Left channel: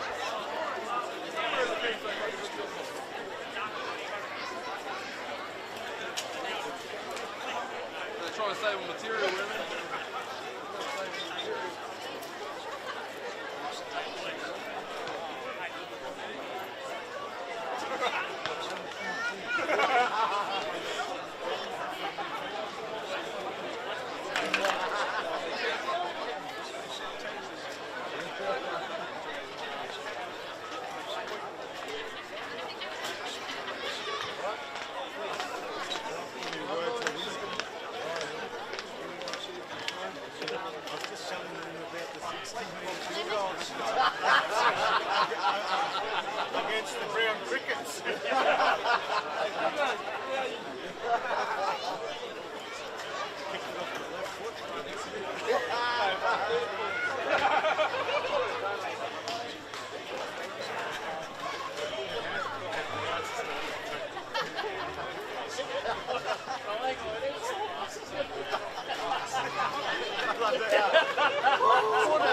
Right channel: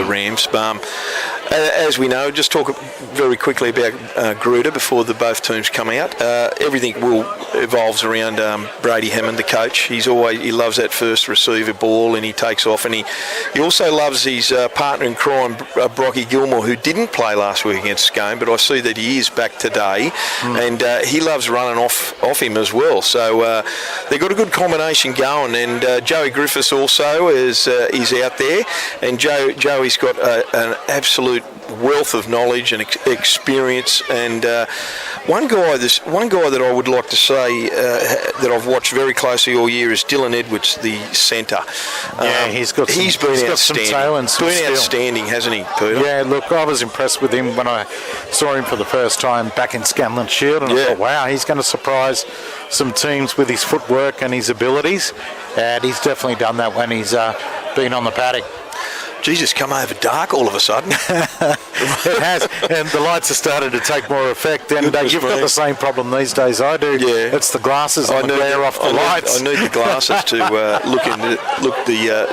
the Rams. As we know, just talk very quickly about Greta before both teams come out. Everything evolves around Brady Hammond, the coach. He loves that first receiver ball, and he takes off. And he also loves his partner in crime, Brocky Gilmore, who didn't play last week against Scone, but I see that he is back today, and he loves running off him as well. So they've got a good combination going. And Joey Griffiths also is out there, and Joey's got an absolute wealth of knowledge and experience, and one guy that I would like to say that I've watched very closely all year is Dylan Edwards, the centre. He's been outstanding. Outstanding, hasn't he, Peter? Yeah, look, I was impressed with him when I saw him for the first time back in Scanlon Shield, and I thought, wow, he's going to surprise some teams with his footwork and his abilities, and he's definitely done that when he's been on the paddock. Jesus, come over dark all of a sudden. It has, and the lights have started to take more effect, and you've got the same problem these days I do. Yeah. It's the glasses and the glare off the lights. I need the glasses to look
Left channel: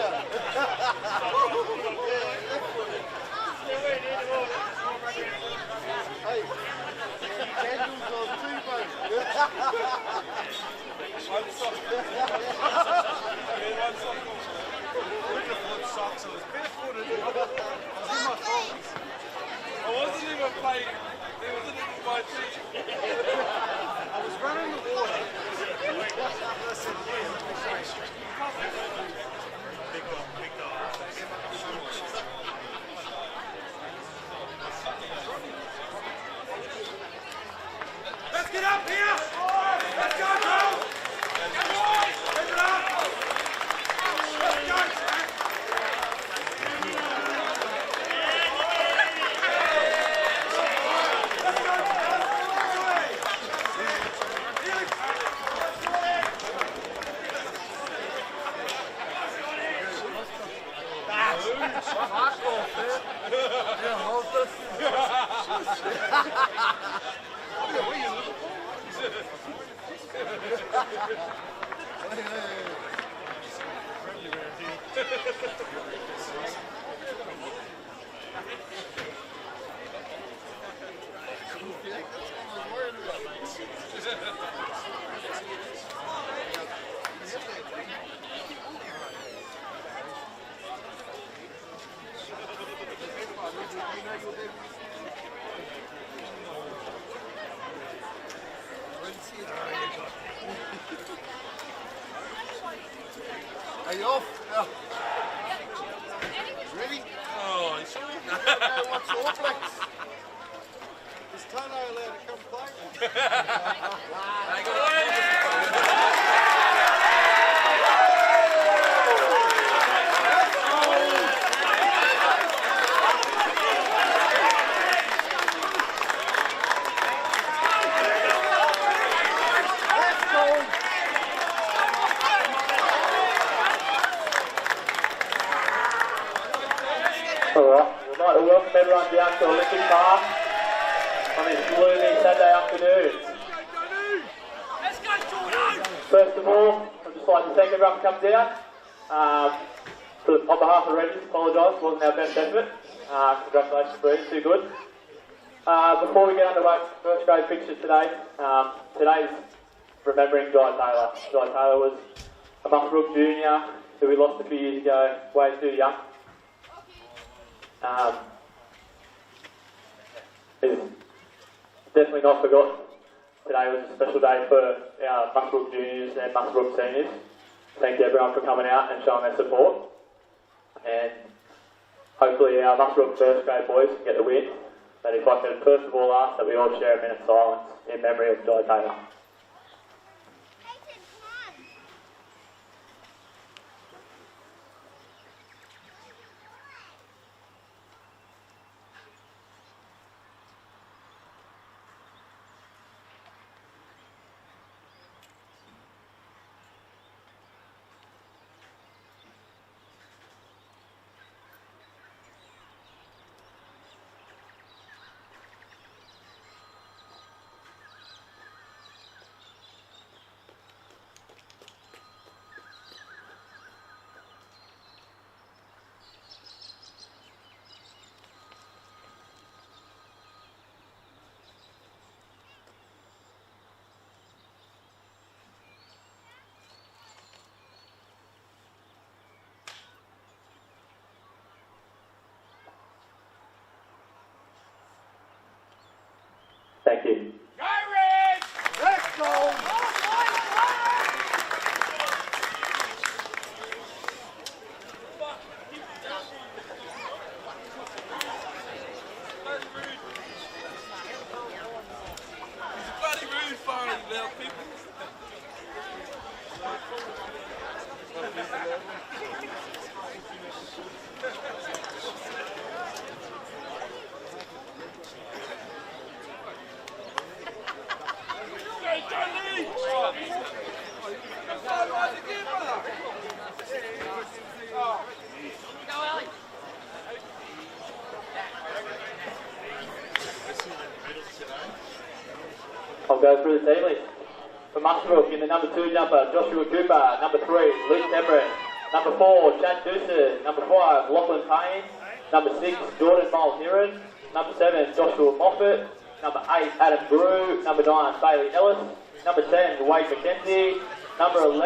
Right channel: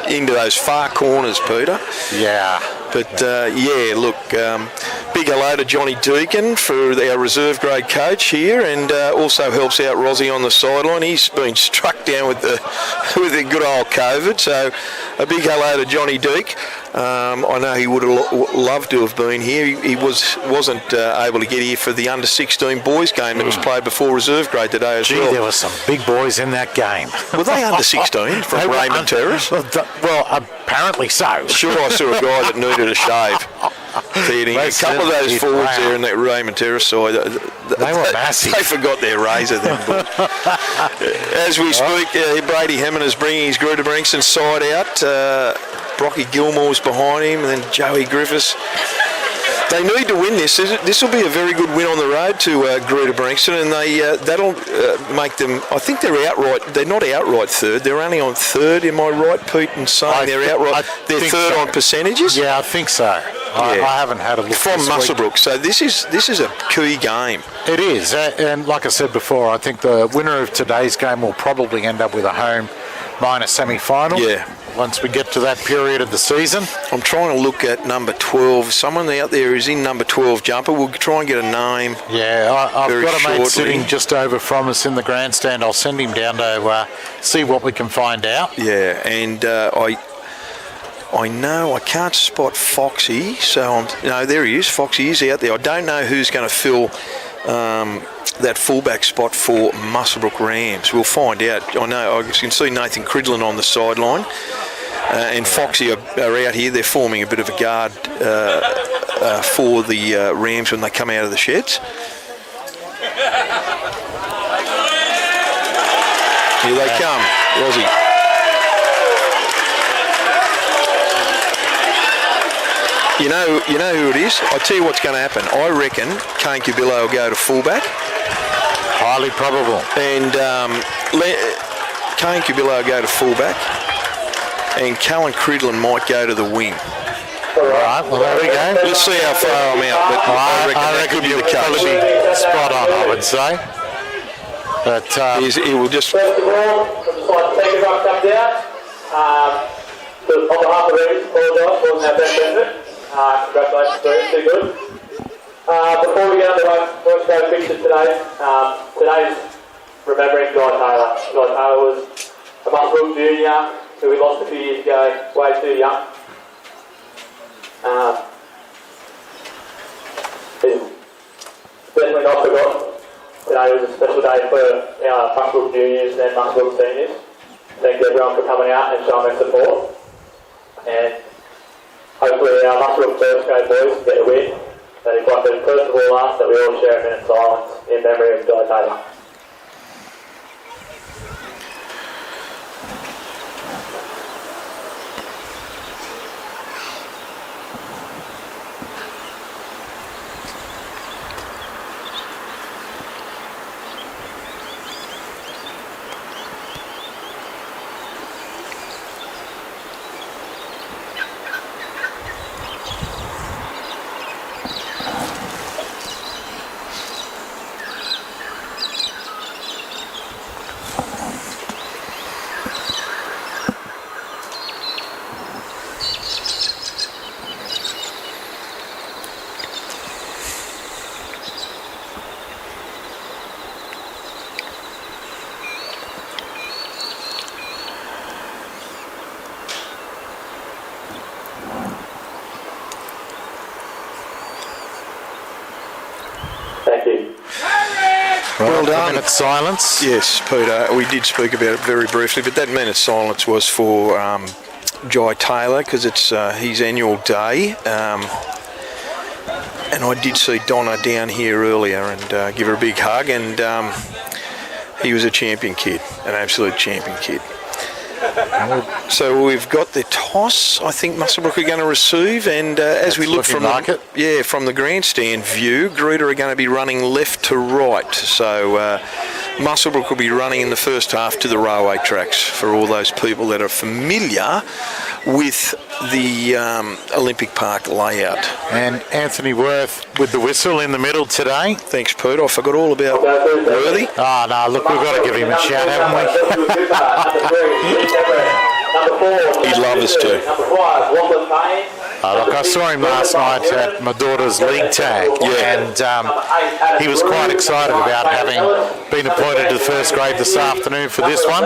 into those far corners, Peter. Yeah. But, big hello to Johnny Deacon for our reserve grade coach here, and also helps out Rozzy on the sideline. He's been struck down with the good old COVID, so a big hello to Johnny Deak. I know he would have loved to have been here. He wasn't able to get here for the under-16 boys game that was played before reserve grade today as well. There were some big boys in that game. Were they under-16 from Raymond Terrace? Well, apparently so. Sure, I saw a guy that needed a shave. A couple of those forwards there in that Raymond Terrace side, they were massive. They forgot their razor then. As we speak, Brady Hammond is bringing his Greta-Branxton side out. Brocky Gilmore's behind him, and then Joey Griffiths. They need to win this. This will be a very good win on the road to Greta-Branxton, and that'll make them. I think they're outright. They're not outright third. They're only on third. Am I right, Pete, in saying they're outright? They're third on percentages. Yeah, I think so. I haven't had a look from Muswellbrook. So this is a key game. It is, and like I said before, I think the winner of today's game will probably end up with a home minor semi-final. Yeah. Once we get to that period of the season. I'm trying to look at number 12. Someone out there is in number 12 jumper. We'll try and get a name. Yeah, I've got a mate sitting just over from us in the grandstand. I'll send him down to see what we can find out. Yeah, and I know I can't spot Foxy, so there he is. Foxy is out there. I don't know who's going to fill that fullback spot for Muswellbrook Rams. We'll find out. I know I can see Nathan Cridlin on the sideline, and Foxy are out here. They're forming a bit of a guard for the Rams when they come out of the sheds. Here they come, Rozzy. You know who it is? I'll tell you what's going to happen. I reckon Kane Cubillo will go to fullback. Highly probable. And Kane Cubillo will go to fullback. And Callan Cridlin might go to the wing. All right, well, there we go. Let's see how far I'm out. But I reckon that could be the case. Be spot on, I would say. But he will just... First of all, I'd just like to thank everyone for coming down. On behalf of Ready, apologise, wasn't our best effort. Congratulations, Bruce, too good. Before we get underway, first grade picture today. Today's remembering Guy Taylor. Guy Taylor was a Muswellbrook junior who we lost a few years ago, way too young. He's definitely not forgotten. Today was a special day for our Muswellbrook juniors and Muswellbrook seniors. Thank everyone for coming out and showing their support. And hopefully our Muswellbrook first grade boys get a win. And if I could first of all ask that we all share a minute of silence in memory of Guy Taylor. Thank you. Well done. A minute silence. Yes, Peter, we did speak about it very briefly, but that minute silence was for Jai Taylor because it's his annual day. And I did see Donna down here earlier and give her a big hug, and he was a champion kid, an absolute champion kid. So we've got the toss. I think Muswellbrook are going to receive, and as we look from from the grandstand view, Greta are going to be running left to right. So Muswellbrook will be running in the first half to the railway tracks for all those people that are familiar with the Olympic Park layout. And Anthony Worth with the whistle in the middle today. Thanks, Pete. I forgot all about Worthy. Oh, no, look, we've got to give him a shout, haven't we? He'd love us to. Look, I saw him last night at my daughter's league tag, and he was quite excited about having been appointed to first grade this afternoon for this one.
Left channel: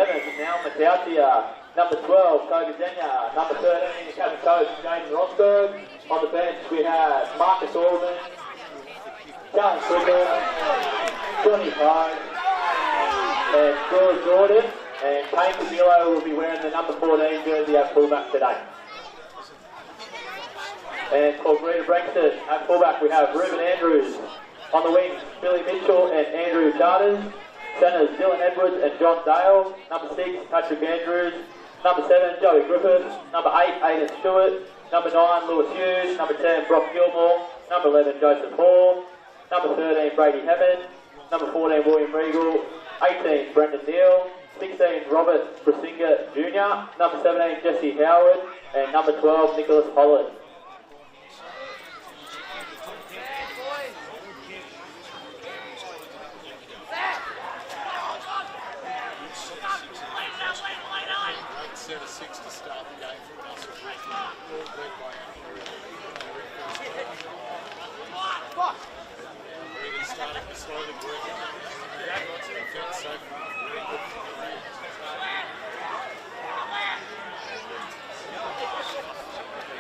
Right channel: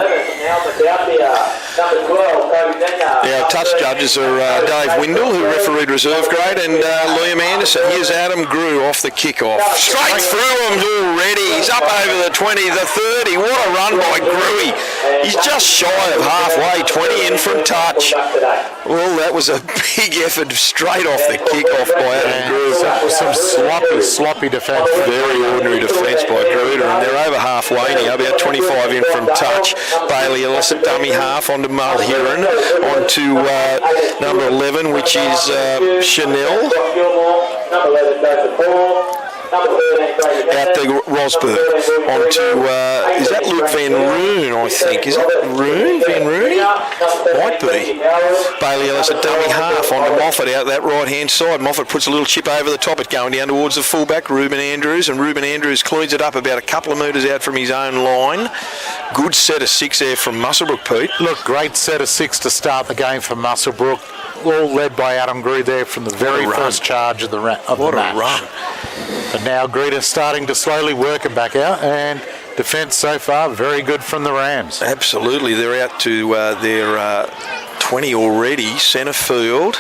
Our touch judges are Dave Windle, who refereed reserve grade, and Liam Anderson. Here's Adam Grew off the kickoff. Straight through him already. He's up over the 20, the 30. What a run by Grewy. He's just shy of halfway, 20 in from touch. Well, that was a big effort straight off the kickoff by Adam Grew. Some sloppy defence. Very ordinary defence by Gruder, and they're over halfway now, about 25 in from touch. Bailey Ellis at dummy half onto Mulheron, onto number 11, which is Chanel. Number 11 goes to Paul. Out to Rosberg, onto, is that Luke Van Roon, I think? Is it Roon? Van Rooney? Might be. Bailey Ellis at dummy half, onto Moffat out that right-hand side. Moffat puts a little chip over the top, it going down towards the fullback, Ruben Andrews, and Ruben Andrews cleans it up about a couple of metres out from his own line. Good set of 6 there from Muswellbrook, Pete. Look, great set of 6 to start the game for Muswellbrook. All led by Adam Grew there from the very first charge of the match. What a run. But now Greta starting to slowly work it back out, and defence so far very good from the Rams. Absolutely, they're out to their 20 already, centre field.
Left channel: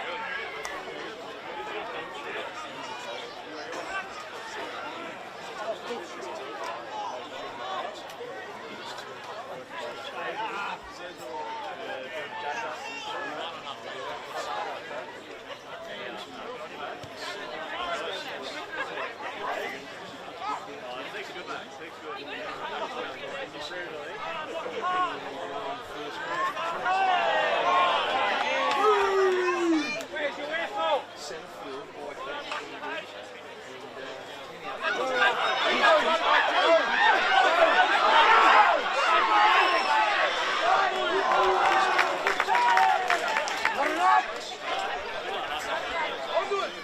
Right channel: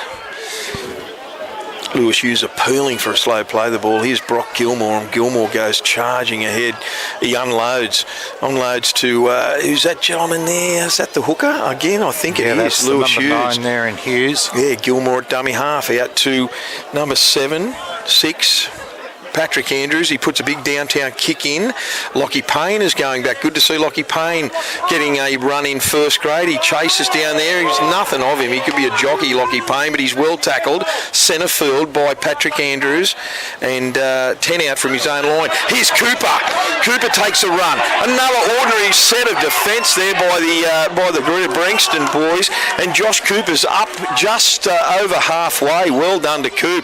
Lewis Hughes appealing for a slow play the ball. Here's Brock Gilmore, and Gilmore goes charging ahead. He unloads to, who's that gentleman there? Is that the hooker? Again, I think it is. That's Lewis the Hughes. 9 there in Hughes. Yeah, Gilmore at dummy half, out to number 7, 6. Patrick Andrews, he puts a big downtown kick in. Lockie Payne is going back. Good to see Lockie Payne getting a run in first grade. He chases down there. He's nothing of him. He could be a jockey, Lockie Payne, but he's well tackled. Centre field by Patrick Andrews, and 10 out from his own line. Here's Cooper. Cooper takes a run. Another ordinary set of defence there by the Greta-Branxton boys, and Josh Cooper's up just over halfway. Well done to Coop.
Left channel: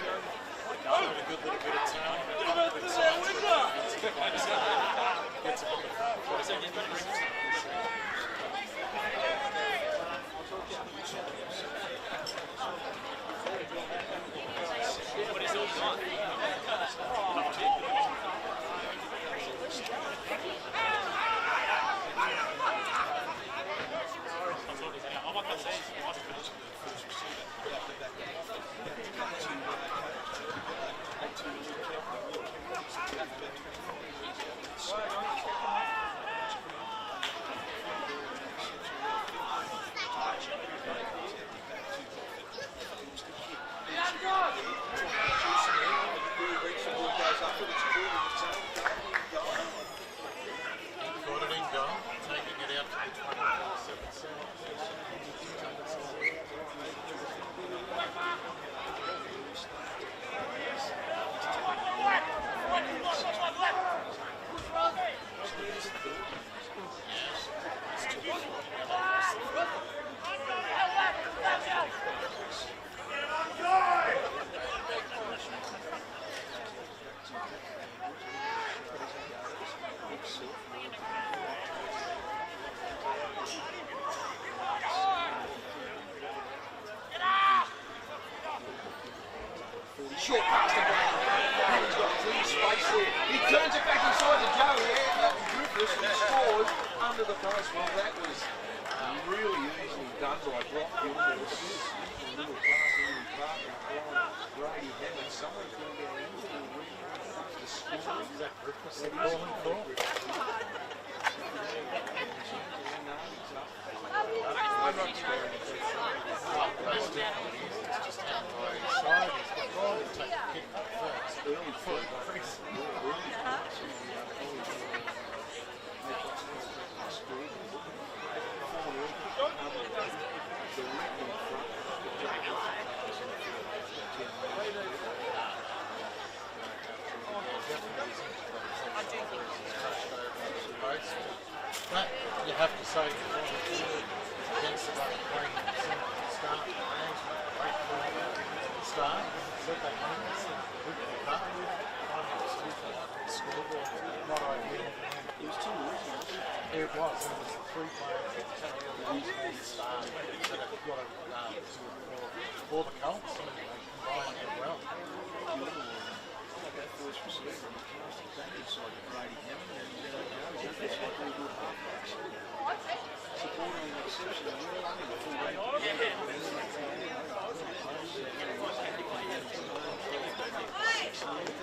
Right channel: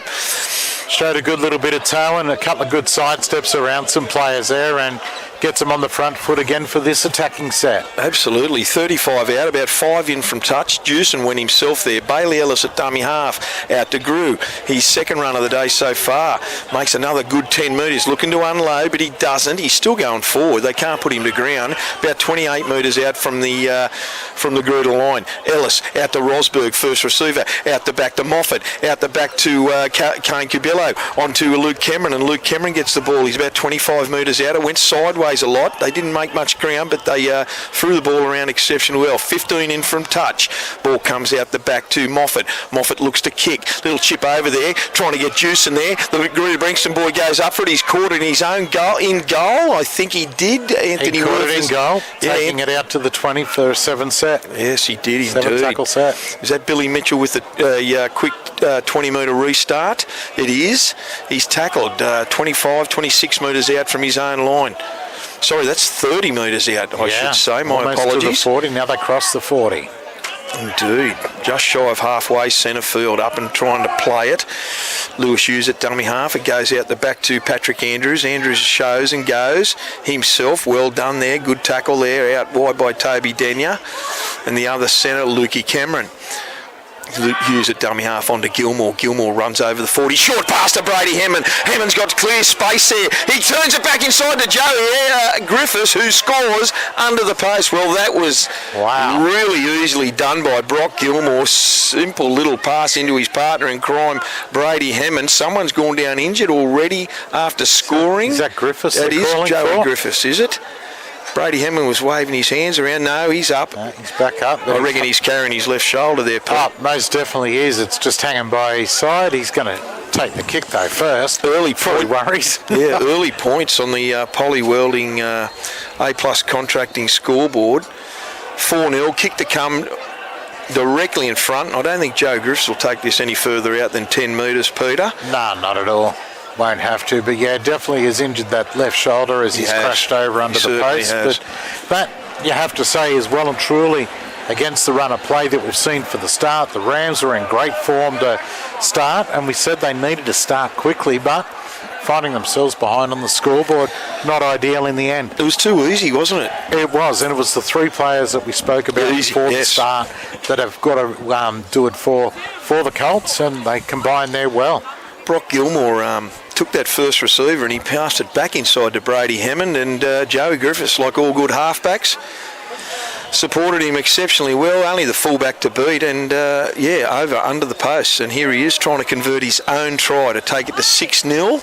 Showed a good little bit of talent, a couple of good side steps around some players there, and gets them on the front foot again for this attacking set. Absolutely. 35 out, about 5 in from touch. Jewson went himself there. Bailey Ellis at dummy half, out to Grew. His second run of the day so far. Makes another good 10 metres. Looking to unload, but he doesn't. He's still going forward. They can't put him to ground. About 28 metres out from the Gruder line. Ellis out to Rosberg, first receiver. Out the back to Moffat. Out the back to Kane Cubillo. On to Luke Cameron, and Luke Cameron gets the ball. He's about 25 metres out. It went sideways a lot. They didn't make much ground, but they threw the ball around exceptionally well. 15 in from touch. Ball comes out the back to Moffat. Moffat looks to kick. Little chip over there, trying to get juice in there. The Greta-Branxton boy goes up for it. He's caught it in his own goal. In goal, I think he did. Anthony he caught it in goal, taking it out to the 20 for a 7 set. Yes, he did. 7 tackle set. Is that Billy Mitchell with the quick 20-metre restart? It is. He's tackled 25, 26 metres out from his own line. Sorry, that's 30 metres out, I should say. My almost apologies. To the 40. Now they cross the 40. Indeed. Just shy of halfway, centre field, up and trying to play it. Lewis Hughes at dummy half. It goes out the back to Patrick Andrews. Andrews shows and goes himself. Well done there. Good tackle there. Out wide by Toby Denyer. And the other centre, Lukey Cameron. Hughes at dummy half onto Gilmore. Gilmore runs over the 40. Short pass to Brady Hammond. Hammond's got clear space there. He turns it back inside to Joey Griffiths, who scores under the post. Well, that was really easily done by Brock Gilmore. Simple little pass into his partner in crime, Brady Hammond. Someone's gone down injured already after scoring. Is that Griffiths? That is Joey Griffiths, is it? Brady Hammond was waving his hands around. No, he's up. He's back up. I reckon he's carrying his left shoulder there, Pete. Up, most definitely is. It's just hanging by his side. He's going to take the kick, though, first. Early Probably worries. Yeah, early points on the Poly Welding A+ contracting scoreboard. 4-0, kick to come directly in front. I don't think Joe Griffiths will take this any further out than 10 metres, Peter. No, not at all. Won't have to, but yeah, definitely has injured that left shoulder as he's crashed over under the post. But you have to say, is well and truly against the run of play that we've seen for the start. The Rams were in great form to start, and we said they needed to start quickly, but finding themselves behind on the scoreboard, not ideal in the end. It was too easy, wasn't it? It was, and it was the three players that we spoke about before the start that have got to do it for the Colts, and they combined there well. Brock Gilmore took that first receiver and he passed it back inside to Brady Hammond, and Joey Griffiths, like all good halfbacks, supported him exceptionally well. Only the fullback to beat, and over under the posts. And here he is trying to convert his own try to take it to 6-0.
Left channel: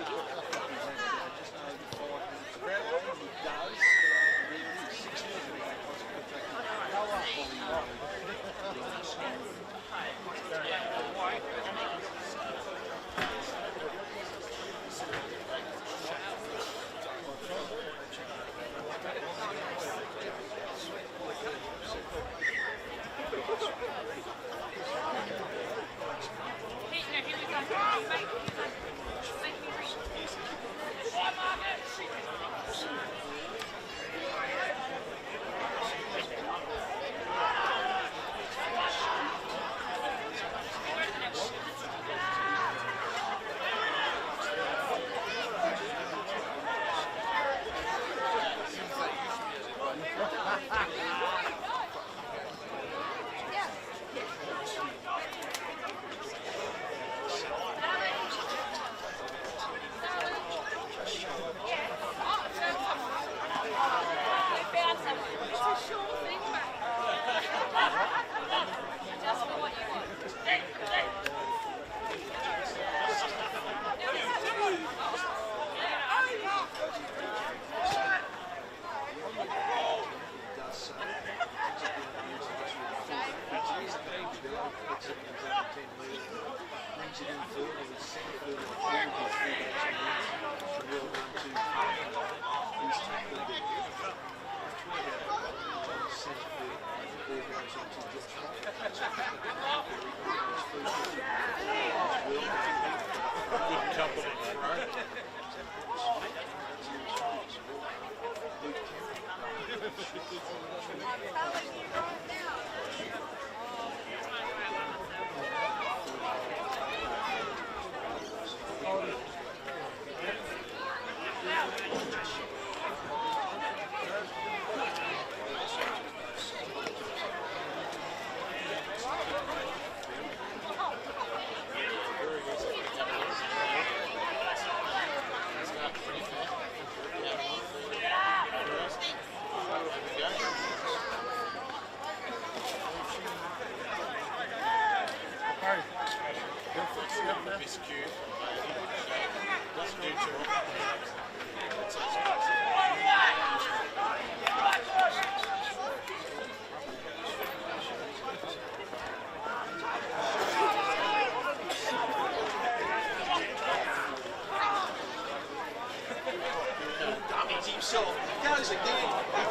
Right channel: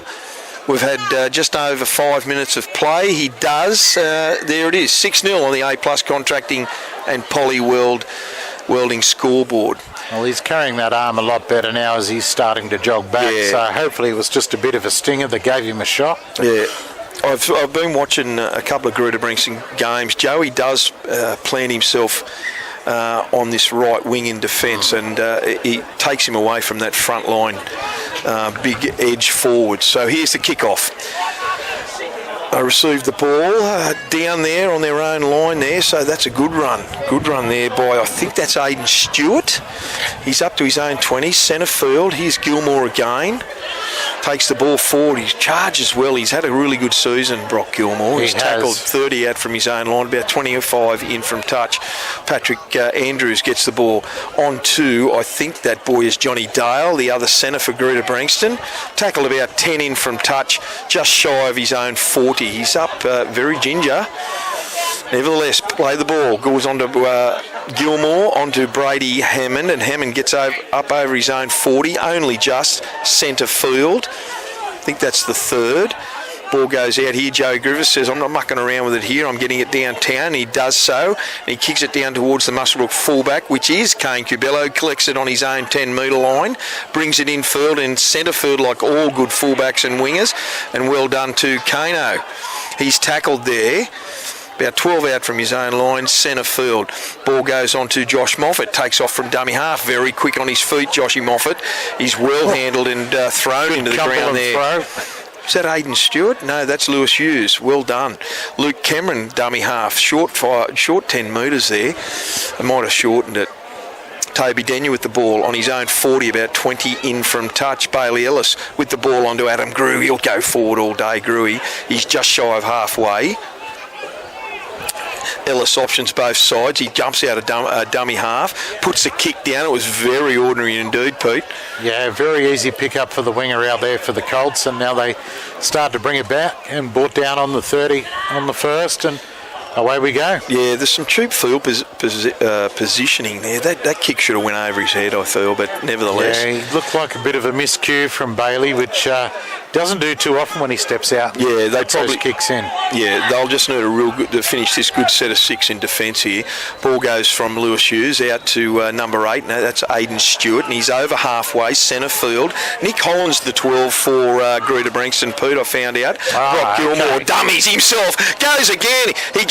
We've had just over 5 minutes of play. He does. There it is, 6-0 on the A+ contracting and Poly Welding scoreboard. Well, he's carrying that arm a lot better now as he's starting to jog back. Yeah. So hopefully it was just a bit of a stinger that gave him a shot. Yeah. I've been watching a couple of Greta-Branxton games. Joey does plant himself on this right wing in defence, and he takes him away from that front line big edge forward. So here's the kickoff. I received the ball down there on their own line there, so that's a good run. Good run there by, I think that's Aidan Stewart. He's up to his own 20, centre field. Here's Gilmore again. Takes the ball forward. He charges well. He's had a really good season, Brock Gilmore. He's tackled 30 out from his own line, about 25 in from touch. Patrick Andrews gets the ball on to, I think that boy is Johnny Dale, the other centre for Greta-Branxton. Tackled about 10 in from touch, just shy of his own 40. He's up very ginger. Nevertheless, play the ball. Goes on to Gilmore, onto Brady Hammond, and Hammond gets up over his own 40, only just centre field. I think that's the third. Ball goes out here. Joe Griffiths says, I'm not mucking around with it here. I'm getting it downtown. He does so. And he kicks it down towards the Muswellbrook fullback, which is Kane Cubello. Collects it on his own 10-metre line. Brings it in field and centre field like all good fullbacks and wingers. And well done to Kano. He's tackled there. About 12 out from his own line, centre field. Ball goes on to Josh Moffat. Takes off from dummy half. Very quick on his feet, Joshy Moffat. He's well handled and thrown into the ground there. Is that Aidan Stewart? No, that's Lewis Hughes. Well done. Luke Cameron, dummy half. Short 10 metres there. I might have shortened it. Toby Denyer with the ball on his own 40, about 20 in from touch. Bailey Ellis with the ball onto Adam Grew. He'll go forward all day, Grewy. He's just shy of halfway. Ellis options both sides. He jumps out of dummy half, puts the kick down. It was very ordinary indeed, Pete. Yeah, very easy pick up for the winger out there for the Colts, and now they start to bring it back and brought down on the 30 on the first, and away we go. Yeah, there's some cheap field positioning there. That kick should have went over his head, I feel, but nevertheless. Yeah, he looked like a bit of a miscue from Bailey, which doesn't do too often when he steps out. Yeah, they probably kicks in. Yeah, they'll just need a real good to finish this good set of 6 in defence here. Ball goes from Lewis Hughes out to number 8. No, that's Aidan Stewart, and he's over halfway, centre field. Nick Holland's the 12 for Greta-Branxton. Pete, I found out. Brock Gilmore dummies himself. Goes again. He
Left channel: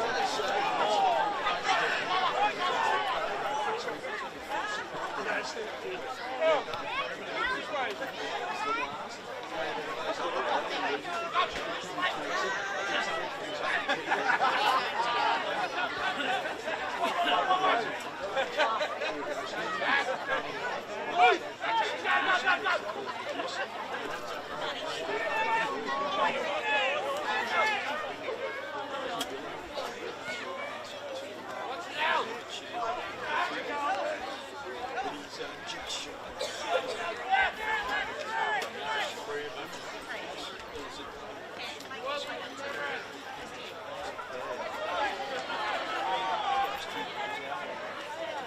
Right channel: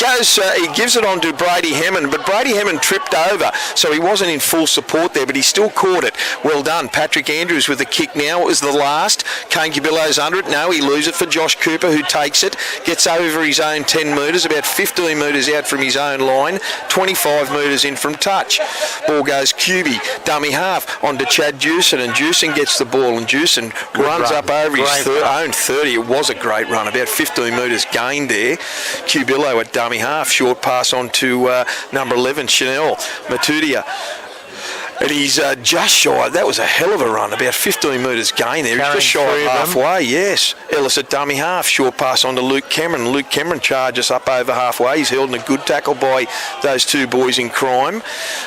gives it on to Brady Hammond, but Brady Hammond tripped over, so he wasn't in full support there, but he still caught it. Well done. Patrick Andrews with the kick now. It was the last. Kane Cubillo's under it. No, he loses it for Josh Cooper, who takes it. Gets over his own 10 metres, about 15 metres out from his own line, 25 metres in from touch. Ball goes QB, dummy half, onto Chad Jewson, and Jewson gets the ball, and Jewson runs up over his own 30. It was a great run, about 15 metres gained there. Cubillo at dummy half, short pass on to number 11, Chanel Matudia. And he's just shy. That was a hell of a run, about 15 metres gain there. He's just shy of halfway, yes. Ellis at dummy half. Short pass on to Luke Cameron. Luke Cameron charges up over halfway. He's held in a good tackle by those two boys in crime,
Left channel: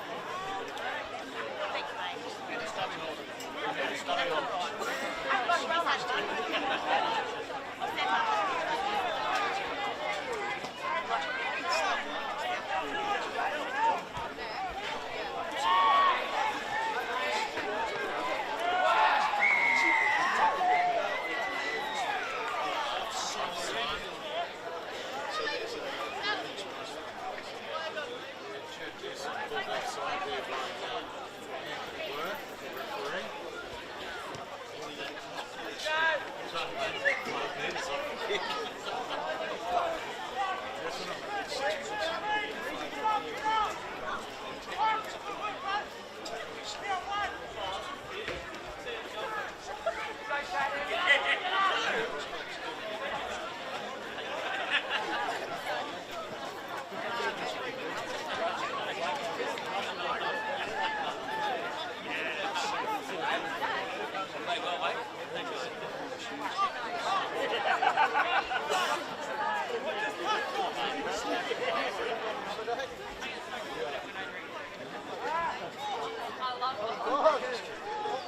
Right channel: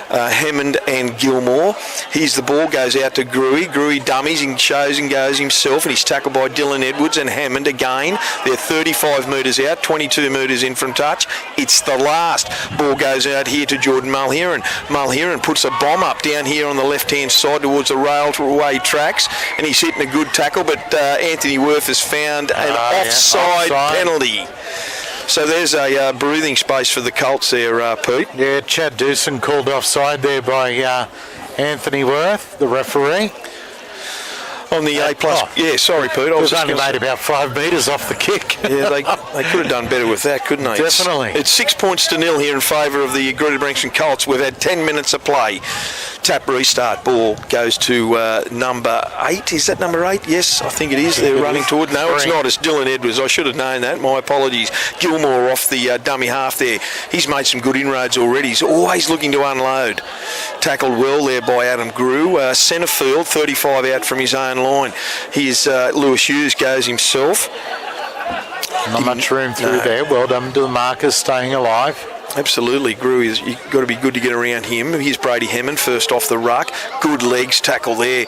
Hammond and Gilmore. Here's the ball, goes out to Gruey. Gruey dummies and shows and goes himself, and he's tackled by Dylan Edwards and Hammond again. They're 35 metres out, 22 metres in from touch. It's the last. Ball goes out here to Jordan Mulheron. Mulheron puts a bomb up down here on the left-hand side towards the railway tracks, and he's hitting a good tackle, but Anthony Worth has found an offside penalty. So there's a breathing space for the Colts there, Pete. Yeah, Chad Doosan called offside there by Anthony Worth, the referee. On the A+. Yeah, sorry, Pete. I was only made about 5 metres off the kick. Yeah, they could have done better with that, couldn't they? Definitely. It's 6 points to nil here in favour of the Greta-Branxton Colts. We've had 10 minutes of play. Tap restart. Ball goes to number 8. Is that number 8? Yes, I think it is. They're running toward. No, it's not. It's Dylan Edwards. I should have known that. My apologies. Gilmore off the dummy half there. He's made some good inroads already. He's always looking to unload. Tackled well there by Adam Grew. Centre field, 35 out from his own line. Here's Lewis Hughes goes himself. Not much room through there. Well done to the markers, staying alive. Absolutely, Grew is. You've got to be good to get around him. Here's Brady Hammond first off the ruck. Good legs tackle there.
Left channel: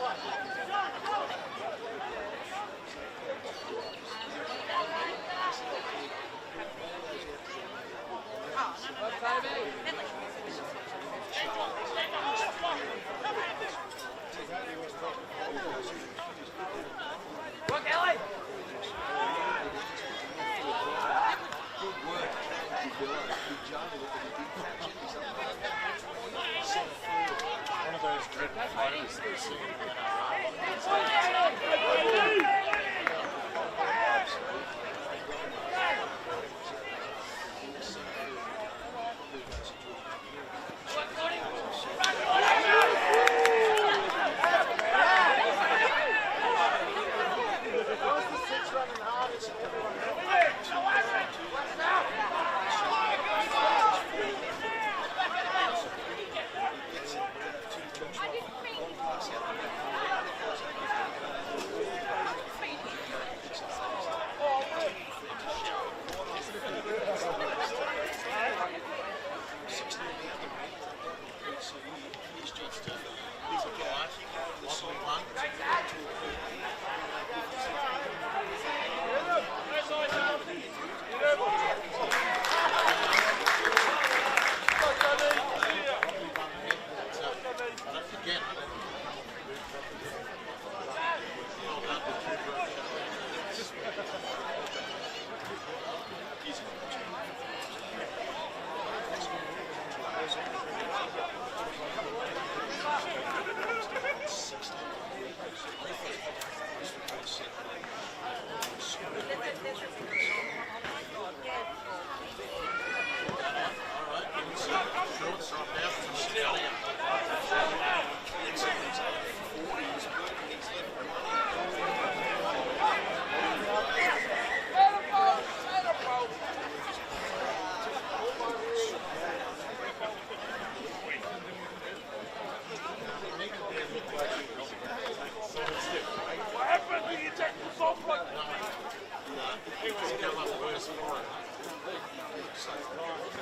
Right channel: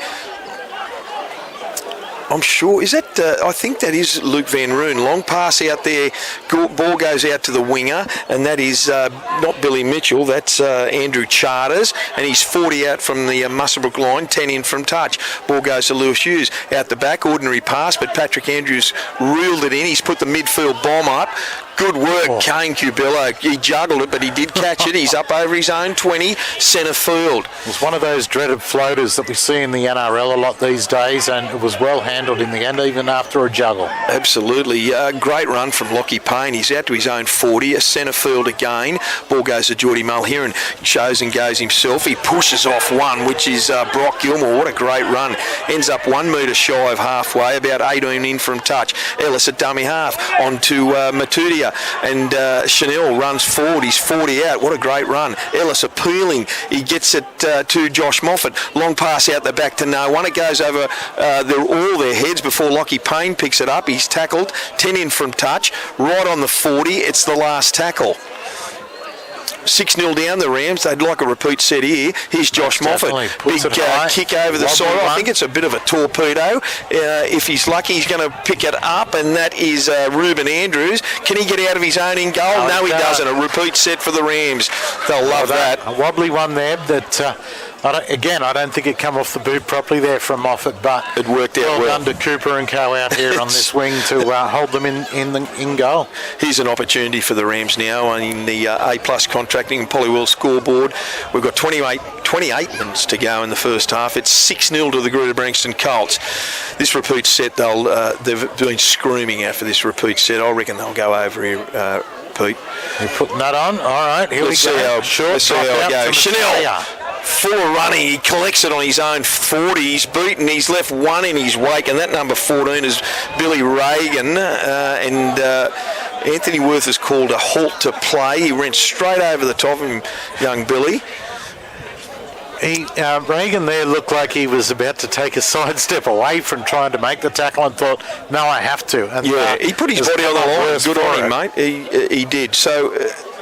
I'm sure, is that, I think that is Luke Van Roon. Long pass out there, ball goes out to the winger, and that is not Billy Mitchell, that's Andrew Charters, and he's 40 out from the Muswellbrook line, 10 in from touch. Ball goes to Lewis Hughes, out the back, ordinary pass, but Patrick Andrews reeled it in. He's put the midfield bomb up. Good work, Kane Cubello. He juggled it, but he did catch it. He's up over his own 20, centre field. It's one of those dreaded floaters that we see in the NRL a lot these days, and it was well handled in the end, even after a juggle. Absolutely. Great run from Lockie Payne. He's out to his own 40, a centre field again. Ball goes to Geordie Mulheron. Shows and goes himself. He pushes off one, which is Brock Gilmore. What a great run. Ends up 1 metre shy of halfway, about 18 in from touch. Ellis at dummy half. On to Matudia. And Chanel runs forward. He's 40 out. What a great run. Ellis appealing. He gets it to Josh Moffat. Long pass out the back to no one. It goes over all their heads before Lockie Payne picks it up. He's tackled. 10 in from touch. Right on the 40. It's the last tackle. 6-0 down the Rams. They'd like a repeat set here. Here's Josh Moffat. Big kick over the side. I think it's a bit of a torpedo. If he's lucky, he's going to pick it up, and that is Ruben Andrews. Can he get out of his own in goal? No, he doesn't. A repeat set for the Rams. They'll love that. A wobbly one there that... I don't think it come off the boot properly there from Moffat, but it worked out well. Well done to Cooper and Co out here on this wing to hold them in goal. Here's an opportunity for the Rams now in the A+ contracting and Polywell scoreboard. We've got 28 minutes to go in the first half. It's 6-0 to the Greta-Branxton Colts. This repeat set, they've been screaming out for this repeat set. I reckon they'll go over here, Pete. You're putting that on? All right, here let's we go. Let's see how it goes. Chanel. 4 running, he collects it on his own 40. He's beaten, he's left one in his wake, and that number 14 is Billy Reagan. Anthony Worth has called a halt to play. He went straight over the top of him, young Billy. Reagan there looked like he was about to take a sidestep away from trying to make the tackle and thought, no, I have to. And, he put his body on the line. Good on him, mate. He did. So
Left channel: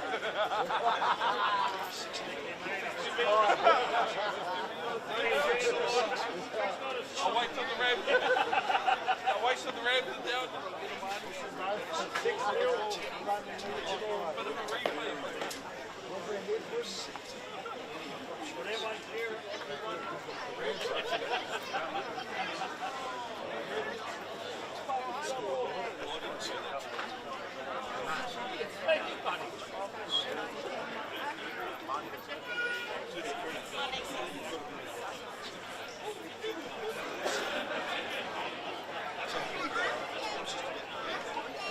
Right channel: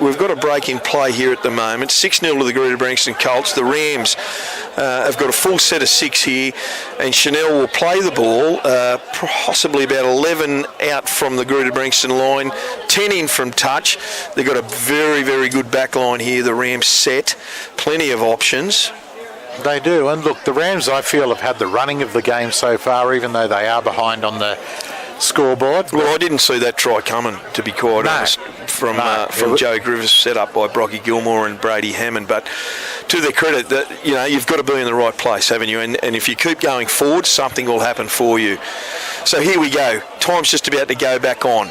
we've got a break in play here at the moment. 6-0 to the Greta-Branxton Colts. The Rams have got a full set of 6 here, and Chanel will play the ball, possibly about 11 out from the Greta-Branxton line, 10 in from touch. They've got a very, very good back line here, the Rams set. Plenty of options. They do, and look, the Rams, I feel, have had the running of the game so far, even though they are behind on the scoreboard. Well, I didn't see that try coming, to be quite honest, from Joe Griffiths, set up by Brocky Gilmore and Brady Hammond. But to their credit, that you've got to be in the right place, haven't you? And if you keep going forward, something will happen for you. So here we go. Time's just about to go back on.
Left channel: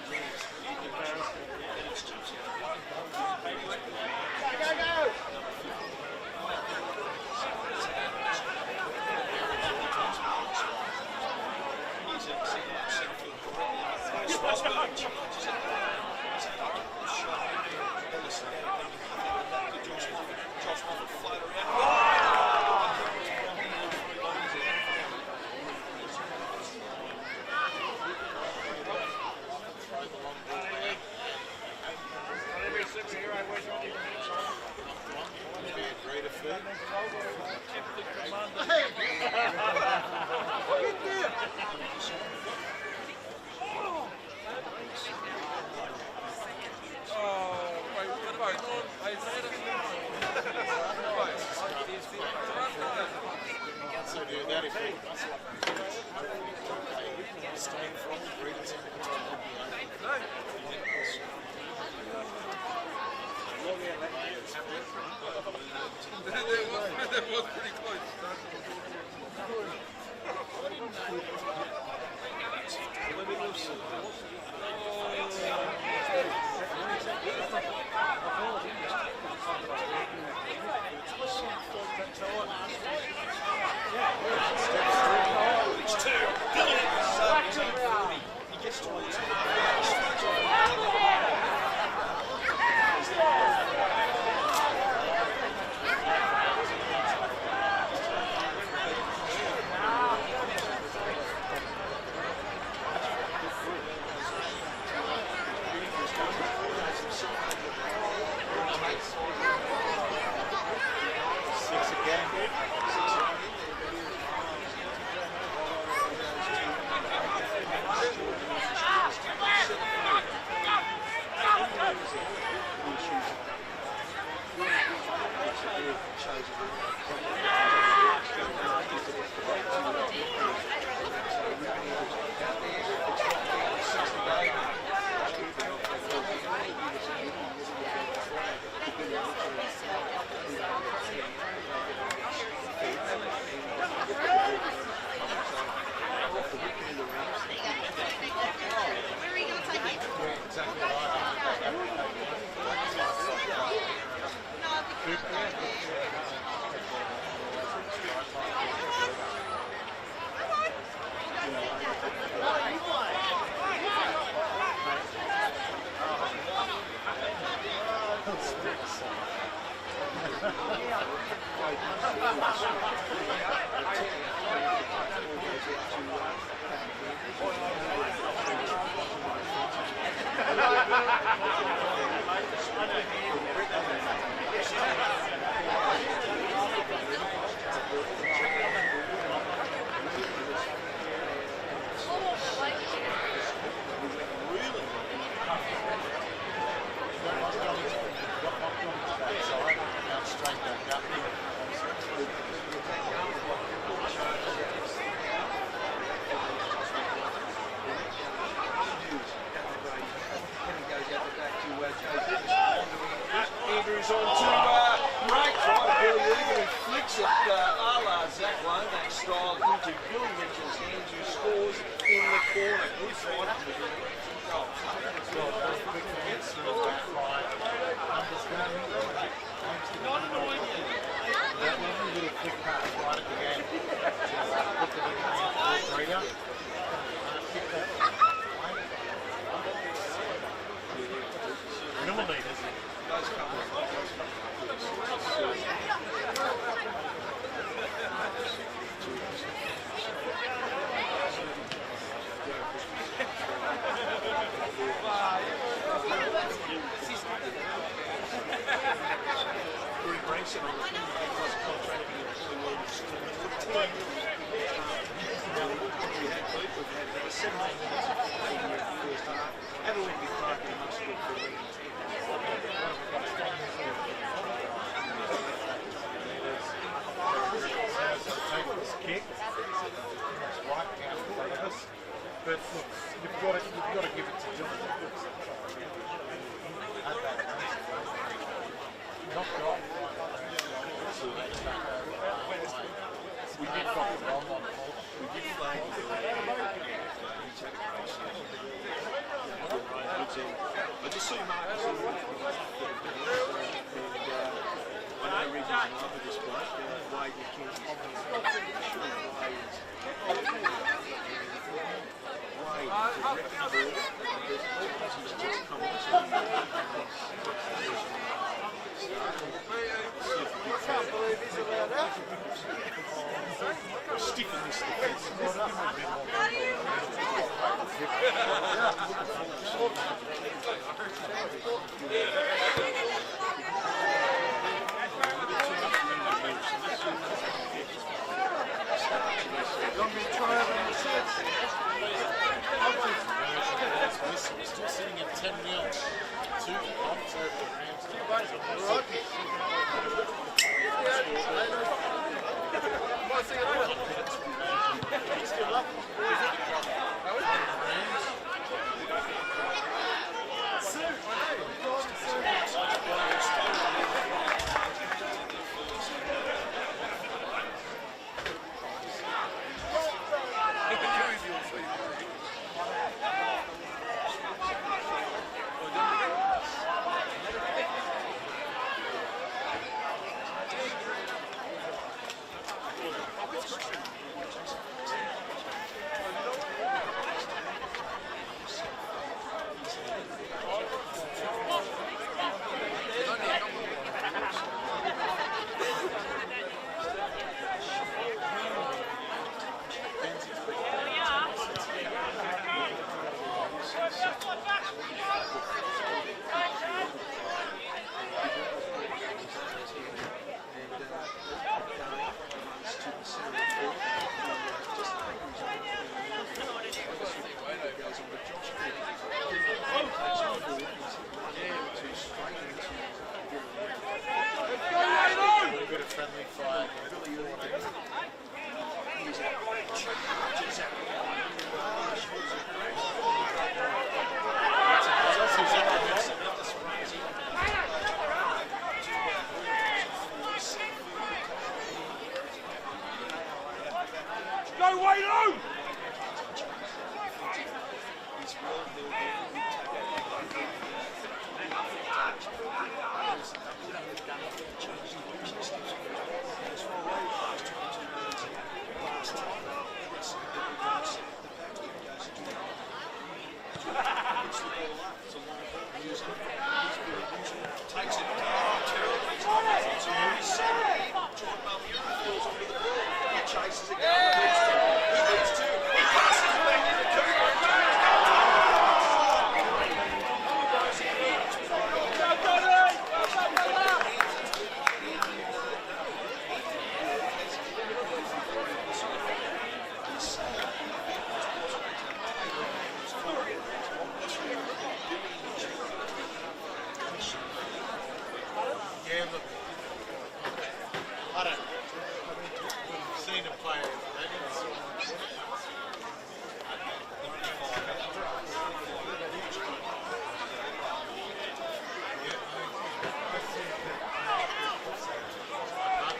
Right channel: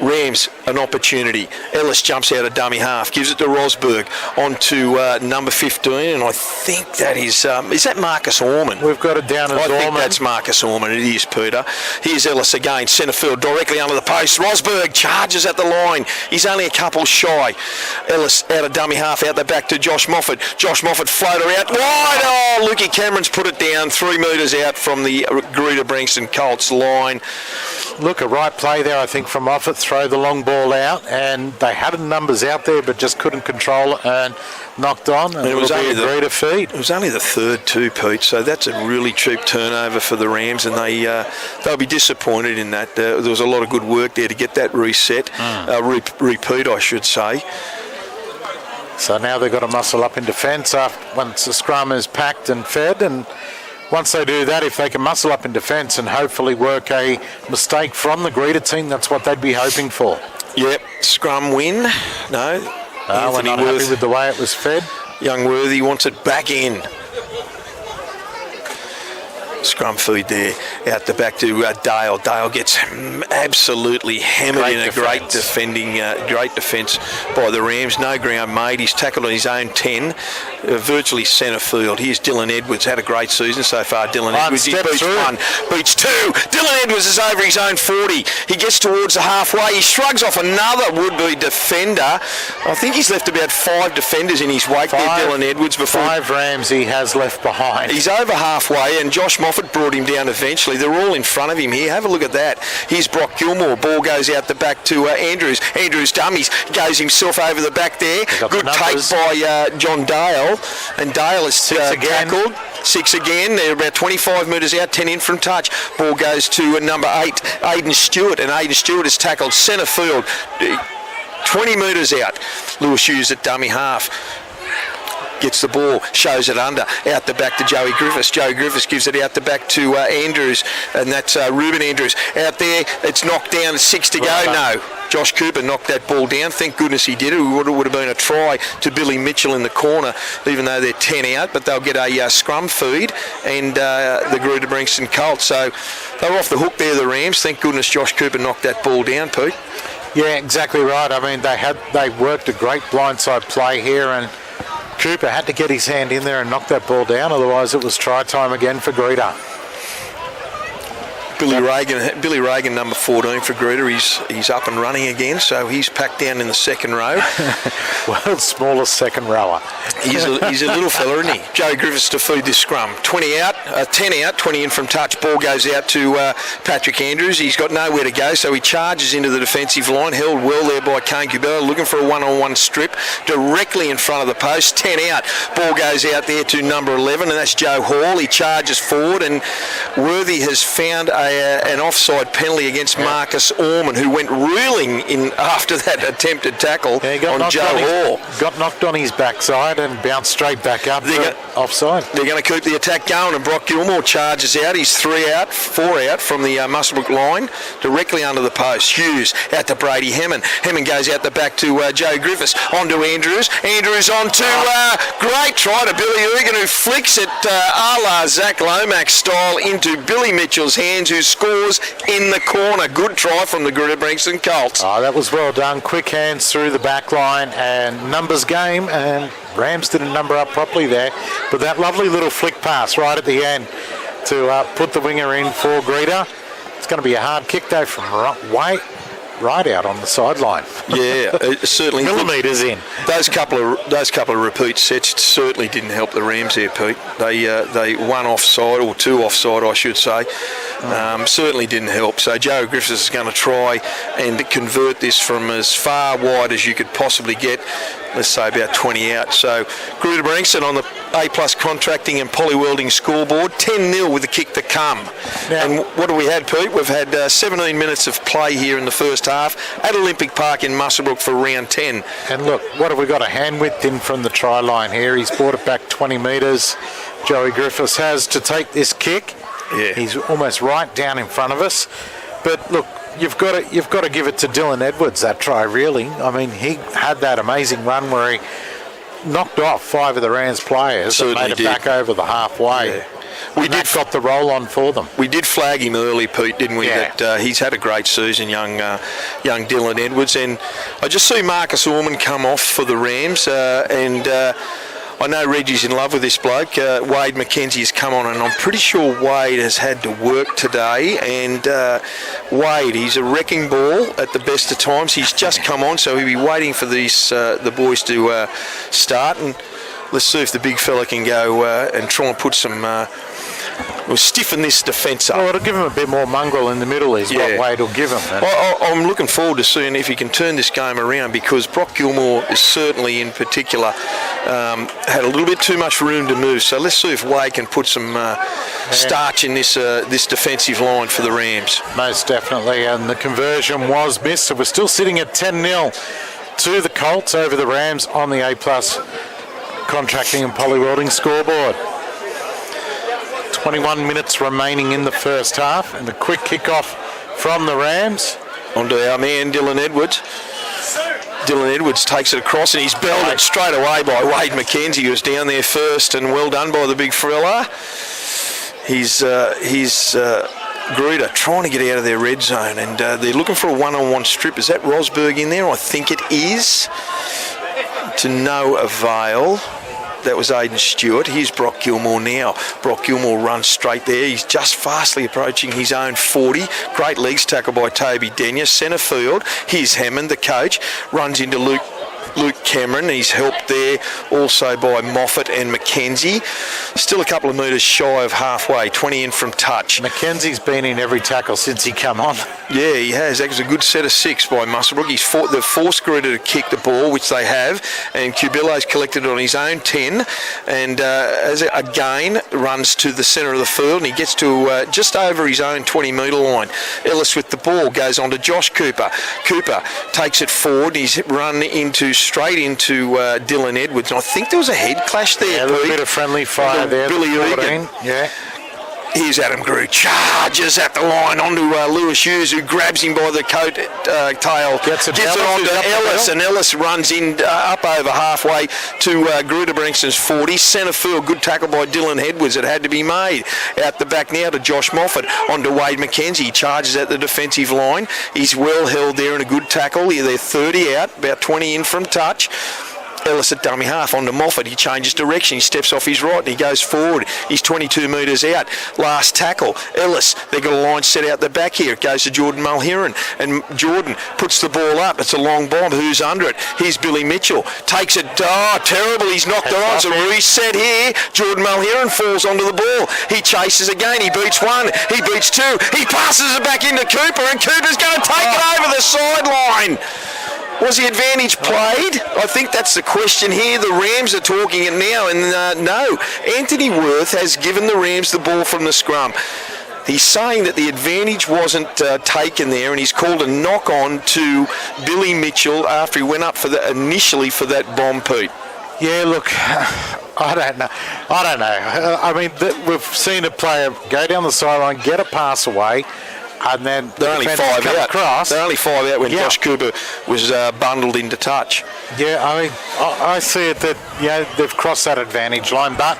Rams an opportunity. Ellis jumps out of dummy half, gives it to Rosberg on to number 15, and I think that is that Marcus Orman? We've got it down as I think Orman. that's Marcus Orman. It is, Peter. Here's Ellis again, centre field, directly under the post. Rosberg charges at the line. He's only a couple shy. Ellis out of dummy half, out the back to Josh Moffat. Josh Moffat floater out wide. Oh, Lukey Cameron's put it down 3 metres out from the Greta-Branxton Colts line. Look, a right play there, I think, from Moffat. Throw the long ball out, and they had numbers out there, but just couldn't control it and knocked on. And it was only the Greta feed. It was only the third too, Pete. So that's a really cheap turnover for the Rams, and they'll be disappointed in that. There was a lot of good work there to get that reset, repeat, I should say. So now they've got to muscle up in defence once the scrum is packed and fed, and once they do that, if they can muscle up in defence and hopefully work a mistake from the Greta team, that's what they'd be hoping for. Yep, scrum win. No, we're not happy with the way it was fed. Young Worthy wants it back in. Scrum feed there, out the back to Dale. Dale gets absolutely hammered in a great defence by the Rams. No ground made. He's tackled on his own 10, virtually centre field. Here's Dylan Edwards. Had a great season so far. Dylan Edwards. He beats one, beats two. Dylan Edwards is over his own 40. He gets towards the halfway. He shrugs off another would-be defender. I think he's left about 5 defenders in his wake there, Dylan Edwards. Before 5 Rams he has left behind. He's over halfway, and Josh Moffat brought him down eventually. They're all in front of him here. Have a look at that. Here's Brock Gilmore. Ball goes out the back to Andrews. Andrews dummies. Goes himself over the back there. Good take by John Dale. And Dale is tackled. 6 again. They're about 25 metres out, 10 in from touch. Ball goes to number 8, Aiden Stewart. And Aiden Stewart is tackled centre field. 20 metres out. Lewis Hughes at dummy half. Gets the ball, shows it under, out the back to Joey Griffiths. Joey Griffiths gives it out the back to Andrews, and that's Ruben Andrews. Out there, it's knocked down, 6 to go. No, Josh Cooper knocked that ball down. Thank goodness he did it. It would have been a try to Billy Mitchell in the corner, even though they're 10 out, but they'll get a scrum feed, and the Greta-Branxton Colts. So they were off the hook there, the Rams. Thank goodness Josh Cooper knocked that ball down, Pete. Yeah, exactly right. I mean, they worked a great blindside play here, and Cooper had to get his hand in there and knock that ball down, otherwise it was try time again for Greta. Billy Reagan, number 14 for Greta, he's up and running again, so he's packed down in the second row. World's smallest second rower. He's a little fella, isn't he? Joe Griffiths to feed this scrum. 10 out, 20 in from touch. Ball goes out to Patrick Andrews. He's got nowhere to go, so he charges into the defensive line. Held well there by Kane Kubella, looking for a one-on-one strip directly in front of the post. 10 out. Ball goes out there to number 11, and that's Joe Hall. He charges forward, and Worthy has found an offside penalty against Marcus Orman, who went reeling in after that attempted tackle on Joe Hall. Got knocked on his backside and bounced straight back up offside. They're going to keep the attack going, and Brock Gilmore charges out. He's 4 out from the Muswellbrook line, directly under the post. Hughes out to Brady Hemmon. Hemmon goes out the back to Joe Griffiths. On to Andrews. Andrews on to great try to Billy Egan, who flicks it a la Zach Lomax style into Billy Mitchell's hands, who scores in the corner. Good try from the Greta-Branxton Colts. Oh, that was well done. Quick hands through the back line, and numbers game, and Rams didn't number up properly there, but that lovely little flick pass right at the end to put the winger in for Greta. It's going to be a hard kick though from right out on the sideline. Yeah, certainly. Millimetres in. Those couple of repeat sets certainly didn't help the Rams there, Pete. They one offside, or 2 offside, I should say. Certainly didn't help. So Joe Griffiths is going to try and convert this from as far wide as you could possibly get. Let's say about 20 out. So Greta-Branxton on the A+ contracting and polywelding scoreboard, 10-0 with the kick to come. Now, and what do we had, Pete? We've had 17 minutes of play here in the first half at Olympic Park in Muswellbrook for round 10. And look, what have we got? A hand width in from the try line here. He's brought it back 20 metres. Joey Griffiths has to take this kick. Yeah. He's almost right down in front of us. But look, you've got to give it to Dylan Edwards, that try, really. I mean, he had that amazing run where he knocked off 5 of the Rams players and made it back over the halfway. That got the roll on for them. We did flag him early, Pete, didn't we? Yeah. That he's had a great season, young Dylan Edwards. And I just see Marcus Ormond come off for the Rams, and I know Reggie's in love with this bloke. Wade McKenzie has come on, and I'm pretty sure Wade has had to work today. And Wade, he's a wrecking ball at the best of times. He's just come on, so he'll be waiting for these the boys to start. And let's see if the big fella can go and try and put some... We'll stiffen this defence up. Well, it'll give him a bit more mongrel in the middle is what Wade will give him. I'm looking forward to seeing if he can turn this game around, because Brock Gilmore is certainly in particular had a little bit too much room to move. So let's see if Wade can put some starch in this defensive line for the Rams. Most definitely, and the conversion was missed. So we're still sitting at 10-0 to the Colts over the Rams on the A+ Contracting and Poly Welding scoreboard. 21 minutes remaining in the first half, and a quick kickoff from the Rams. On to our man, Dylan Edwards. Dylan Edwards takes it across, and he's belted straight away by Wade McKenzie, who was down there first, and well done by the big fella. He's Greta trying to get out of their red zone, and they're looking for a one-on-one strip. Is that Rosberg in there? I think it is. To no avail. That was Aidan Stewart. Here's Brock Gilmore now. Brock Gilmore runs straight there. He's just fastly approaching his own 40. Great legs tackle by Toby Denyer. Centre field. Here's Hammond, the coach. Runs into Luke Cameron. He's helped there also by Moffat and McKenzie. Still a couple of metres shy of halfway. 20 in from touch. McKenzie's been in every tackle since he come on. Yeah, he has. That was a good set of 6 by Muswellbrook. They've forced Greta to kick the ball, which they have, and Cubillo's collected it on his own 10, and as it again runs to the centre of the field, and he gets to just over his own 20-metre line. Ellis with the ball goes on to Josh Cooper. Cooper takes it forward. He's run straight into Dylan Edwards. And I think there was a head clash there. Yeah, a little bit of friendly fire there. Billy Egan. Yeah. Here's Adam Grew, charges at the line onto Lewis Hughes, who grabs him by the coat tail, gets it onto Ellis, and Ellis runs in up over halfway to Greta-Branxton's 40. Centre field, good tackle by Dylan Edwards. It had to be made. Out the back now to Josh Moffat, onto Wade McKenzie. He charges at the defensive line. He's well held there and a good tackle. They're 30 out, about 20 in from touch. Ellis at dummy half onto Moffat. He changes direction. He steps off his right and he goes forward. He's 22 metres out. Last tackle. Ellis. They've got a line set out the back here. It goes to Jordan Mulheron. And Jordan puts the ball up. It's a long bomb. Who's under it? Here's Billy Mitchell. Takes it. Oh, terrible. He's knocked it on. It's a reset here. Jordan Mulheron falls onto the ball. He chases again. He beats 1. He beats 2. He passes it back into Cooper, and Cooper's going to take it over the sideline. Was the advantage played? I think that's the question here. The Rams are talking it now, and no. Anthony Worth has given the Rams the ball from the scrum. He's saying that the advantage wasn't taken there, and he's called a knock-on to Billy Mitchell after he went up initially for that bomb, Pete. Yeah, look, I don't know. I mean, we've seen a player go down the sideline, get a pass away, and then they're only 5 out. Across. They're only 5 out when Josh Cooper was bundled into touch. Yeah, I mean, I see it that they've crossed that advantage line, but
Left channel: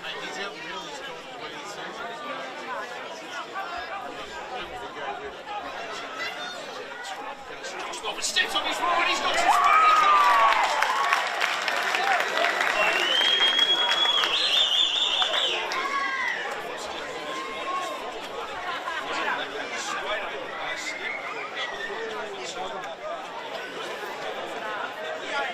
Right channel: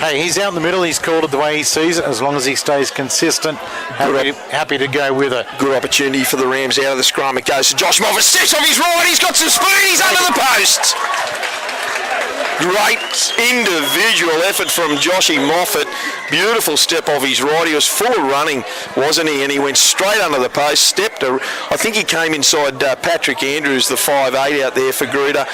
hey, he's out in the middle. He's called it the way he sees it. As long as he stays consistent, happy to go with it. Good opportunity for the Rams out of the scrum. It goes to Josh Moffat. Steps off his right. He's got some speed. He's under the posts. Great individual effort from Joshy Moffat. Beautiful step off his right. He was full of running, wasn't he? And he went straight under the post. I think he came inside Patrick Andrews, the 5'8" out there for Greta.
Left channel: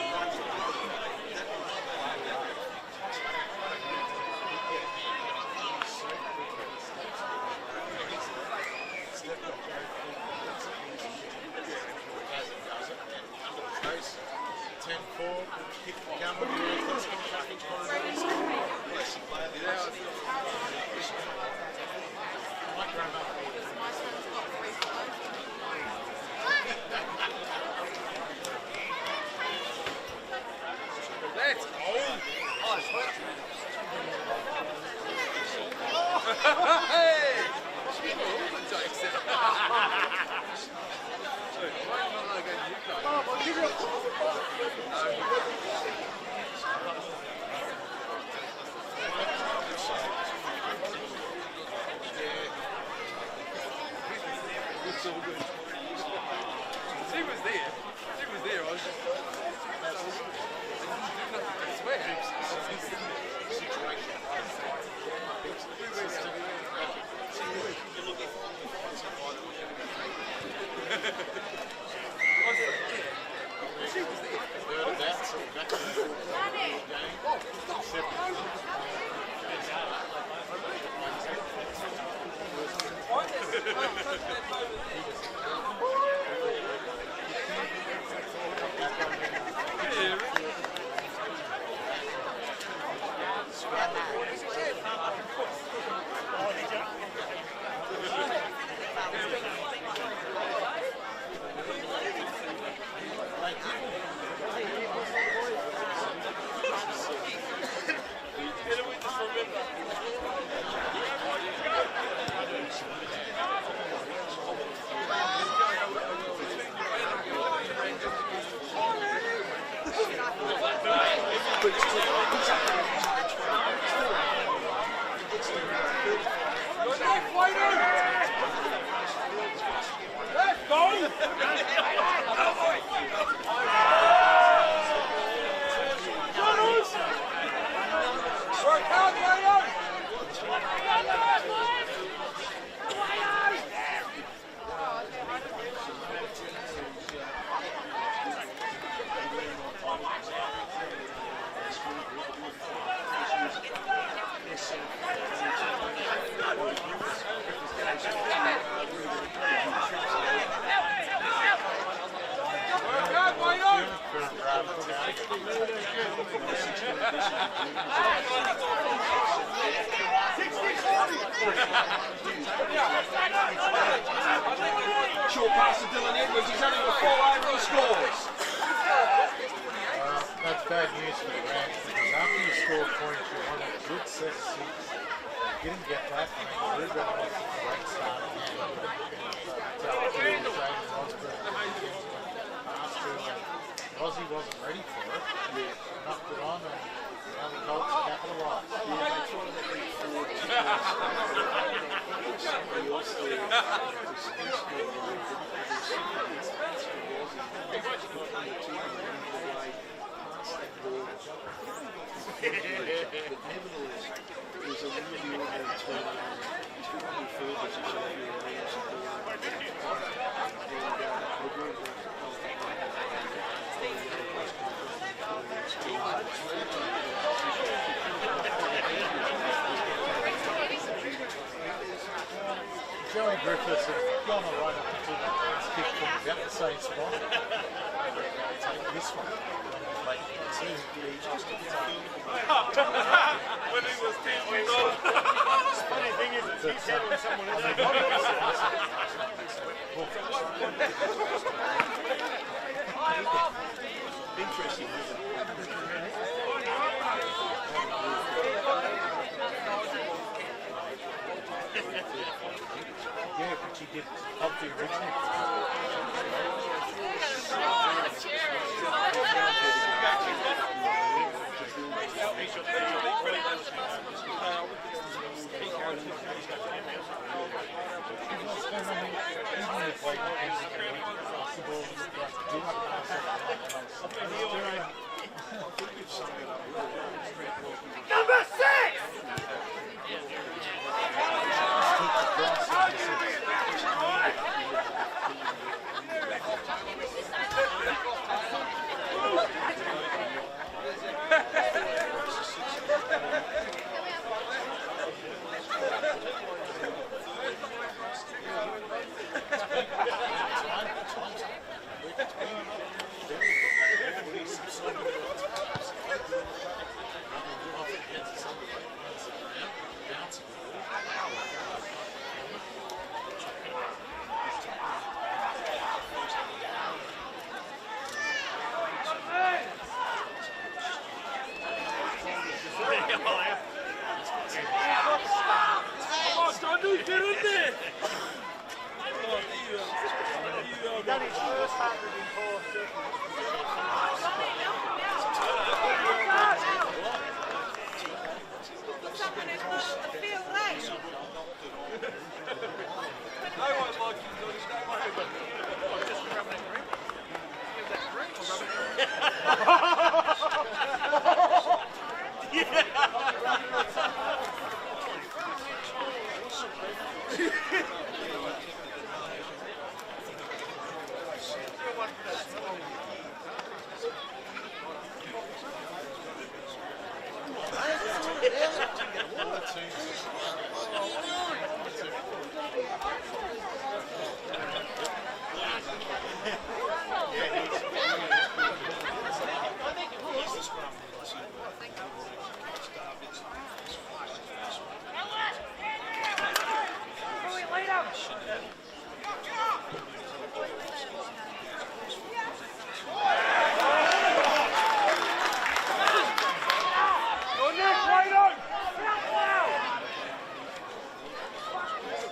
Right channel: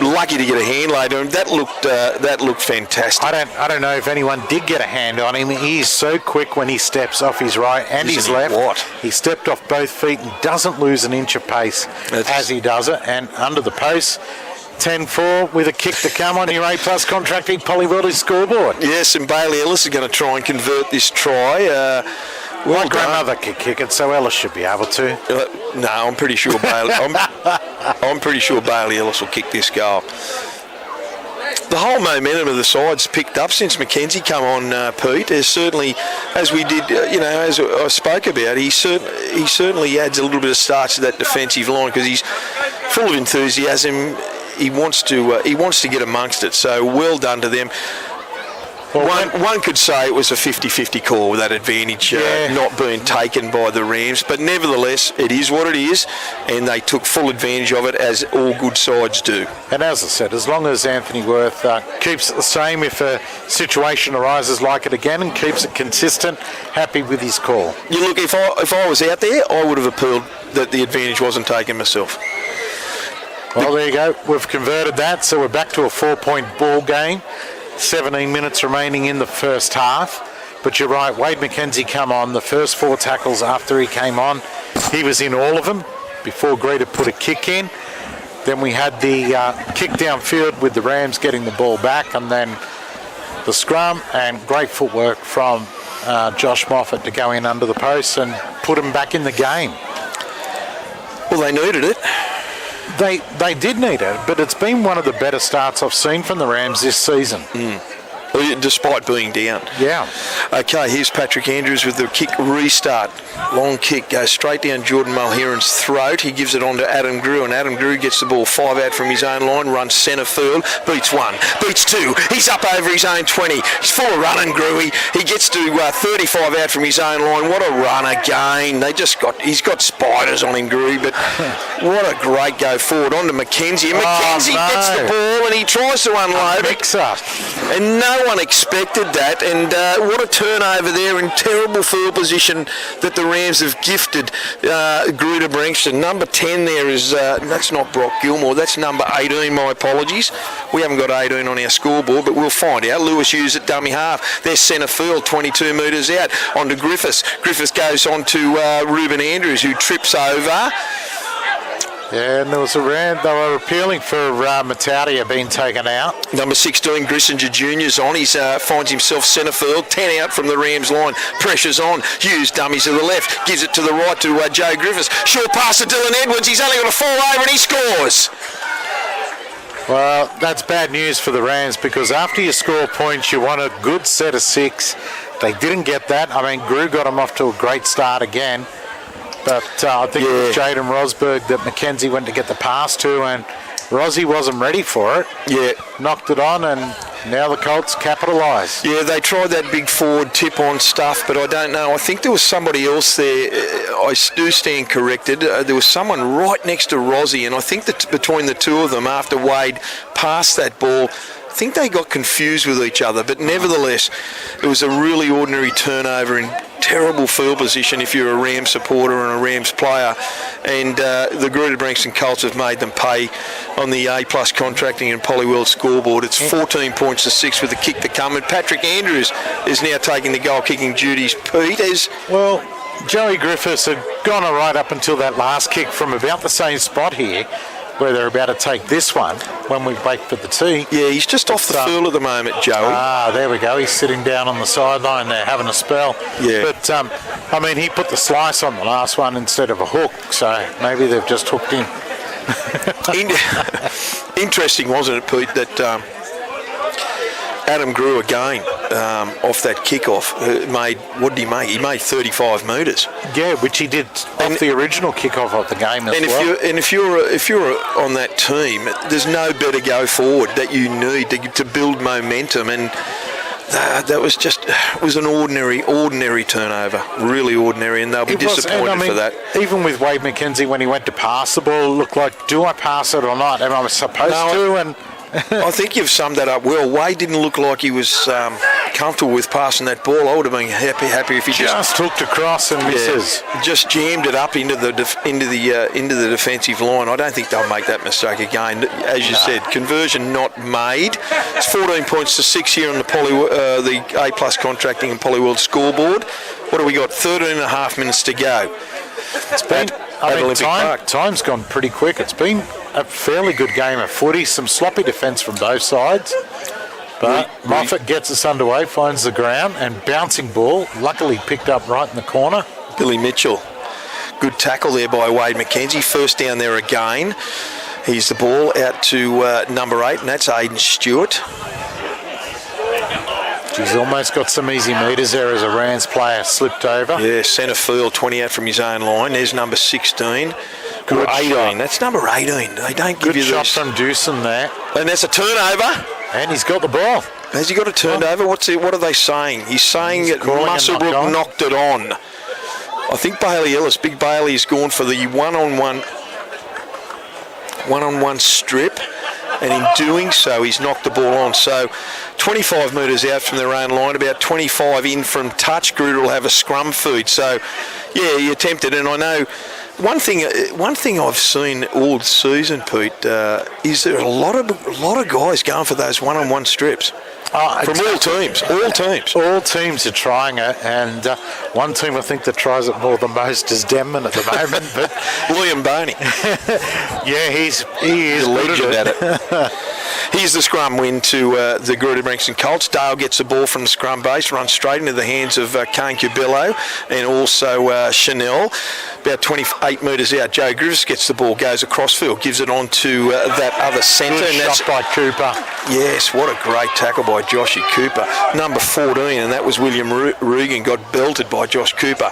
Lucky to get a hand laid on him. That looked fantastic. I don't know if anyone did get a hand on him. He's so quick when he steps off his right and his left. He stepped off both feet and doesn't lose an inch of pace as he does it. And under the post. 10-4 with a kick to come on your A+ Contracting Poly Welding scoreboard. Yes, and Bailey Ellis is going to try and convert this try. My grandmother could kick it, so Ellis should be able to. No, I'm pretty sure Bailey. I'm pretty sure Bailey Ellis will kick this goal. The whole momentum of the side's picked up since McKenzie come on, Pete. There's certainly, as we did, as I spoke about, he certainly adds a little bit of starch to that defensive line because he's full of enthusiasm. He wants to get amongst it. So well done to them. One could say it was a 50-50 call with that advantage not being taken by the Rams, but nevertheless, it is what it is, and they took full advantage of it, as all good sides do. And as I said, as long as Anthony Worth keeps it the same, if a situation arises like it again and keeps it consistent, happy with his call. You look, if I was out there, I would have appealed that the advantage wasn't taken myself. Well, there you go. We've converted that, so we're back to a 4-point ball game. 17 minutes remaining in the first half. But you're right, Wade McKenzie come on. The first 4 tackles after he came on, he was in all of them before Greta put a kick in. Then we had the kick downfield with the Rams getting the ball back, and then the scrum, and great footwork from Josh Moffat to go in under the post and put him back in the game. Well, they needed it. They did need it, but it's been one of the better starts I've seen from the Rams this season. Despite being down. Yeah. Okay, here's Patrick Andrews with the kick restart. Long kick goes straight down Jordan Mulheron's throat. He gives it on to Adam Grew, and Adam Grew gets the ball 5 out from his own line, runs centre field, beats 1, beats 2. He's up over his own 20. He's full of running, Grew. He gets to 35 out from his own line. What a run again. He's got spiders on him, Grew, but what a great go forward. On to McKenzie. McKenzie gets the ball and he tries to unload it. And no one expected that, and what a turnover there in terrible field position that the Rams have gifted Greta-Branxton. Number 10 there is, that's not Brock Gilmore, that's number 18, my apologies. We haven't got 18 on our scoreboard, but we'll find out. Lewis Hughes at dummy half. There's centre field, 22 metres out. On to Griffiths. Griffiths goes on to Ruben Andrews, who trips over. Yeah, and there was a round. They were appealing for Matautia being taken out. Number 16, Grissinger Jr.'s on. He finds himself centre field, 10 out from the Rams line. Pressure's on. Hughes dummies to the left, gives it to the right to Joe Griffiths. Short pass to Dylan Edwards. He's only got to fall over and he scores. Well, that's bad news for the Rams, because after you score points, you want a good set of 6. They didn't get that. I mean, Grew got them off to a great start again. But I think it was Jaden Rosberg that McKenzie went to get the pass to, and Rozzy wasn't ready for it. Yeah. Knocked it on, and now the Colts capitalise. Yeah, they tried that big forward tip-on stuff, but I don't know. I think there was somebody else there. I do stand corrected. There was someone right next to Rozzy, and I think that between the two of them, after Wade passed that ball, I think they got confused with each other. But nevertheless, it was a really ordinary turnover in terrible field position if you're a Rams supporter and a Rams player. And the Greta-Branxton Colts have made them pay on the A-plus contracting and Polyworld scoreboard. It's 14 points to 6 with the kick to come. And Patrick Andrews is now taking the goal-kicking duties. Pete is... Well, Joey Griffiths had gone all right up until that last kick from about the same spot here, where they're about to take this one when we wait for the tee. Yeah, he's just off the field at the moment, Joey. There we go. He's sitting down on the sideline there having a spell. Yeah. But, I mean, he put the slice on the last one instead of a hook, so maybe they've just hooked him. Interesting, wasn't it, Pete, that Adam Grew again off that kickoff made, what did he make? He made 35 metres. Yeah, which he did off the original kickoff of the game as well. If you're on that team, there's no better go forward that you need to build momentum, and that was an ordinary turnover, really ordinary, and they'll be disappointed for that. Even with Wade McKenzie, when he went to pass the ball, it looked like, do I pass it or not? Am I supposed to? And I think you've summed that up well. Wade didn't look like he was comfortable with passing that ball. I would have been happy if he just hooked across and misses. Just jammed it up into the defensive line. I don't think they'll make that mistake again. As you said, conversion not made. It's 14 points to 6 here on the A-plus contracting and Polyworld scoreboard. What have we got? 13 and a half minutes to go. It's been, time's gone pretty quick. It's been a fairly good game of footy. Some sloppy defence from both sides. But Moffat gets us underway, finds the ground, and bouncing ball, luckily picked up right in the corner. Billy Mitchell. Good tackle there by Wade McKenzie. First down there again. Here's the ball out to number 8, and that's Aidan Stewart. He's almost got some easy metres there as a Rams player slipped over. Yeah, centre field, 20 out from his own line. There's number 16. Good 18. Shot. That's number 18. They don't give you Good shot from Dewson there. And that's a turnover. And he's got the ball. Has he got a turnover? What are they saying? He's saying that Muswellbrook knocked it on. I think Bailey Ellis, Big Bailey, has gone for the one-on-one strip, and in doing so, he's knocked the ball on. So 25 metres out from their own line, about 25 in from touch. Gruder will have a scrum feed. So, yeah, he attempted, and I know one thing I've seen all season, Pete, is there a lot of guys going for those one-on-one strips. From all teams. All teams are trying it, and one team I think that tries it more than most is Denman at the moment. But Liam Boney. Yeah, he is a legend at it. Here's the scrum win to the Greta-Branxton Colts. Dale gets the ball from the scrum base, runs straight into the hands of Kane Cubillo and also Chanel. About 28 metres out, Joe Griffiths gets the ball, goes across field, gives it on to that other centre. And that's by Cooper. Yes, what a great tackle by Joshy Cooper. Number 14, and that was William Regan, got belted by Josh Cooper.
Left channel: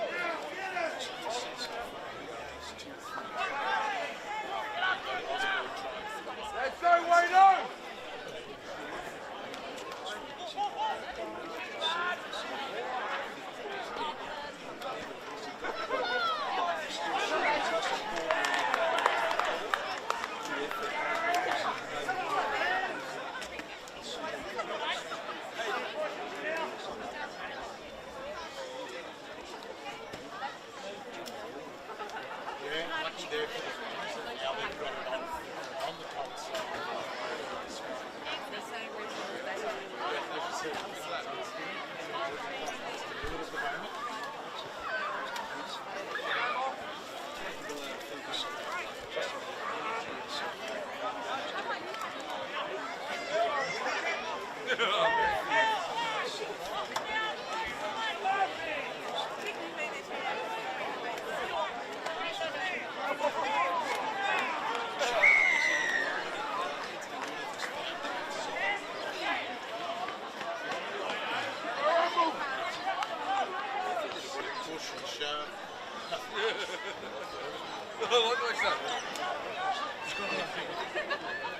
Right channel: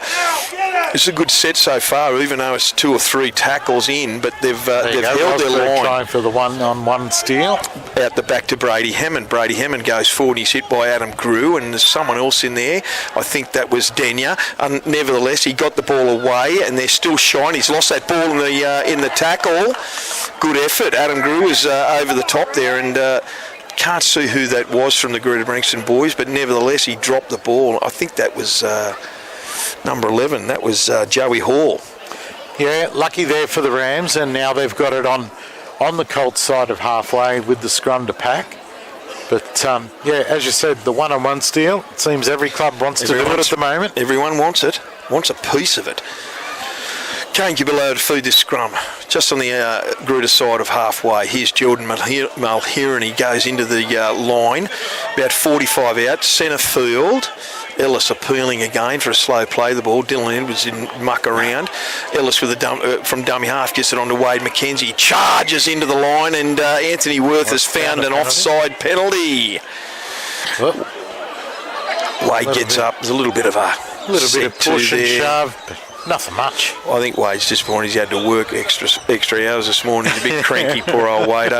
It's a good set so far, even though it's 2 or 3 tackles in, but they've held their line. Trying for the one-on-one steal. Out the back to Brady Hammond. Brady Hammond goes forward. He's hit by Adam Grew, and there's someone else in there. I think that was Denya. Nevertheless, he got the ball away, and they're still shying. He's lost that ball in the tackle. Good effort. Adam Grew is over the top there, and can't see who that was from the Greta-Branxton boys, but nevertheless, he dropped the ball. I think that was number 11. That was Joey Hall. Yeah, lucky there for the Rams, and now they've got it on the Colts side of halfway with the scrum to pack. But, yeah, as you said, the one-on-one steal, it seems every club wants to do it at the moment. Everyone wants it, wants a piece of it. Kane Cubillo to feed this scrum, just on the Gruder side of halfway. Here's Jordan Mulheron, he goes into the line, about 45 out, centre field. Ellis appealing again for a slow play the ball. Dylan Edwards in muck around. Ellis with from dummy half gets it on to Wade McKenzie. Charges into the line, and Anthony Worth has found an offside penalty. Wade gets up. There's a little bit of push and shove, but nothing much. I think Wade's disappointed. He's had to work extra hours this morning. He's a bit cranky, poor old Wade.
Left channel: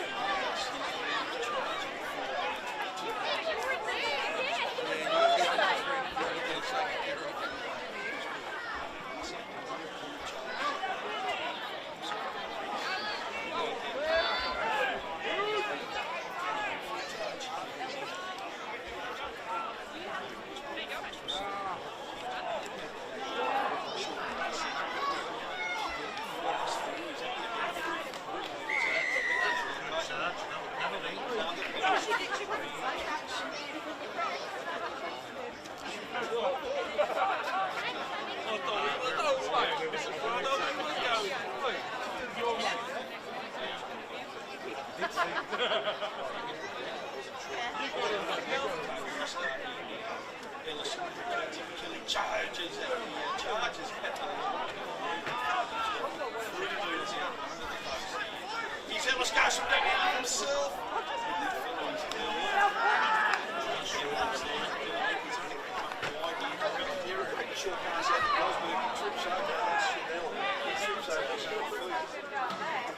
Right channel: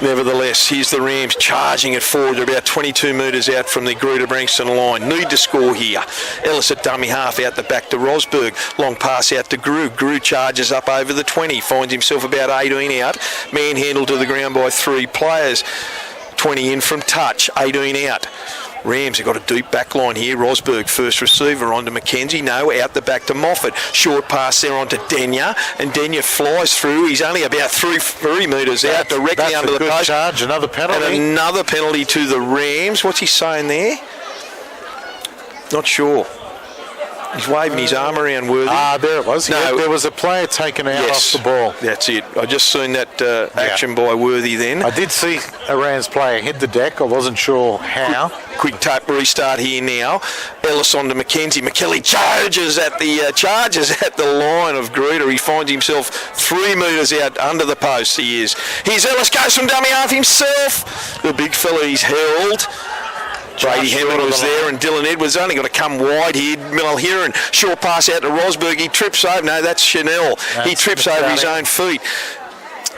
Nevertheless, here's the Rams charging it forward. They're about 22 metres out from the Greta-Branxton line. Need to score here. Ellis at dummy half out the back to Rosberg. Long pass out to Grew. Grew charges up over the 20. Finds himself about 18 out. Manhandled to the ground by 3 players. 20 in from touch. 18 out. Rams have got a deep back line here. Rosberg, first receiver, on to McKenzie. No, out the back to Moffat. Short pass there on to Denya, and Denya flies through. He's only about 3 metres out, directly under the post. Charge, another penalty. And another penalty to the Rams. What's he saying there? Not sure. He's waving his arm around Worthy. There it was. No, there was a player taken out off the ball. That's it. I just seen that action by Worthy then. I did see a Rams player hit the deck. I wasn't sure how. Quick tape restart here now. Ellis on to McKenzie. McKelly charges at the line of Gruder. He finds himself 3 metres out under the post. He is. Here's Ellis, goes from dummy half himself. The big fella he's held. Brady Hammond was there, and Dylan Edwards only got to come wide here. Mulheron, short pass out to Rosberg. He trips over. No, that's Chanel. He trips over his own feet.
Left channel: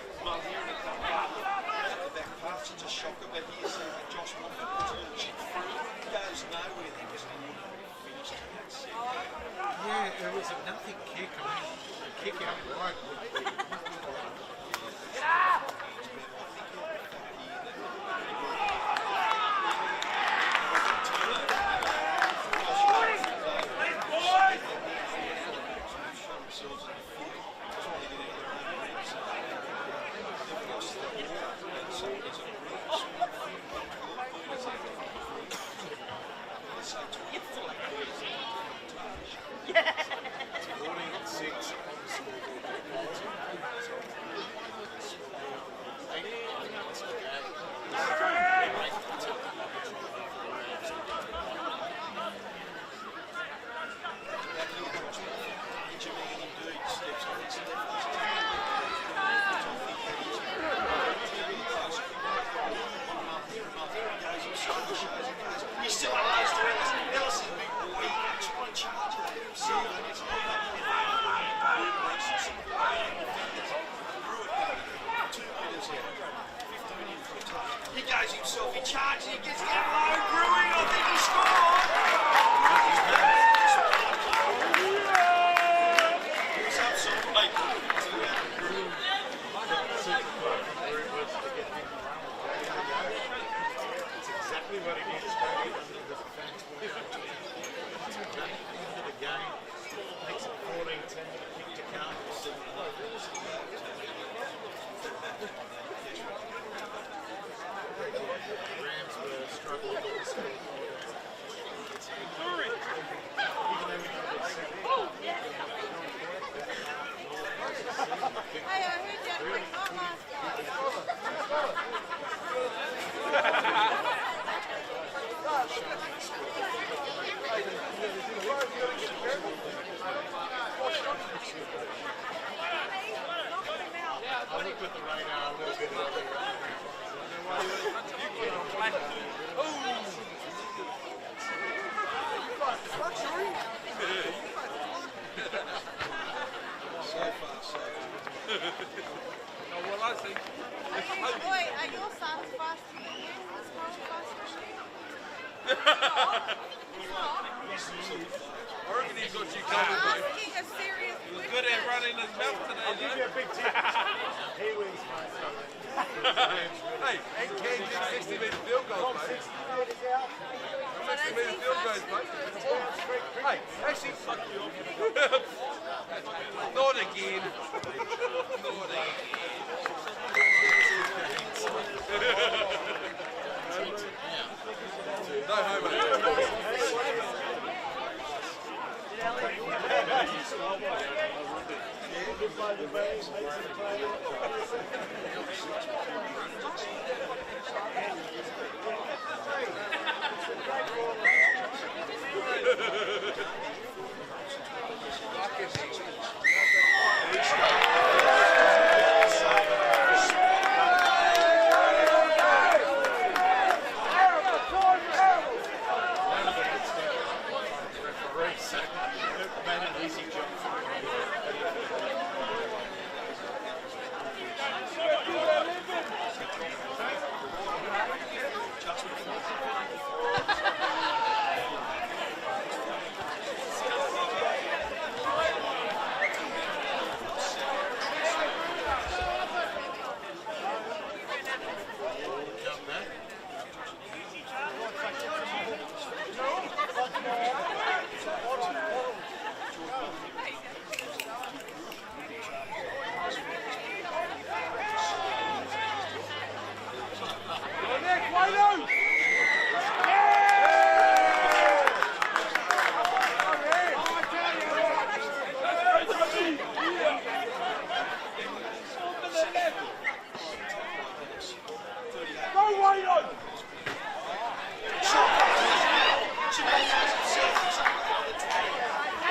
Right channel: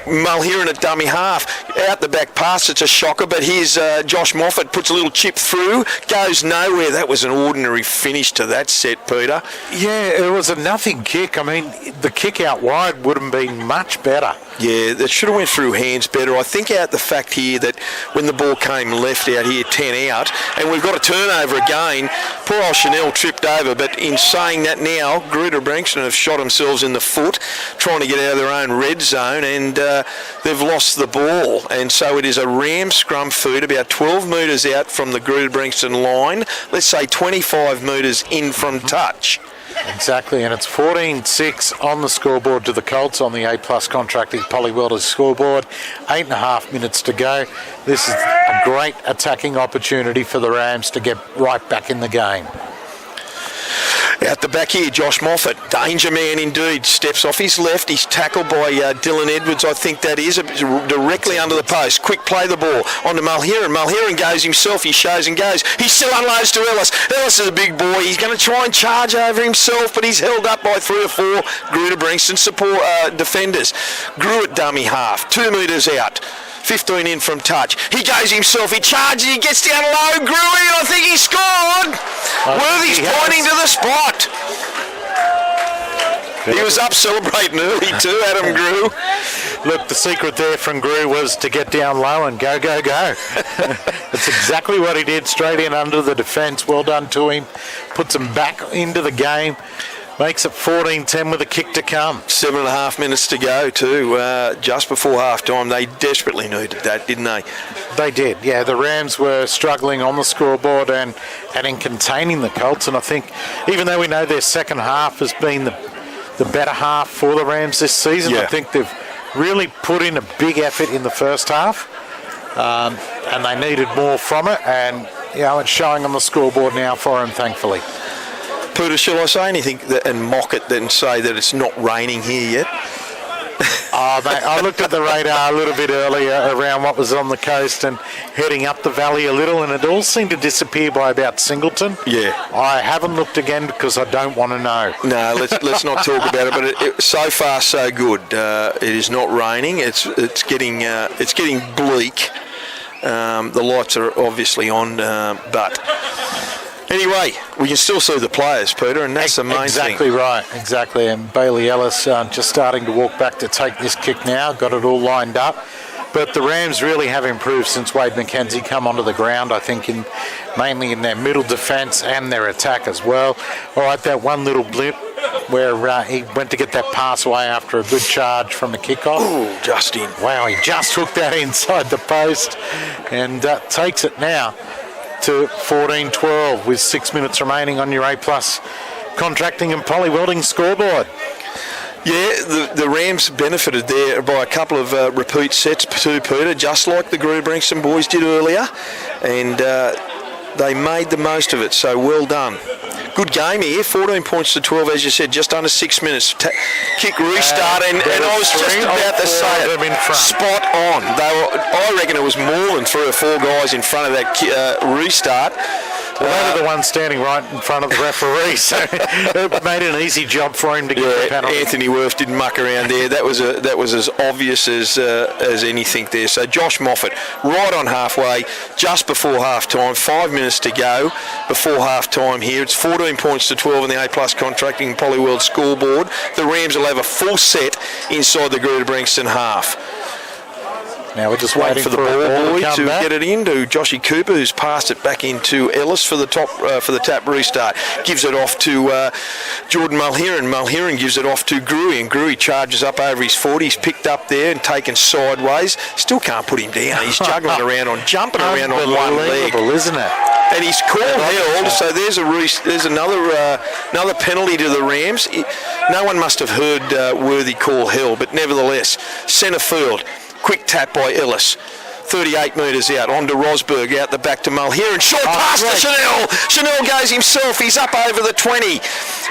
Mulheron at dummy half, out the back pass. It's a shocker, but here's Josh Moffat, puts a little chip through, goes nowhere. That was an ordinary finish to that set, Peter. Yeah, it was a nothing kick. I mean, the kick out wide would have been much better. Yeah, that should have went through hands better. I think out the fact here that when the ball came left out here, 10 out, and we've got a turnover again, poor old Chanel tripped over, but in saying that now, Greta-Branxton have shot themselves in the foot, trying to get out of their own red zone, and they've lost the ball. And so it is a Ram scrum feed about 12 metres out from the Greta-Branxton line, let's say 25 metres in from touch. Exactly, and it's 14-6 on the scoreboard to the Colts on the A-Plus Contracting Polywelders scoreboard. 8.5 minutes to go. This is a great attacking opportunity for the Rams to get right back in the game. Out the back here, Josh Moffat, danger man indeed, steps off his left. He's tackled by Dylan Edwards, I think that is, directly under the post. Quick play the ball onto Mulheron. Mulheron goes himself, he shows and goes. He still unloads to Ellis. Ellis is a big boy. He's going to try and charge over himself, but he's held up by 3 or 4 Greta-Branxton support defenders. Grew at dummy half, 2 metres out. 15 in from touch. He goes himself, he charges, he gets down low, Gruey, I think he scored. Worthy's pointing to the spot. He was up celebrating early too, Adam Grew. Look, the secret there from Grew was to get down low and go, go, go. That's exactly what he did, straight in under the defence. Well done to him. Puts him back into the game. Makes it 14-10 with a kick to come. 7.5 minutes to go too, just before half-time. They desperately needed that, didn't they? They did, yeah. The Rams were struggling on the scoreboard and in containing the Colts. And I think, even though we know their second half has been the better half for the Rams this season, I think they've really put in a big effort in the first half, and they needed more from it, and it's showing on the scoreboard now for them, thankfully. Pooter, shall I say anything and mock it and say that it's not raining here yet? Mate, I looked at the radar a little bit earlier around what was on the coast and heading up the valley a little, and it all seemed to disappear by about Singleton. Yeah. I haven't looked again because I don't want to know. No, let's not talk about it. But so far so good. It is not raining. It's getting bleak. The lights are obviously on, but. Anyway, we can still see the players, Peter, and that's the main thing. Exactly right, exactly. And Bailey Ellis just starting to walk back to take this kick now, got it all lined up. But the Rams really have improved since Wade McKenzie come onto the ground, I think, mainly in their middle defence and their attack as well. All right, that one little blip where he went to get that pass away after a good charge from the kickoff. Oh, just in. Wow, he just hooked that inside the post and takes it now to 14-12 with 6 minutes remaining on your A+ contracting and poly welding scoreboard. Yeah, the Rams benefited there by a couple of repeat sets too, Peter, just like the Greta-Branxton boys did earlier, and they made the most of it, so well done. Good game here, 14 points to 12, as you said, just under 6 minutes. Kick restart, and I was just about to say it. Spot on. I reckon it was more than 3 or 4 guys in front of that restart. Well, they were the ones standing right in front of the referee, so it made an easy job for him to get the penalty. Anthony Worth didn't muck around there. That was as obvious as anything there. So Josh Moffat, right on halfway, just before half-time, 5 minutes to go before half-time here. It's 14 points to 12 in the A+ contracting Polyworld scoreboard. The Rams will have a full set inside the Greta-Branxton half. Now we're just waiting for the ball boy to get it into Joshy Cooper, who's passed it back into Ellis for the tap restart. Gives it off to Jordan Mulheron. Mulheron gives it off to Gruey, and Gruey charges up over his 40. He's picked up there and taken sideways. Still can't put him down. He's jumping around on one leg, isn't it? And he's called held. So there's another penalty to the Rams. No one must have heard Worthy call held, but nevertheless, centre field. Quick tap by Ellis. 38 metres out. On to Rosberg. Out the back to Mulheron. Short pass to Chanel. Chanel goes himself. He's up over the 20.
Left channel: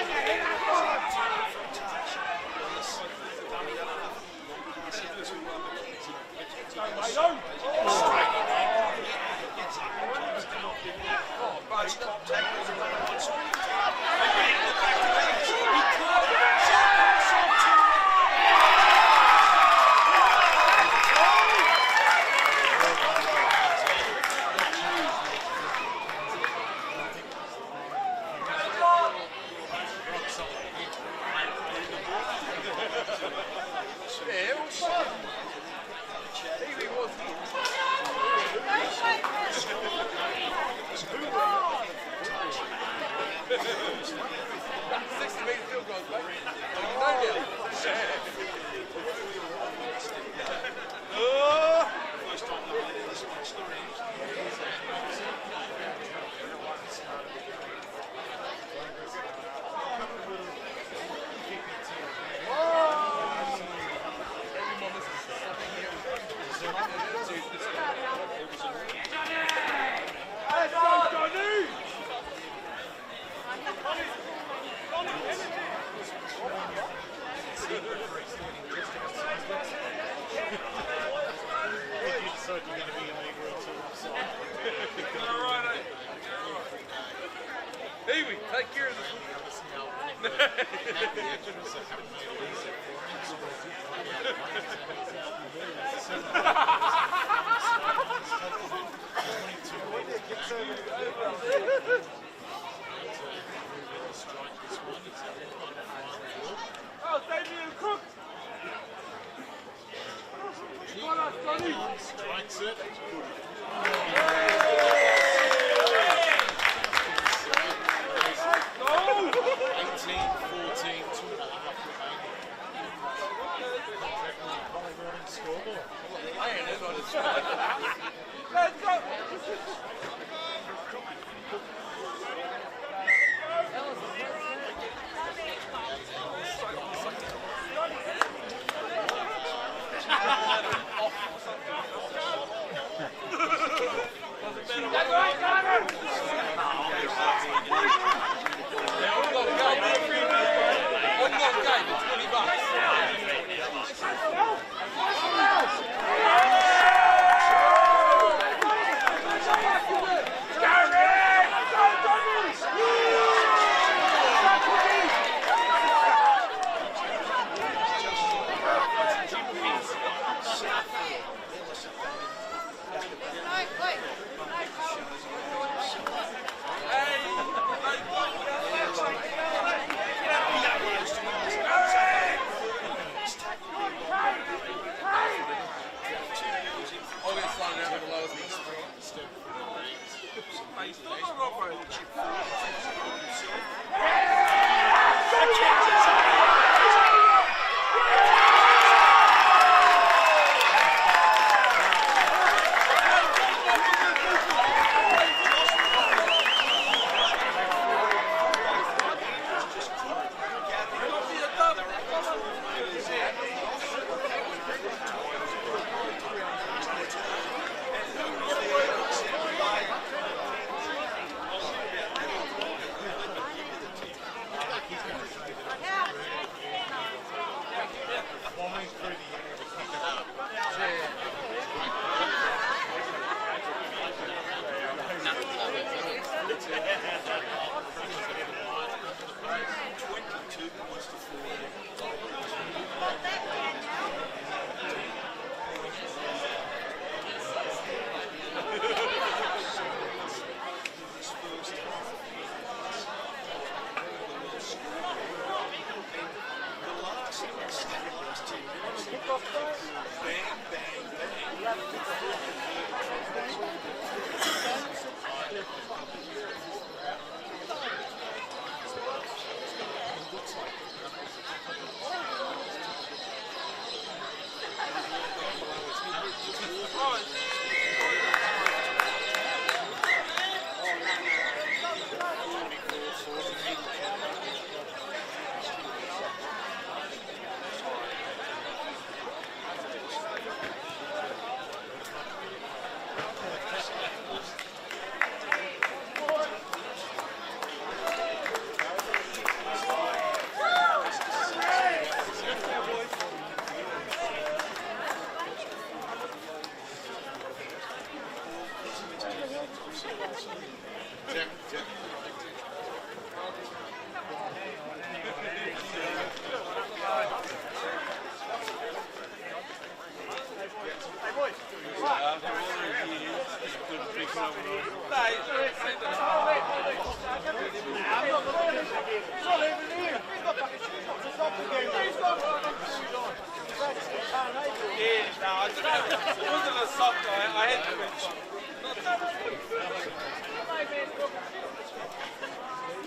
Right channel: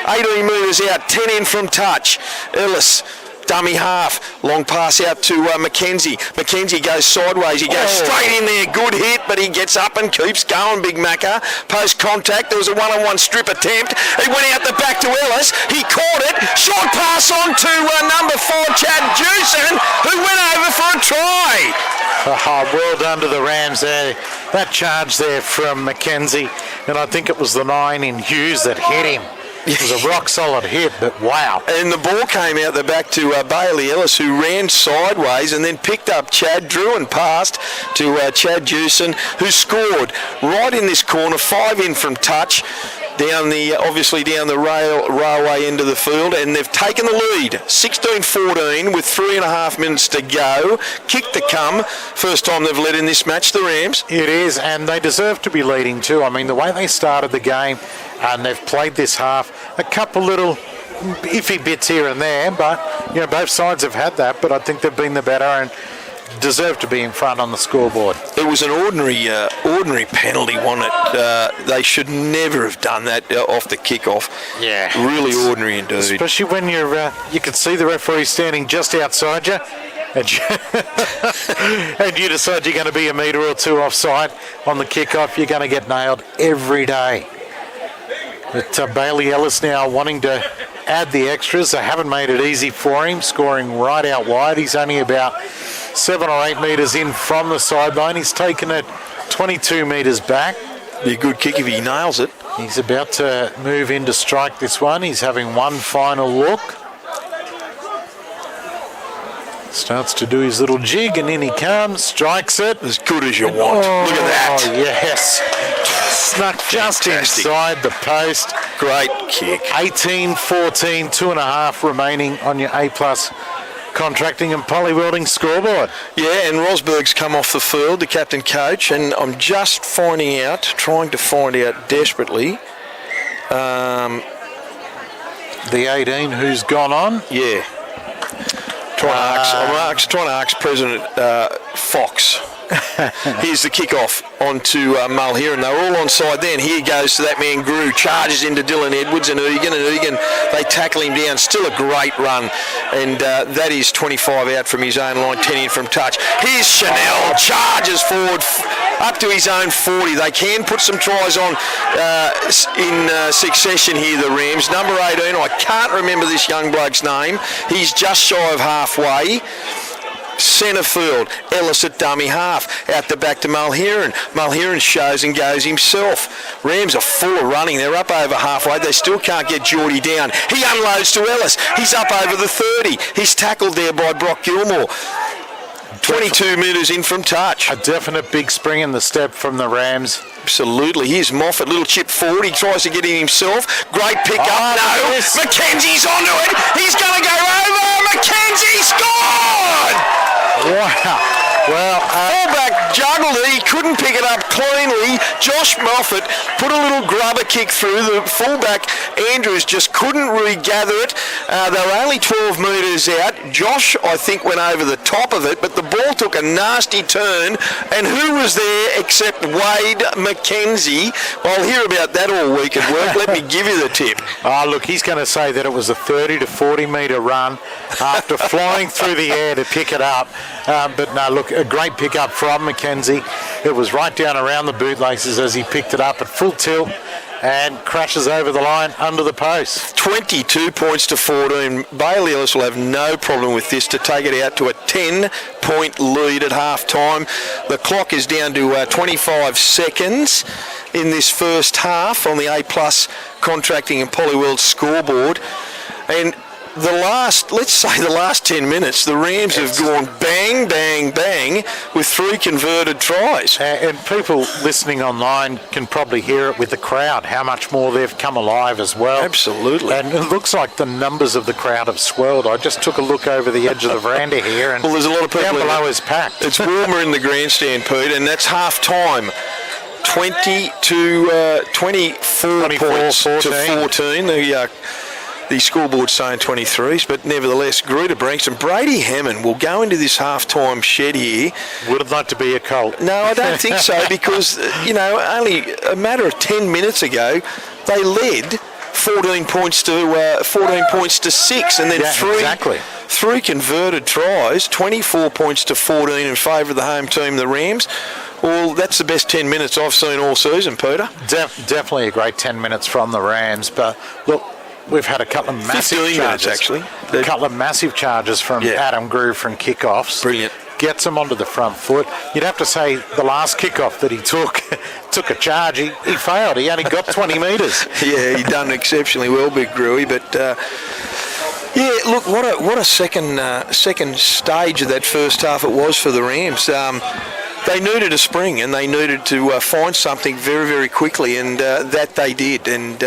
18 metres out. 10 in from touch. Ellis. Dummy half. Long pass out to McKenzie. McKenzie goes sideways. He goes straight in there. Good hit, but he gets up and keeps going, Big Macca. Post contact. There was a one-on-one strip attempt. He went out the back to Ellis. He caught it. Short pass on to number 4, Chad Jewson, who went over for a try. Well done to the Rams there. That charge there from McKenzie, and I think it was the 9 in Hughes that hit him. It was a rock-solid hit, but wow. And the ball came out the back to Bailey Ellis, who ran sideways and then picked up Chad, drew and passed to Chad Jewson, who scored right in this corner, 5 in from touch, down the railway end of the field, and they've taken the lead, 16-14 with 3.5 minutes to go. Kick to come. First time they've led in this match, the Rams. It is, and they deserve to be leading too. I mean, the way they started the game, and they've played this half, a couple little iffy bits here and there, but both sides have had that, but I think they've been the better and deserve to be in front on the scoreboard. It was an ordinary penalty, wasn't it? They should never have done that off the kickoff. Yeah. Really ordinary indeed. Especially when you can see the referee standing just outside you, and you decide you're going to be a metre or two offside on the kickoff, you're going to get nailed every day. But Bailey Ellis now wanting to add the extras. They haven't made it easy for him, scoring right out wide. He's only about 7 or 8 metres in from the sideline. He's taken it 22 metres back. Be a good kick if he nails it. He's about to move in to strike this one. He's having one final look. Starts to do his little jig, and in he comes, strikes it. As good as you want. Look at that. Oh, yes. Snuck just inside the post. Great kick. 18-14, 2.5 remaining on your A-plus contracting and poly welding scoreboard. Yeah, and Rosberg's come off the field, the captain coach, and I'm just trying to find out desperately. The 18 who's gone on. Yeah. I'm trying to ask President Fox. Here's the kickoff onto Mulherron. They're all onside then. Here goes to that man Grew. Charges into Dylan Edwards and Egan. They tackle him down. Still a great run. And that is 25 out from his own line, 10 in from touch. Here's Chanel. Charges forward up to his own 40. They can put some tries on in succession here, the Rams. Number 18, I can't remember this young bloke's name. He's just shy of halfway. Centre field, Ellis at dummy half, out the back to Mulherron. Mulherron shows and goes himself. Rams are full of running. They're up over halfway. They still can't get Geordie down. He unloads to Ellis. He's up over the 30. He's tackled there by Brock Gilmore. 22 metres in from touch. A definite big spring in the step from the Rams. Absolutely. Here's Moffat, little chip forward. He tries to get in himself. Great pick up. No, yes. McKenzie's onto it. He's going to go over. McKenzie scored! Wow. Well, fullback juggled it. He couldn't pick it up cleanly. Josh Moffat put a little grubber kick through. The fullback Andrews just couldn't regather it. They were only 12 metres out. Josh, I think, went over the top of it, but the ball took a nasty turn. And who was there except Wade McKenzie? I'll hear about that all week at work. Let me give you the tip. Look, he's going to say that it was a 30 to 40 metre run after flying through the air to pick it up. But no, look, a great pick up from McKenzie. It was right down around the bootlaces as he picked it up at full tilt and crashes over the line under the post. 22 points to 14. Bailey Ellis will have no problem with this to take it out to a 10-point lead at half-time. The clock is down to 25 seconds in this first half on the A-plus contracting and Polyweld scoreboard. And let's say the last 10 minutes, the Rams have gone bang, bang, bang with 3 converted tries. And people listening online can probably hear it with the crowd, how much more they've come alive as well. Absolutely. And it looks like the numbers of the crowd have swelled. I just took a look over the edge of the veranda here, and well, there's a lot of people down below is packed. It's warmer in the grandstand, Pete, and that's half-time. 24 points 14. to 14. The scoreboard's saying 23s, but nevertheless, Greta-Branxton. Brady Hammond will go into this half-time shed here. Would it like to be a Colt? No, I don't think so, because, only a matter of 10 minutes ago, they led 14 points to 6, and then three converted tries, 24 points to 14 in favour of the home team, the Rams. Well, that's the best 10 minutes I've seen all season, Peter. Definitely a great 10 minutes from the Rams, but look, we've had a couple of massive charges. Actually. A couple of massive charges from Adam Grew from kickoffs. Brilliant. Gets him onto the front foot. You'd have to say the last kickoff that he took a charge. He failed. He only got 20 metres. Yeah, he done exceptionally well, Big Grewy, but look, what a second stage of that first half it was for the Rams. They needed a spring, and they needed to find something very, very quickly, and that they did. And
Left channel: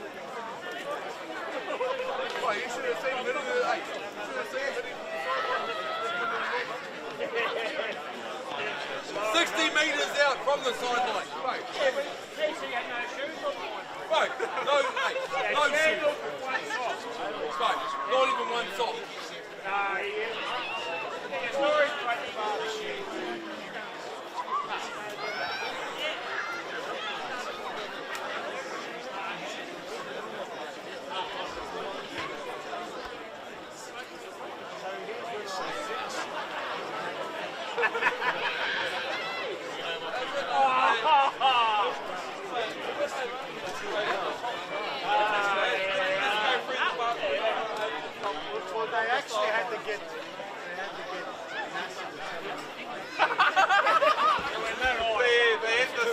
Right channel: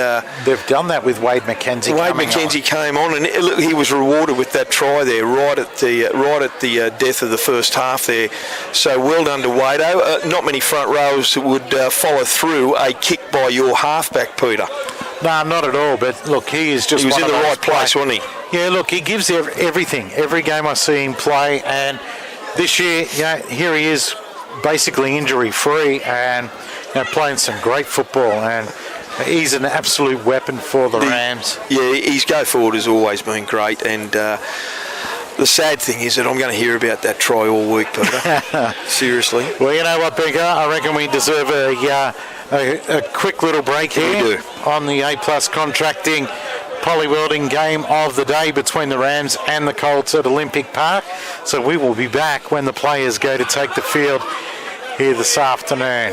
they've done that with Wade McKenzie. Wade McKenzie came on, and he was rewarded with that try there, right at the death of the first half there. So well done to Wado. Not many front rows would follow through a kick by your halfback, Peter. No, not at all. But look, he was in the right place, wasn't he? Yeah, look, he gives everything. Every game I see him play, and this year, here he is, basically injury-free and playing some great football, and he's an absolute weapon for the Rams. Yeah, his go forward has always been great, and the sad thing is that I'm going to hear about that try all week, Peter. Seriously. Well, you know what, Beaker? I reckon we deserve a quick little break here on the A-plus contracting Polly Welding game of the day between the Rams and the Colts at Olympic Park. So we will be back when the players go to take the field here this afternoon.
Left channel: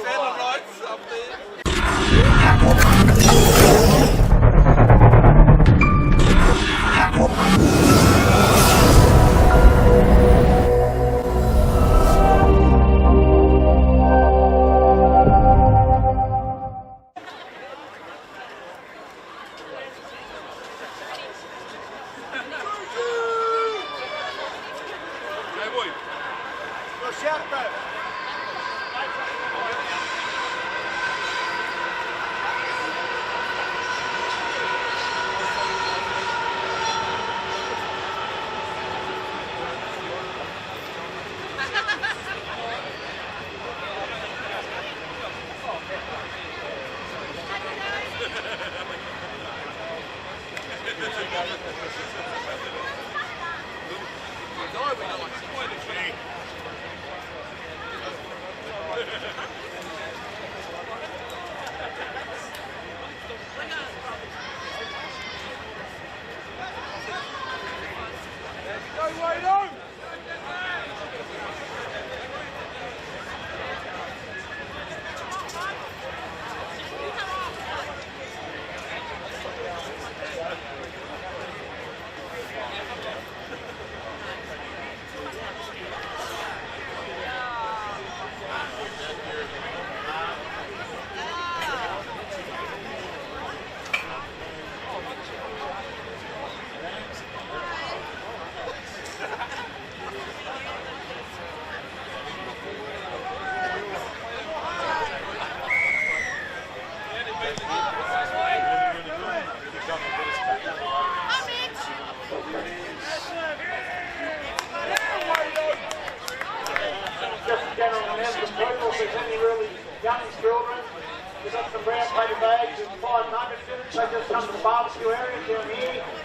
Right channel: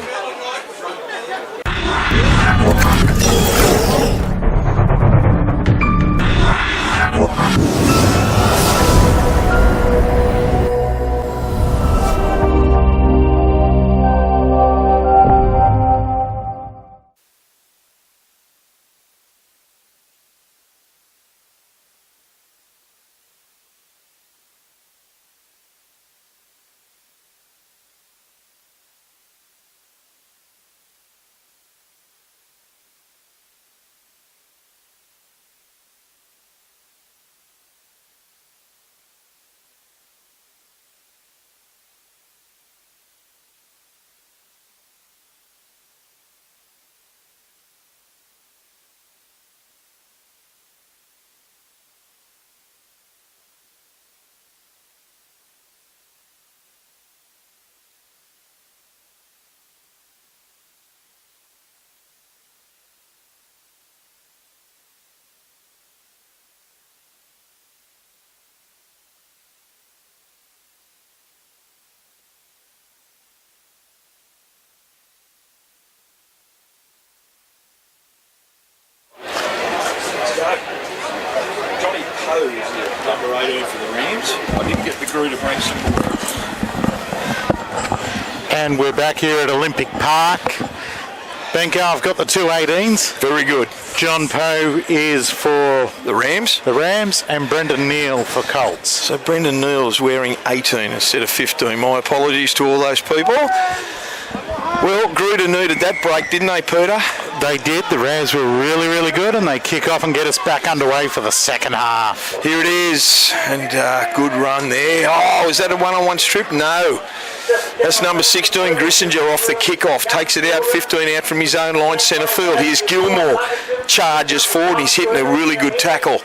Number 18 for the Rams. I didn't get the Greta-Branxton. And we're back here at Olympic Park. Benko, I've got the two 18s. Very good. John Poe is for The Rams. and Brendan Neal for Colts. So Brendan Neal's wearing 18 instead of 15. My apologies to all those people. Well, Gruder needed that break, didn't they, Peter? They did. The Rams were really, really good, and they kick off and get us back underway for the second half. Here it is, and good run there. Oh, is that a one-on-one strip? No. That's number 16, Grissinger, off the kickoff. Takes it out, 15 out from his own line, centre field. Here's Gilmore. Charges forward. He's hitting a really good tackle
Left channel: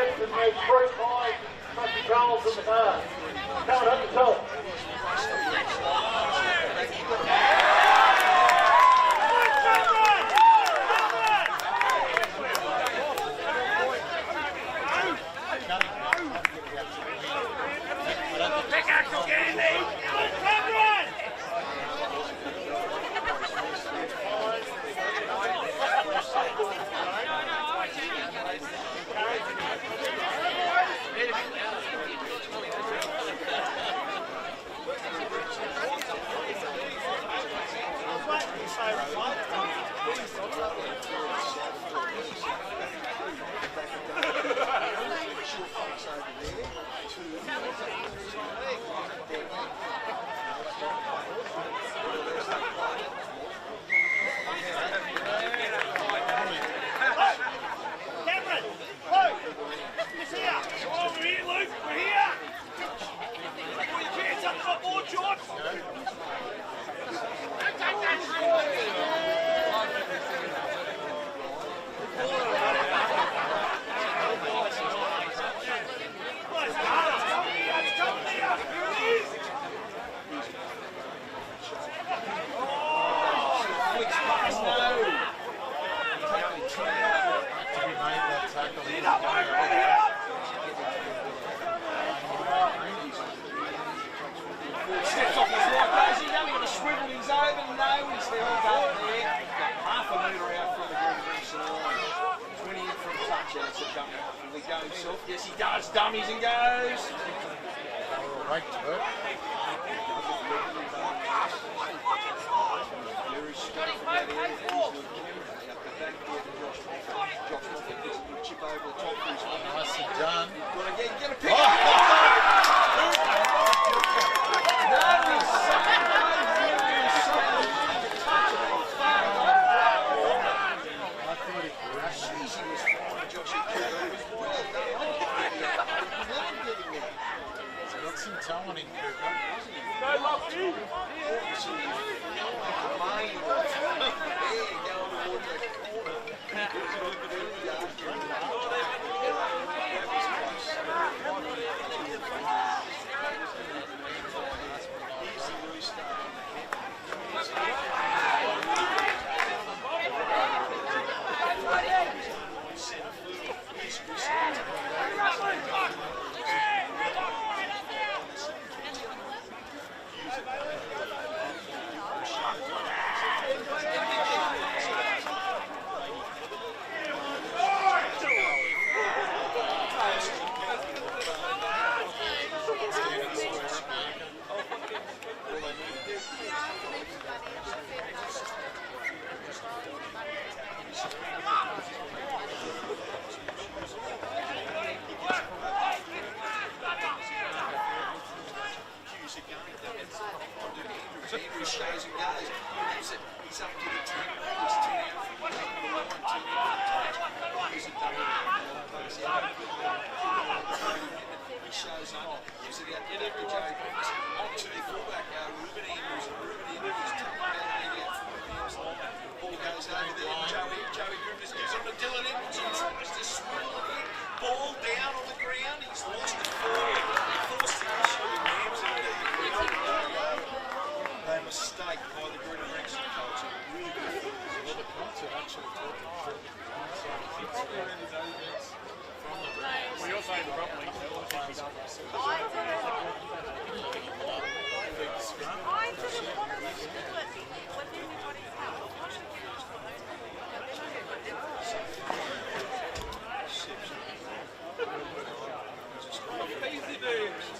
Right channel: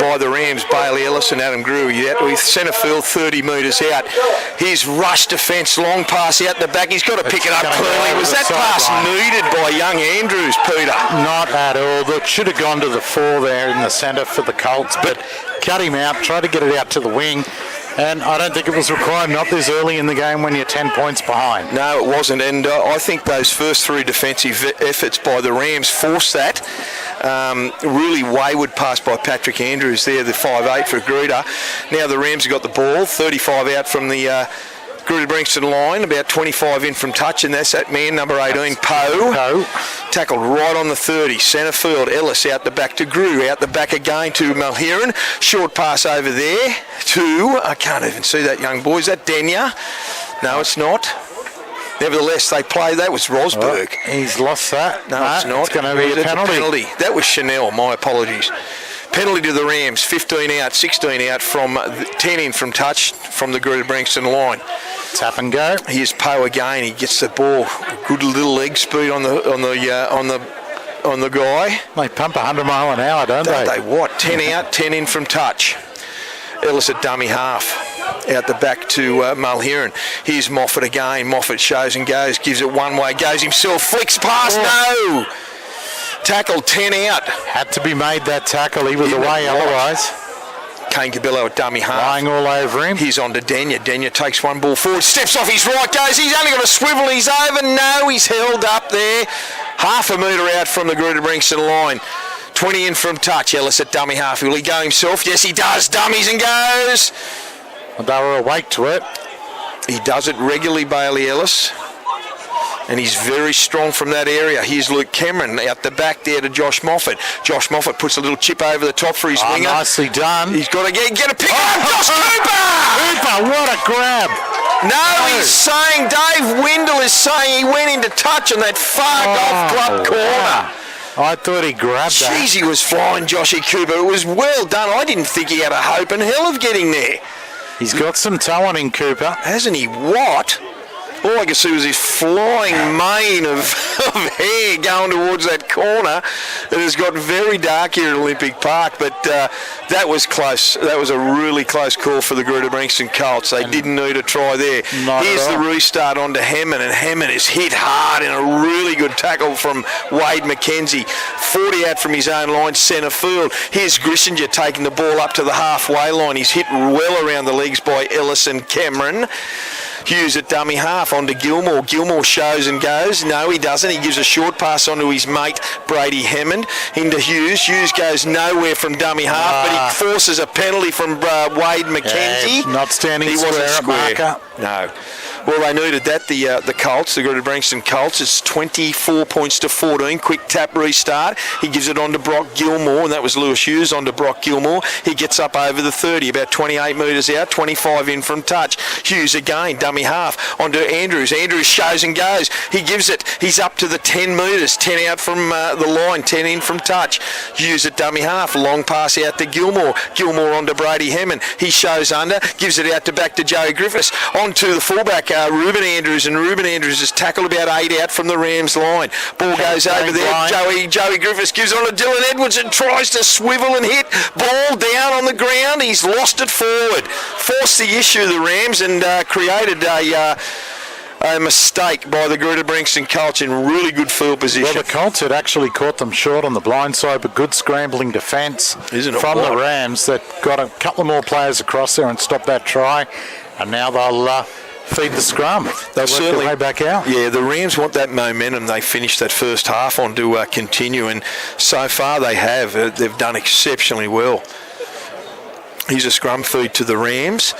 by the Rams, Bailey Ellis and Adam Grew. Out with centre field, 30 metres out. Here's rush defence, long pass out the back. He's got to pick it up clearly. Was that pass needed by young Andrews, Peter? Not at all. That should have gone to the 4 there in the centre for the Colts, but cut him out, tried to get it out to the wing. And I don't think it was required, not this early in the game when you're 10 points behind. No, it wasn't. And I think those first 3 defensive efforts by the Rams forced that. Really wayward pass by Patrick Andrews there, the 5'8" for Gruder. Now the Rams have got the ball, 35 out from the Greta-Branxton line, about 25 in from touch, and that's that man, number 18, Poe. Tackled right on the 30, centre field. Ellis out the back to Grew, out the back again to Mulheron. Short pass over there to, I can't even see that young boy. Is that Denya? No, it's not. Nevertheless, they play. That was Rosberg. Oh, he's lost that. No, it's not. It's going to be a penalty. That was Chanel. My apologies. Penalty to the Rams. 15 out, 16 out from 10 in from touch from the Greta-Branxton line. Tap and go. Here's Poe again. He gets the ball. Good little leg speed on the guy. They pump 100 mile an hour, don't they? What? 10 out, 10 in from touch. Ellis at dummy half. Out the back to Mulheron. Here's Moffat again. Moffat shows and goes. Gives it one way. Goes himself. Flicks past. No. Tackle 10 out. Had to be made that tackle. He was away otherwise. Kane Cabillo at dummy half. Lying all over him. He's on to Denya. Denya takes one ball forward. Steps off his right. Goes. He's only got a swivel. He's over. No. He's held up there. Half a metre out from the Greta-Branxton line. 20 in from touch. Ellis at dummy half. Will he go himself? Yes, he does. Dummies and goes. They were awake to it. He does it regularly, Bailey Ellis. And he's very strong from that area. Here's Luke Cameron out the back there to Josh Moffat. Josh Moffat puts a little chip over the top for his winger. Nicely done. He's got to get a pick up. Josh Cooper! Cooper, what a grab. No, he's saying, Dave Windle is saying he went into touch on that far golf club corner. Wow. I thought he grabbed that. Jeez, he was flying, Joshy Cooper. It was well done. I didn't think he had a hope in hell of getting there. He's got some toe on him, Cooper. Hasn't he? What? all I could see was his flying mane of hair going towards that corner. It has got very dark here at Olympic Park, but that was close. That was a really close call for the Greta-Branxton Colts. They didn't need a try there. Here's the restart onto Hammond, and Hammond is hit hard in a really good tackle from Wade McKenzie. 40 out from his own line, centre field. Here's Grissinger taking the ball up to the halfway line. He's hit well around the legs by Ellis and Cameron. Hughes at dummy half onto Gilmore. Gilmore shows and goes. No, he doesn't. He gives a short pass onto his mate, Brady Hammond, into Hughes. Hughes goes nowhere from dummy half, but he forces a penalty from Wade McKenzie. Yeah, not standing he square wasn't at marker. No. Well, they needed that, the Colts, the Greta-Branxton Colts. It's 24 points to 14. Quick tap restart. He gives it on to Brock Gilmore, and that was Lewis Hughes on to Brock Gilmore. He gets up over the 30, about 28 metres out, 25 in from touch. Hughes again, dummy half, onto Andrews. Andrews shows and goes. He gives it. He's up to the 10 metres, 10 out from the line, 10 in from touch. Hughes at dummy half, long pass out to Gilmore. Gilmore onto Brady Hammond. He shows under, gives it out to back to Joey Griffiths. On to the fullback, Ruben Andrews, and Ruben Andrews is tackled about 8 out from the Rams line. Ball goes over there. Joey Griffiths gives it on to Dylan Edwards and tries to swivel and hit. Ball down on the ground. He's lost it forward. Forced the issue, the Rams, and created a mistake by the Greta-Branxton Colts in really good field position. Well, the Colts had actually caught them short on the blind side, but good scrambling defence from the Rams that got a couple of more players across there and stopped that try, and now they'll feed the scrum. They'll work their way back out. Yeah, the Rams want that momentum they finished that first half on to continue, and so far they have. They've done exceptionally well. Here's a scrum feed to the Rams.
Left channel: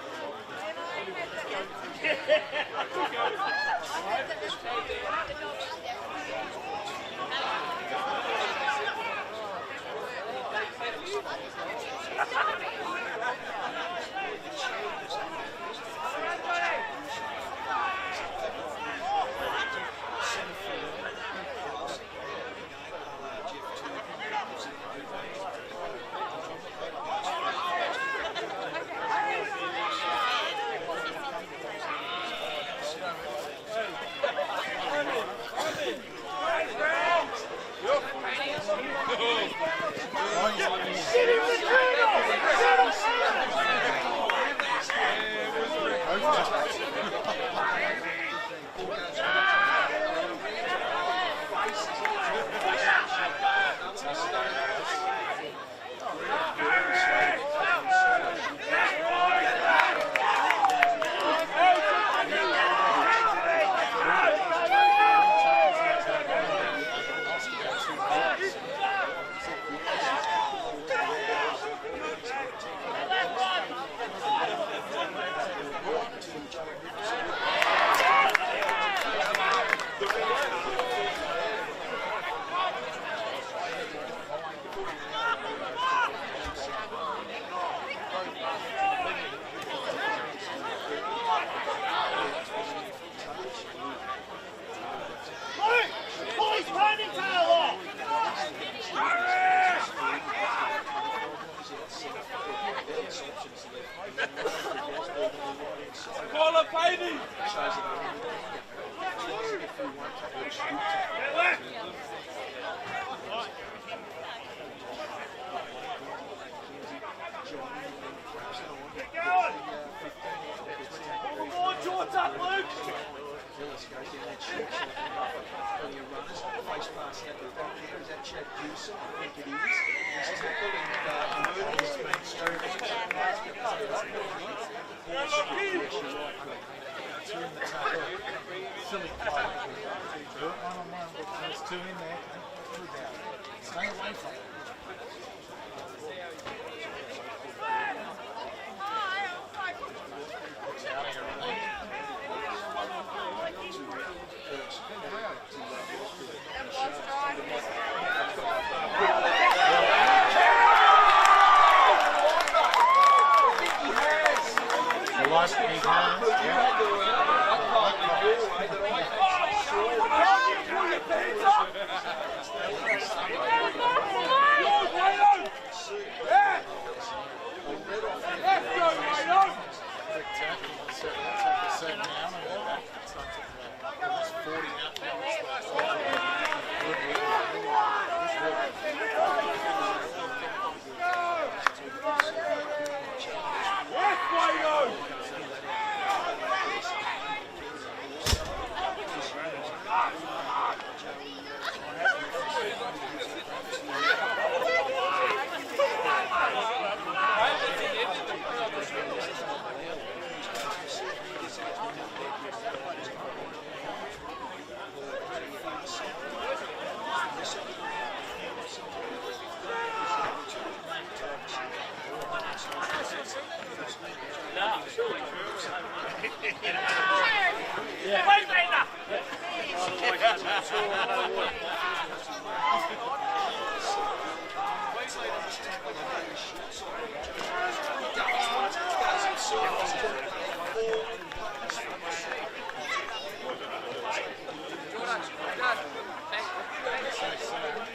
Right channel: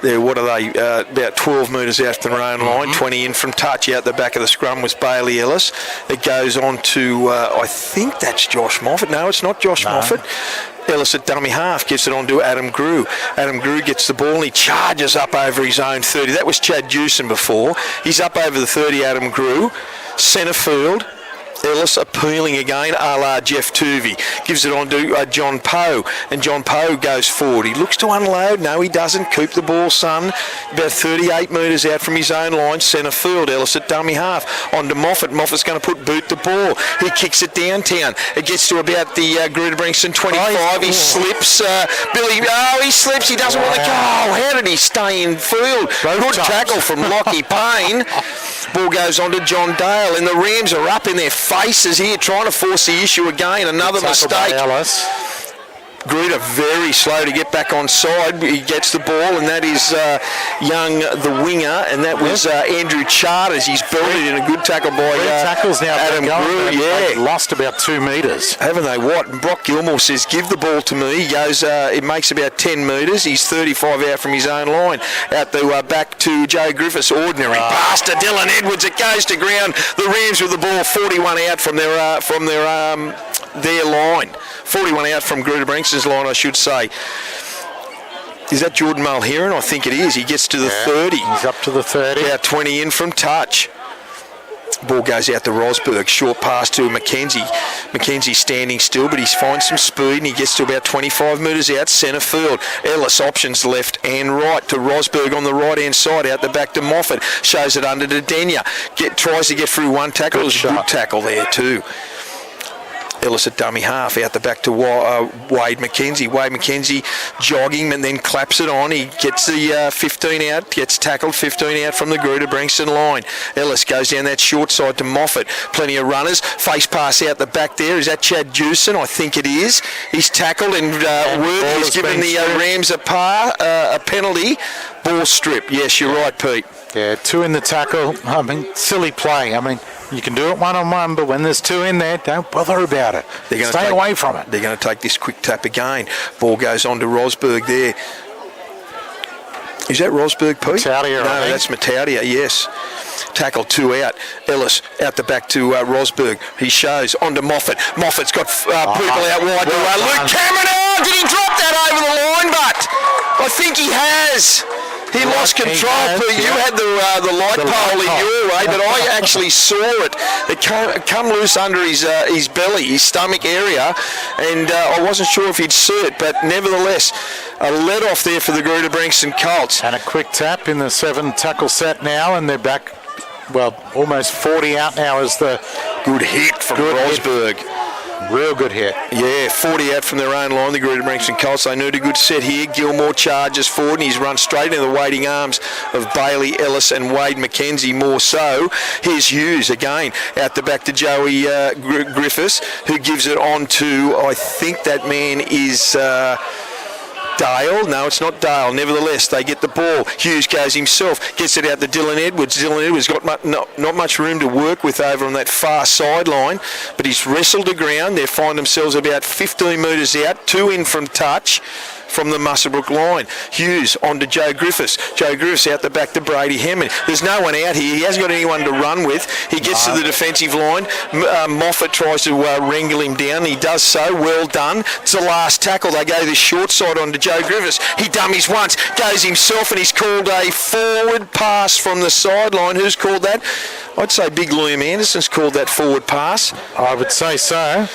They're, what are they, about 12 metres out from their own line, 20 in from touch. Out the back of the scrum was Bailey Ellis. It goes on to, I think that's Josh Moffat. No, it's not Josh Moffat. Ellis at dummy half gives it on to Adam Grew. Adam Grew gets the ball and he charges up over his own 30. That was Chad Jewson before. He's up over the 30, Adam Grew. Centre field. Ellis appealing again, a la Jeff Tuvey. Gives it on to John Poe, and John Poe goes forward. He looks to unload. No, he doesn't. Keep the ball, son. About 38 metres out from his own line, centre field. Ellis at dummy half. On to Moffat. Moffat's going to boot the ball. He kicks it downtown. It gets to about the Greta-Branxton 25. He slips. He slips. He doesn't want to go. How did he stay in field? Good tackle from Lockie Payne. Ball goes on to John Dale, and the Rams are up in their faces here, trying to force the issue again. Another mistake. Greta very slow to get back on side. He gets the ball, and that is Young, the winger, and that was Andrew Charters. He's buried in a good tackle by tackles now Adam Grew. They've lost about 2 metres. Haven't they? What? And Brock Gilmore says, give the ball to me. He goes, it makes about 10 metres. He's 35 out from his own line. Out the back to Joe Griffiths. Ordinary pass to Dylan Edwards. It goes to ground. The Rams with the ball, 41 out from their line. 41 out from Greta-Branxton's line, I should say. Is that Jordan Mulheron? I think it is. He gets to the 30. He's up to the 30. About 20 in from touch. Ball goes out to Rosberg. Short pass to McKenzie. McKenzie standing still, but he finds some speed and he gets to about 25 metres out, centre field. Ellis options left and right to Rosberg on the right-hand side, out the back to Moffat. Shows it under to Denya. Tries to get through one tackle. It was a good tackle there too. Ellis at dummy half, out the back to Wade McKenzie. Wade McKenzie jogging and then claps it on. He gets the 15 out, gets tackled, 15 out from the Greta-Branxton line. Ellis goes down that short side to Moffat. Plenty of runners. Face pass out the back there. Is that Chad Jewson? I think it is. He's tackled and Worthy has given the Rams a penalty. Ball strip. Yes, you're right, Pete. Yeah, 2 in the tackle. I mean, silly play. I mean, you can do it one-on-one, but when there's 2 in there, don't bother about it. Stay away from it. They're going to take this quick tap again. Ball goes on to Rosberg there. Is that Rosberg, Pete? Mataudia, no, that's Mataudia, yes. Tackle 2 out. Ellis out the back to Rosberg. He shows on to Moffat. Moffat's got people out wide. Luke Cameron, did he drop that over the line? But I think he has. He lost control. You had the light pole in your way, but I actually saw it. It come loose under his belly, his stomach area, and I wasn't sure if he'd see it, but nevertheless, a let off there for the Greta-Branxton Colts. And a quick tap in the 7 tackle set now, and they're back, well, almost 40 out now as the good hit from Rosberg. Real good hit. Yeah, 40 out from their own line, the Greta-Branxton Colts. They need a good set here. Gilmore charges forward, and he's run straight into the waiting arms of Bailey Ellis and Wade McKenzie more so. Here's Hughes again, out the back to Joey Griffiths, who gives it on to, I think that man is... Dale. No, it's not Dale. Nevertheless, they get the ball. Hughes goes himself, gets it out to Dylan Edwards. Dylan Edwards got not much room to work with over on that far sideline, but he's wrestled the ground. They find themselves about 15 metres out, 2 in from touch from the Muswellbrook line. Hughes on to Joe Griffiths. Joe Griffiths out the back to Brady Hammond. There's no one out here. He hasn't got anyone to run with. He gets to the defensive line. Moffat tries to wrangle him down. He does so. Well done. It's the last tackle. They go the short side on to Joe Griffiths. He dummies once, goes himself, and he's called a forward pass from the sideline. Who's called that? I'd say Big Liam Anderson's called that forward pass. I would say so.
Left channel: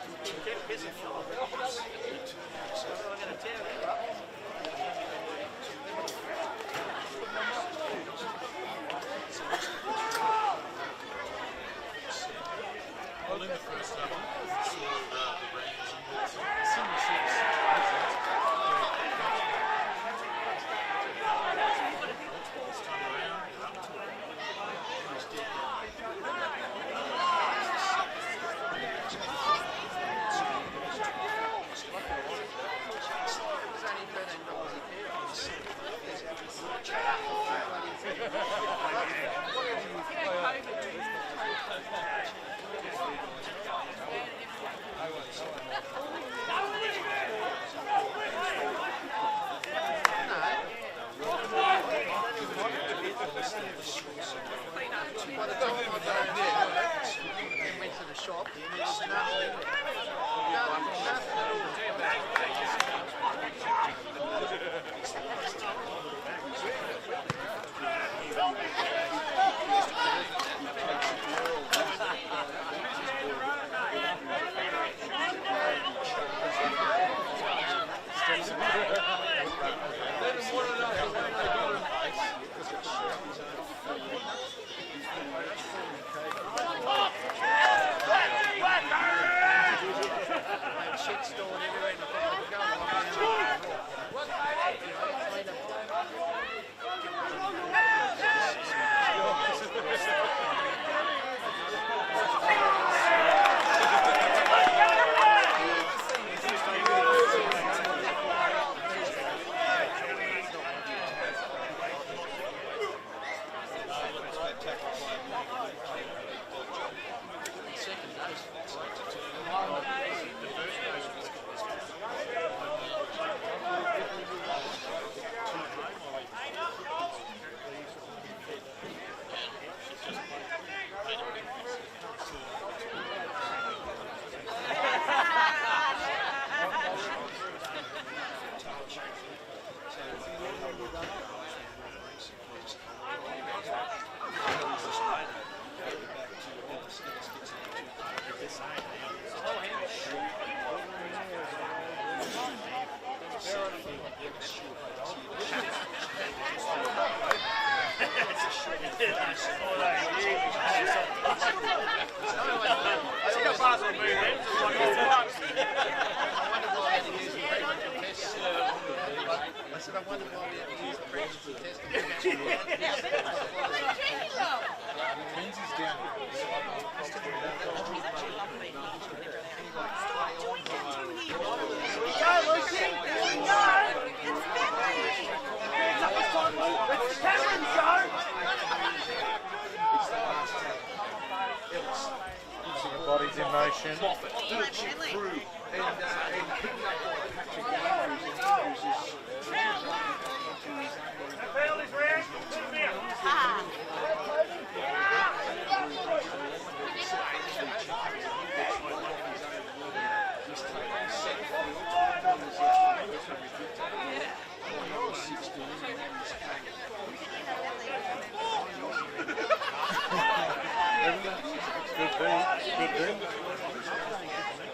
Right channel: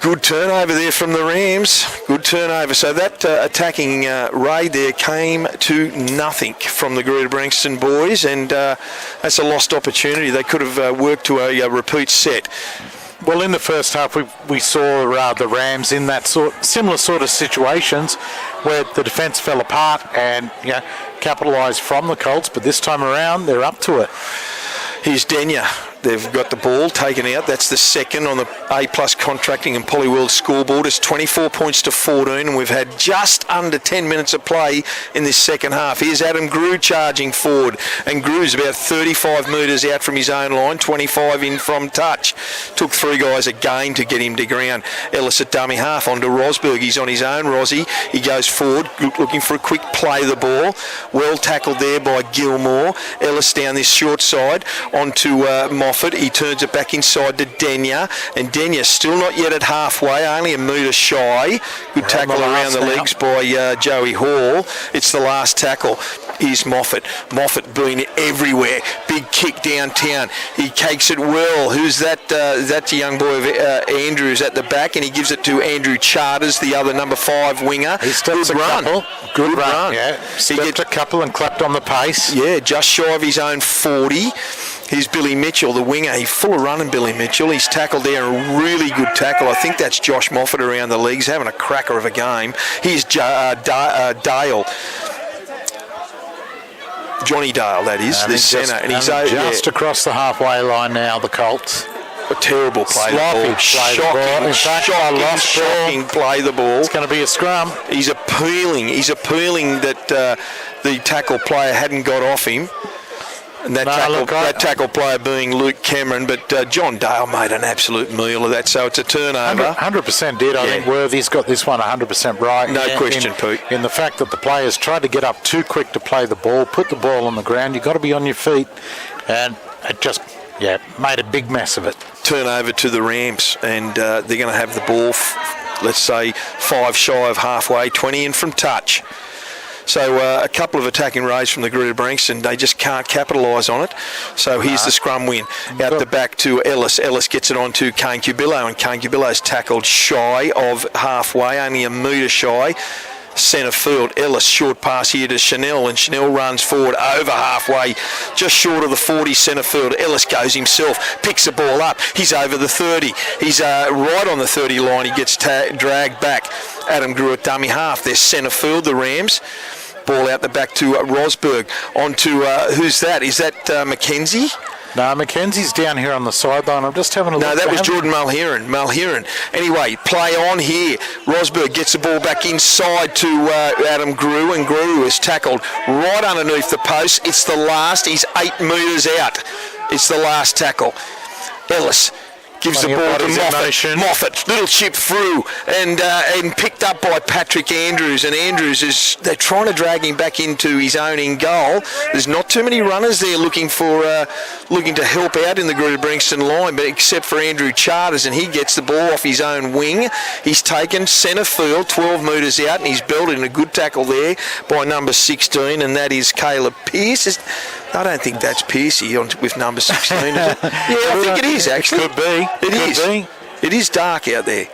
Good turnover there from the Rams. Good turnover. So that attacking raid there came to nothing from the Greta-Branxton boys, and that's a lost opportunity. They could have worked to a repeat set. Well, in the first half, we saw the Rams in that similar sort of situations where the defence fell apart and capitalised from the Colts, but this time around, they're up to it. Here's Denya. They've got the ball taken out. That's the second on the A+ contracting and Polyworld scoreboard. It's 24 points to 14, and we've had just under 10 minutes of play in this second half. Here's Adam Grew charging forward, and Grew's about 35 metres out from his own line, 25 in from touch. Took 3 guys again to get him to ground. Ellis at dummy half onto Rosberg. He's on his own, Rozzy. He goes forward, looking for a quick play the ball. Well tackled there by Gilmore. Ellis down this short side onto Moffat. He turns it back inside to Denya, and Denya still not yet at halfway, only a metre shy. Good tackle around the legs by Joey Hall. It's the last tackle. Here's Moffat. Moffat being everywhere. Big kick downtown. He cakes it well. Who's that? That's the young boy of Andrews at the back, and he gives it to Andrew Charters, the other number 5 winger. He steps Good a run. couple. Good run. Yeah. Stepped a couple and clapped on the pace. Yeah, just shy of his own 40. Here's Billy Mitchell, the winger. He's full of running, Billy Mitchell. He's tackled there, a really good tackle. I think that's Josh Moffat around the leagues, having a cracker of a game. Here's Dale. Johnny Dale, that is, the centre. And he's just across the halfway line now, the Colts. A terrible play. Shocking play the ball. It's going to be a scrum. He's appealing that the tackle player hadn't got off him. And that tackle player being Luke Cameron, but John Dale made an absolute meal of that, so it's a turnover. 100% did. I think Worthy's got this one 100% right. No question, Pete. In the fact that the players tried to get up too quick to play the ball, put the ball on the ground, you've got to be on your feet, and it just made a big mess of it. Turnover to the Rams, and they're going to have the ball, let's say, 5 shy of halfway, 20 in from touch. So a couple of attacking raids from the Greta-Branxton, they just can't capitalise on it. So here's the scrum win. Out the back to Ellis. Ellis gets it on to Kane Cubillo, and Kane Cubillo's tackled shy of halfway, only a metre shy. Centre field. Ellis, short pass here to Chanel, and Chanel runs forward over halfway, just short of the 40 centre field. Ellis goes himself, picks the ball up. He's over the 30. He's right on the 30 line. He gets dragged back. Adam Grew at dummy half. There's centre field, the Rams. Ball out the back to Rosberg. On to, who's that? Is that McKenzie? No, McKenzie's down here on the sideline. I'm just having a look. No, that was Jordan Mulheron. Anyway, play on here. Rosberg gets the ball back inside to Adam Grew, and Grew is tackled right underneath the post. It's the last. He's 8 metres out. It's the last tackle. Ellis Gives the ball to Moffat. Little chip through and picked up by Patrick Andrews. And Andrews they're trying to drag him back into his own in goal. There's not too many runners there looking to help out in the Greta-Branxton line, but except for Andrew Charters, and he gets the ball off his own wing. He's taken centre field, 12 metres out, and he's belted in a good tackle there by number 16, and that is Caleb Pearce. I don't think that's Piercy with number 16, is it? Yeah, I think it is, actually. Could be. It is dark out there.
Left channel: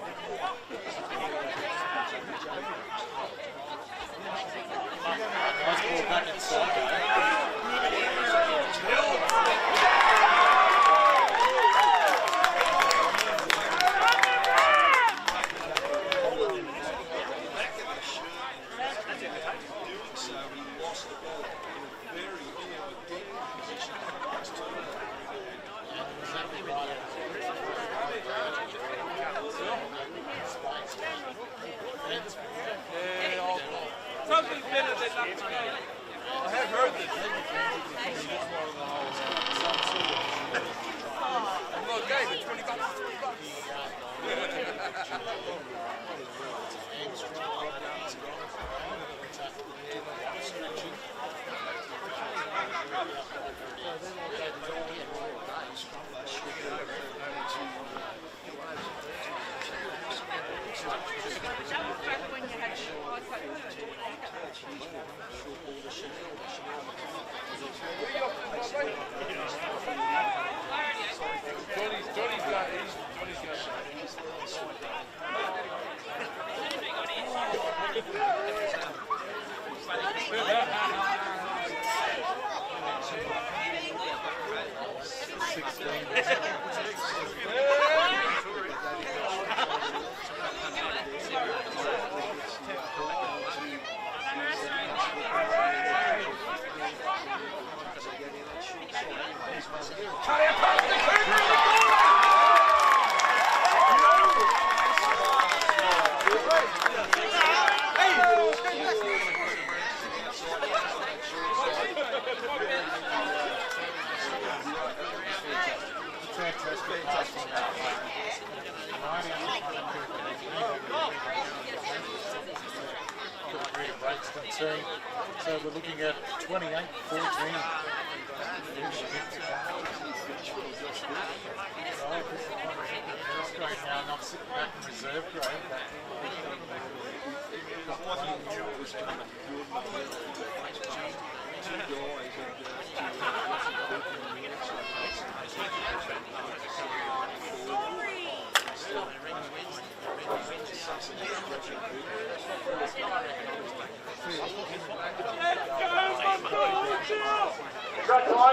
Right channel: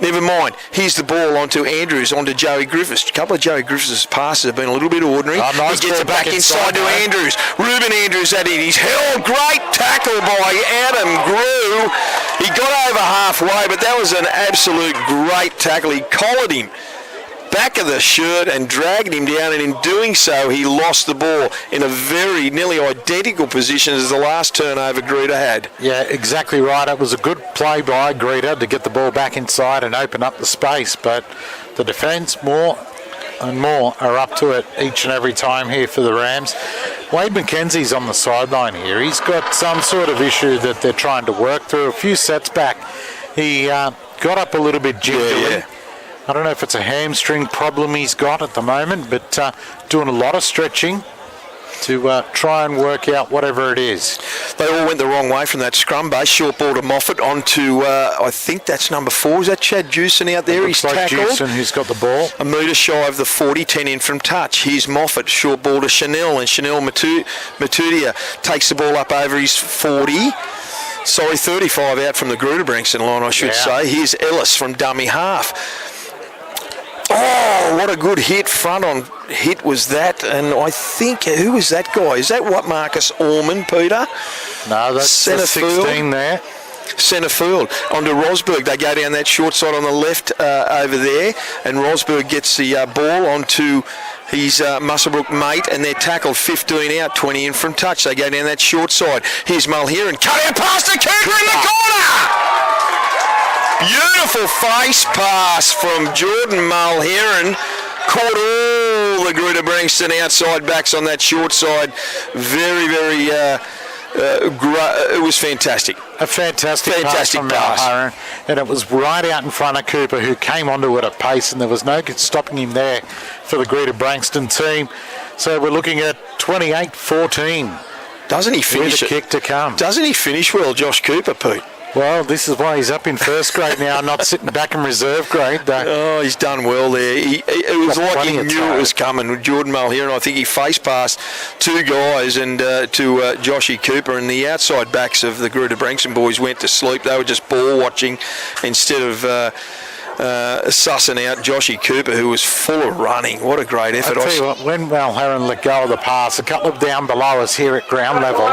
Never mind. Here's the ball onto Andrews, onto Joey Griffiths. A couple of Joey Griffiths' passes have been a little bit ordinary. Nice, he gets it back inside to Andrews. Ruben Andrews at it. He's held. Great tackle by Adam Grew. He got over halfway, but that was an absolute great tackle. He collared him back of the shirt and dragged him down, and in doing so he lost the ball in a very nearly identical position as the last turnover Greta had. Yeah, exactly right. It was a good play by Greta to get the ball back inside and open up the space, but the defence more and more are up to it each and every time here for the Rams. Wade McKenzie's on the sideline here. He's got some sort of issue that they're trying to work through. A few sets back he got up a little bit gingerly. Yeah. I don't know if it's a hamstring problem he's got at the moment, but doing a lot of stretching to try and work out whatever it is. They all went the wrong way from that scrum base. Short ball to Moffat onto, I think that's number 4. Is that Chad Jewson out there? He's like tackled. Jewson, who's got the ball. A metre shy of the 40, 10 in from touch. Here's Moffat. Short ball to Chanel, and Chanel Matudia takes the ball up over his 40. Sorry, 35 out from the Greta-Branxton line, I should say. Here's Ellis from dummy half. Oh, what a good front on hit was that. And I think, who was that guy? Is that what Marcus Orman, Peter? No, that's centre 16 field there. Centre field. Onto Rosberg. They go down that short side on the left over there. And Rosberg gets the ball onto his Muswellbrook mate, and they're tackled 15 out, 20 in from touch. They go down that short side. Here's Mulheron. Cut out past the Cooper in the corner! Beautiful face pass from Jordan Mulheron. Caught all the Greta-Branxton outside backs on that short side. Very, very, it was fantastic. A fantastic pass from Mulheron. And it was right out in front of Cooper, who came onto it at pace, and there was no good stopping him there for the Greta-Branxton team. So we're looking at 28-14. Doesn't he finish with a kick to come? Doesn't he finish well, Josh Cooper, Pete? Well, this is why he's up in first grade now, not sitting back in reserve grade. Oh, he's done well there. It was like he knew it was coming with Jordan Mulheron. I think he face passed 2 guys and to Joshy Cooper, and the outside backs of the Greta-Branxton boys went to sleep. They were just ball watching instead of sussing out Joshy Cooper, who was full of running. What a great effort. I'll tell you what, when Mulheron let go of the pass, a couple of down below us here at ground level,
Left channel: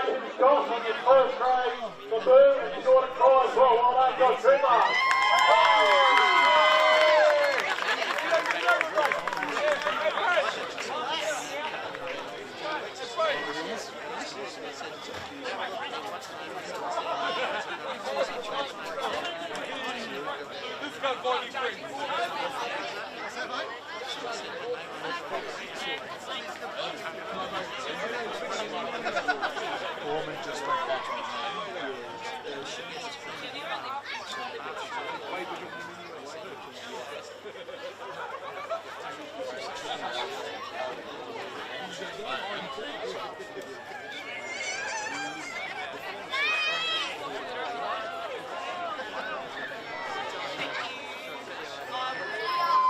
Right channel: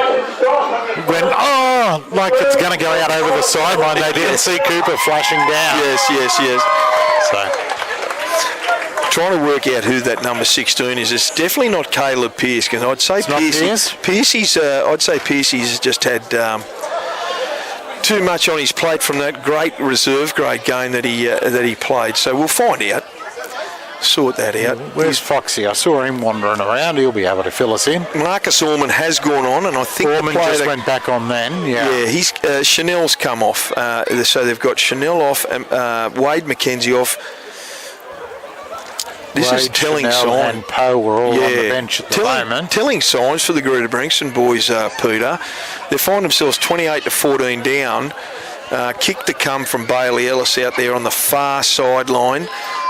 went, like it's going to go out over the sideline. They didn't see Cooper flashing down. Yes. So, trying to work out who that number 16 is. It's definitely not Caleb Pearce, because I'd say Pearcey's just had too much on his plate from that great reserve grade game that he played. So we'll find out. Sort that out. Where's Foxy? I saw him wandering around. He'll be able to fill us in. Marcus Orman has gone on, and I think Orman just went back on then. Yeah, he's Chanel's come off. So they've got Chanel off, and Wade McKenzie off. This is telling Chanel sign. And Poe were all on the bench at the moment. Telling signs for the Greta-Branxton boys, Peter. They find themselves 28-14 down. Kick to come from Bailey Ellis out there on the far sideline.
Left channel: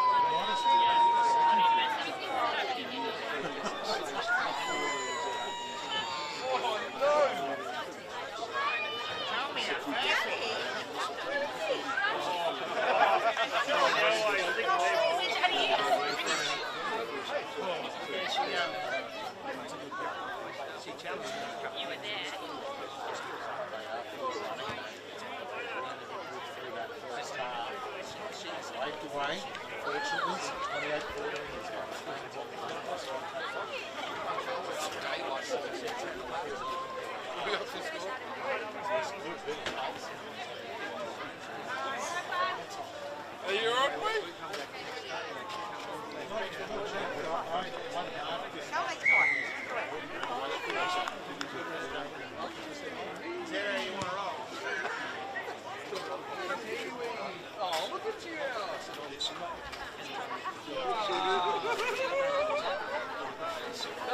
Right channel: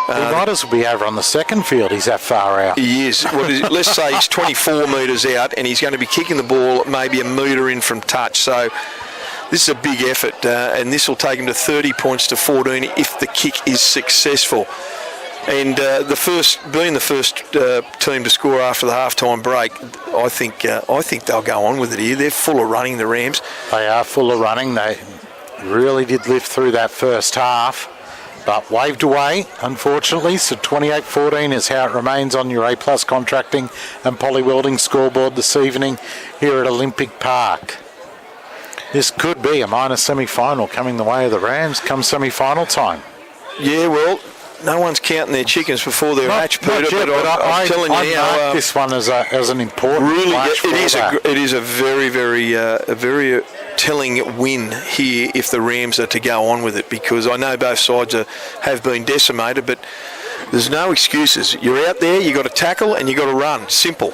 He might as well be over on the second field. He's that far out. He is. Let's say he's 24 metres out, and he's going to be kicking the ball maybe a metre in from touch. So this is a big effort, and this will take him to 30 points to 14 if the kick is successful. And being the first team to score after the half-time break, I think they'll go on with it here. They're full of running, the Rams. They are full of running. They really did lift through that first half, but waved away, unfortunately. So 28-14 is how it remains on your A+ Contracting and Poly Welding scoreboard this evening here at Olympic Park. This could be a minor semi-final coming the way of the Rams come semi-final time. Yeah, well, no one's counting their chickens before they're hatched, Peter. But I'm telling you now, mark this one as an important. Really, match it is a very, very telling win here if the Rams are to go on with it, because I know both sides have been decimated, but there's no excuses. You're out there, you've got to tackle and you've got to run. Simple.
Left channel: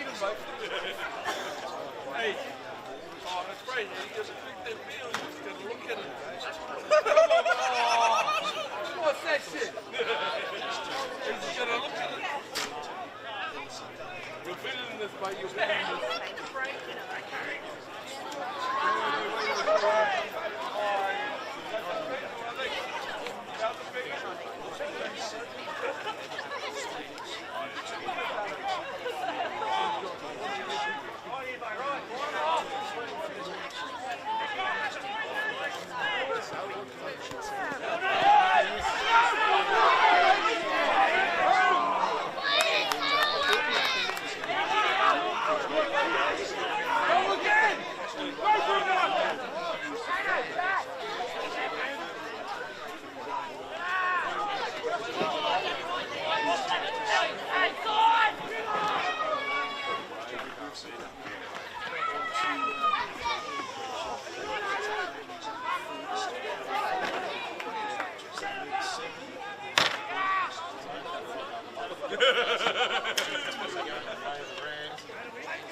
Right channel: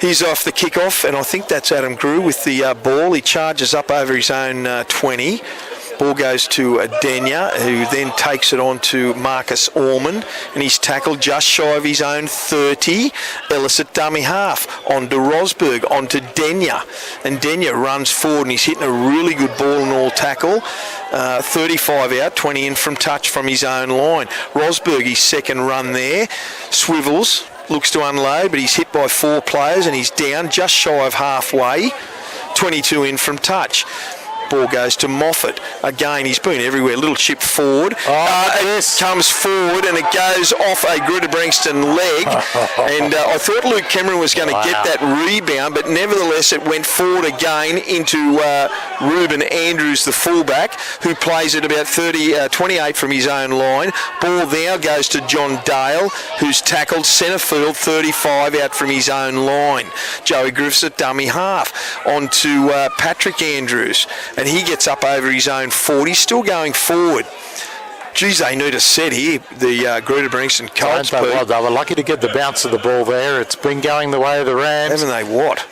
He's off the kickoff, and I think that's Adam Grew with the ball. He charges up over his own 20. Ball goes to Denya, who then takes it on to Marcus Ormond, and he's tackled just shy of his own 30. Ellis at dummy half, on to Rosberg, on to Denya, and Denya runs forward and he's hitting a really good ball and all tackle. 35 out, 20 in from touch from his own line. Rosberg, his second run there, swivels, looks to unload, but he's hit by 4 players and he's down just shy of halfway. 22 in from touch. Ball goes to Moffat. Again, he's been everywhere. Little chip forward. It comes forward and it goes off a Greta-Branxton leg. And I thought Luke Cameron was going to get that rebound, but nevertheless it went forward again into Ruben Andrews, the fullback, who plays at about 28 from his own line. Ball now goes to John Dale, who's tackled centre field, 35 out from his own line. Joey Griffiths at dummy half. On to Patrick Andrews. And he gets up over his own 40, still going forward. Geez, they need a set here, the Greta-Branxton Colts. They were lucky to get the bounce of the ball there. It's been going the way of the Rams. Haven't they what?